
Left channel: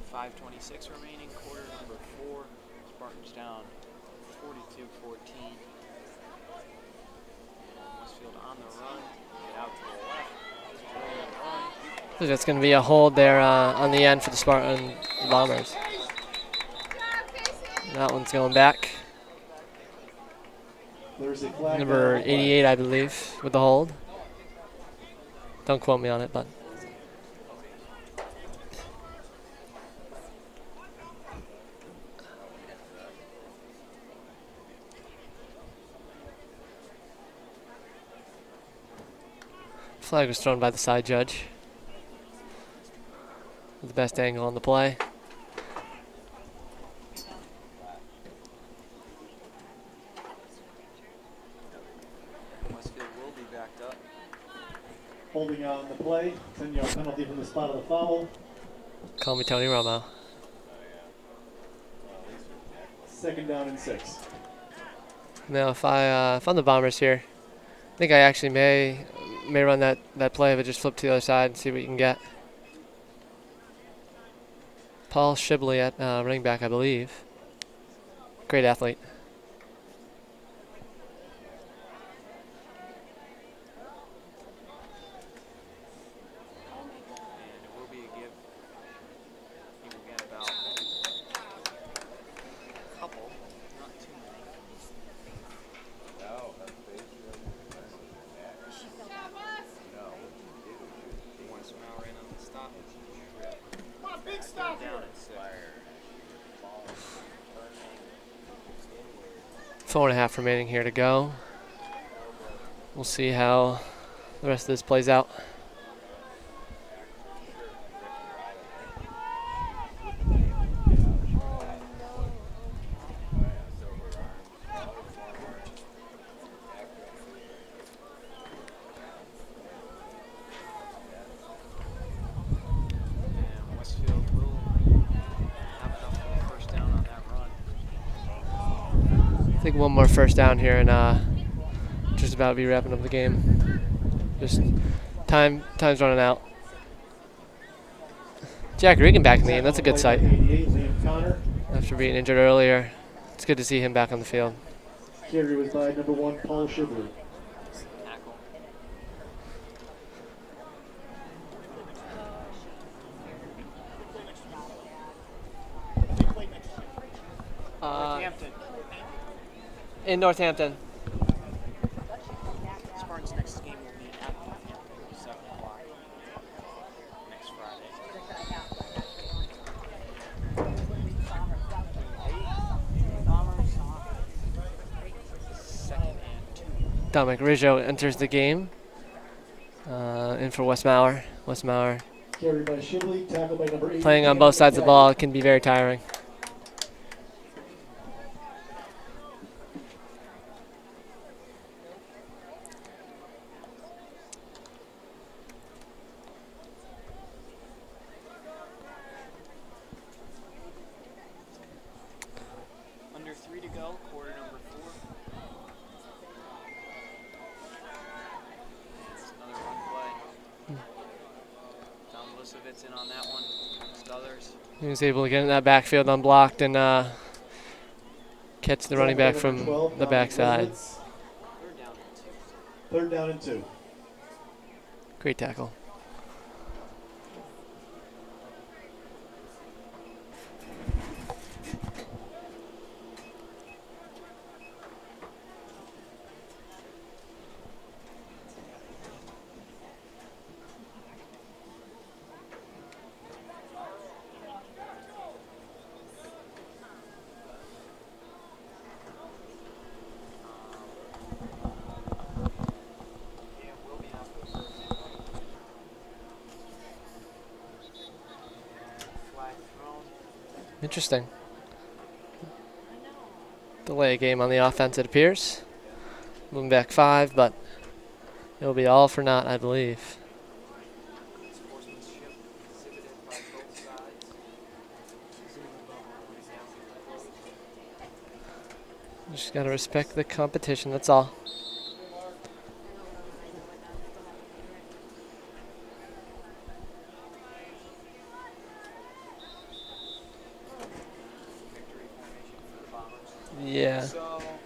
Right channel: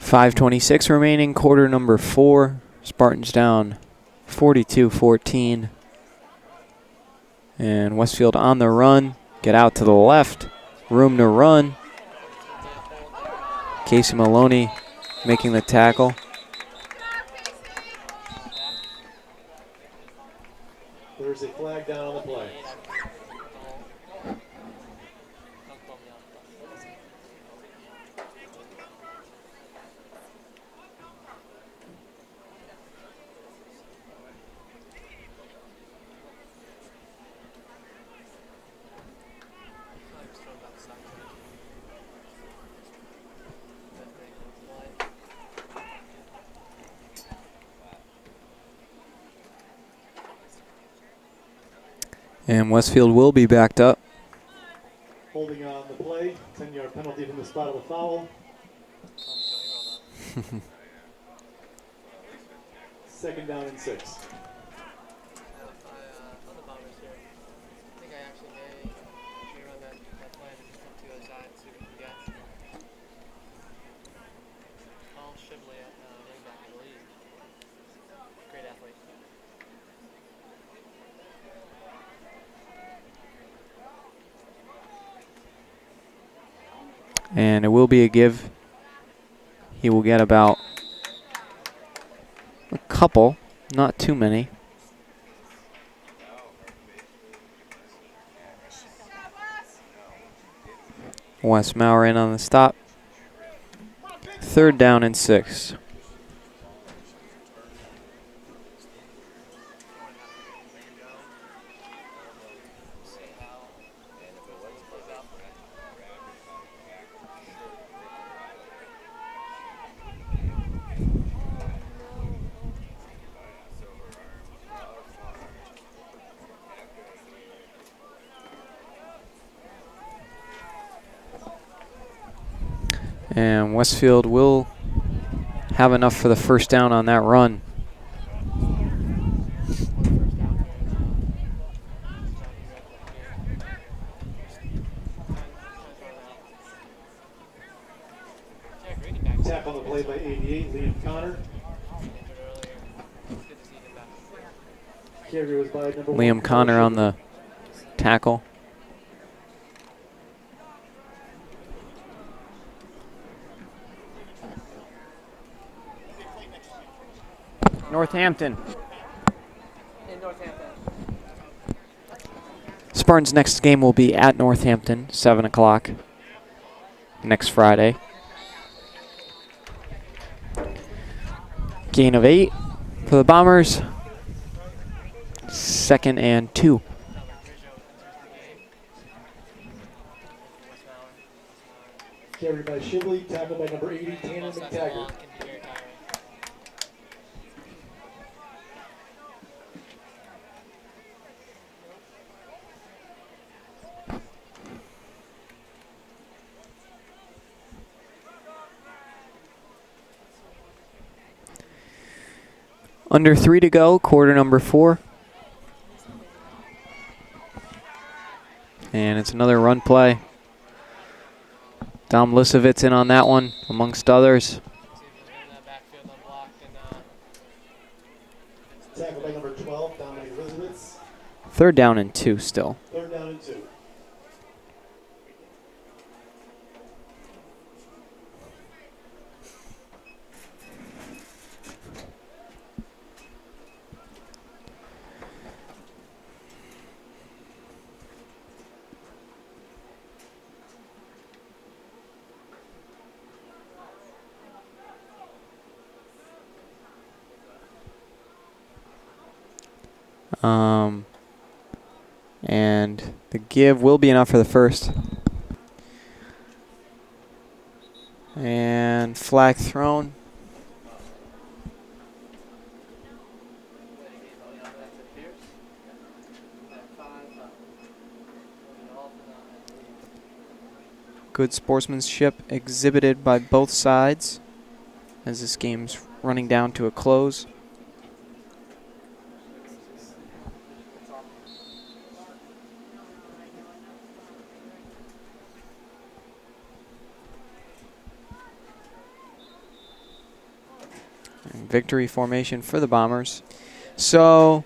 .526 remaining, quarter number 4. Spartans down 42-14. And Westfield on the run. Get out to the left. Room to run. I think that's going to be a hold there on Case the end. Maloney for Spartan making the Bombers. tackle. That one's going back. There's a flag Number down. 88, I believe, with the hold. Don't quote me on it, but. Flag was thrown by the side judge. The best angle on the play. And Westfield will be backed up. Holding on the play, 10-yard penalty from the spot of the foul. Call me Tony Romo. Second down and 6. Now, if I'm the Bombers here, I think I actually may run that play, but just flip to the other side and see what you can get. Paul Shibley at running back, I believe. Great athlete. And it will be a give. He will get about a couple, not too many. Wes Maurer in on the stop. Third down and 6. 4.5 remaining here to go. We'll see how the rest of this plays out. And Westfield will have enough for the first down on that run. I think one more first down here and just about be wrapping up the game. Just time's running out. Jack Regan back in the game. That's a good sight. 88, Liam Connor. After being injured earlier, it's good to see him back on the field. Carry was by number Liam 1, Connor on the tackle. Northampton. In Northampton. Spartans' next game will be at Northampton, 7 o'clock next Friday. Gain of 8 for the Bombers. 2nd and 2. Dominic Riggio enters the game. In for Wes Maurer. Wes Maurer Carry by Shibley, tackle by number 8. playing on both sides of the ball can be very tiring. Under 3 to go, quarter number 4. And it's another run play. Dom Lisovitz in on that one, amongst others. He was able to get in that backfield unblocked and catch the running back from the backside. 3rd down and 2 still. 3rd down and 2. Great tackle. And the give will be enough for the first. And flag thrown. Interesting. Delay a game on the offense, it appears. Moving back 5, but it'll be all for naught, I believe. Good sportsmanship exhibited by both sides as this game's running down to a close. Just got to respect the competition, that's all. Victory formation for the Bombers. Yeah. So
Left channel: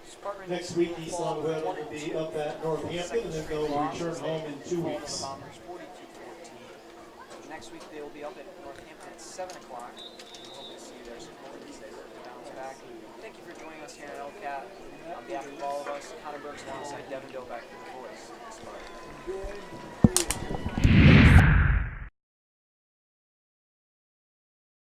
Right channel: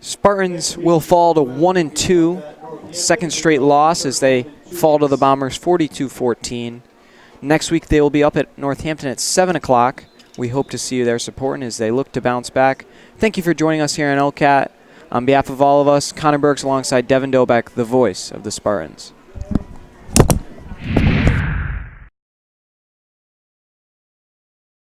Spartans will fall to 1-2, second straight loss as they fall to the Bombers 42-14. Next week they will be up at Northampton at 7 o'clock. We hope to see you there supporting as they look to bounce back. Thank you for joining us here on LCAT. On behalf of all of us, Connor Burks alongside Devin Dobeck, the voice of the Spartans.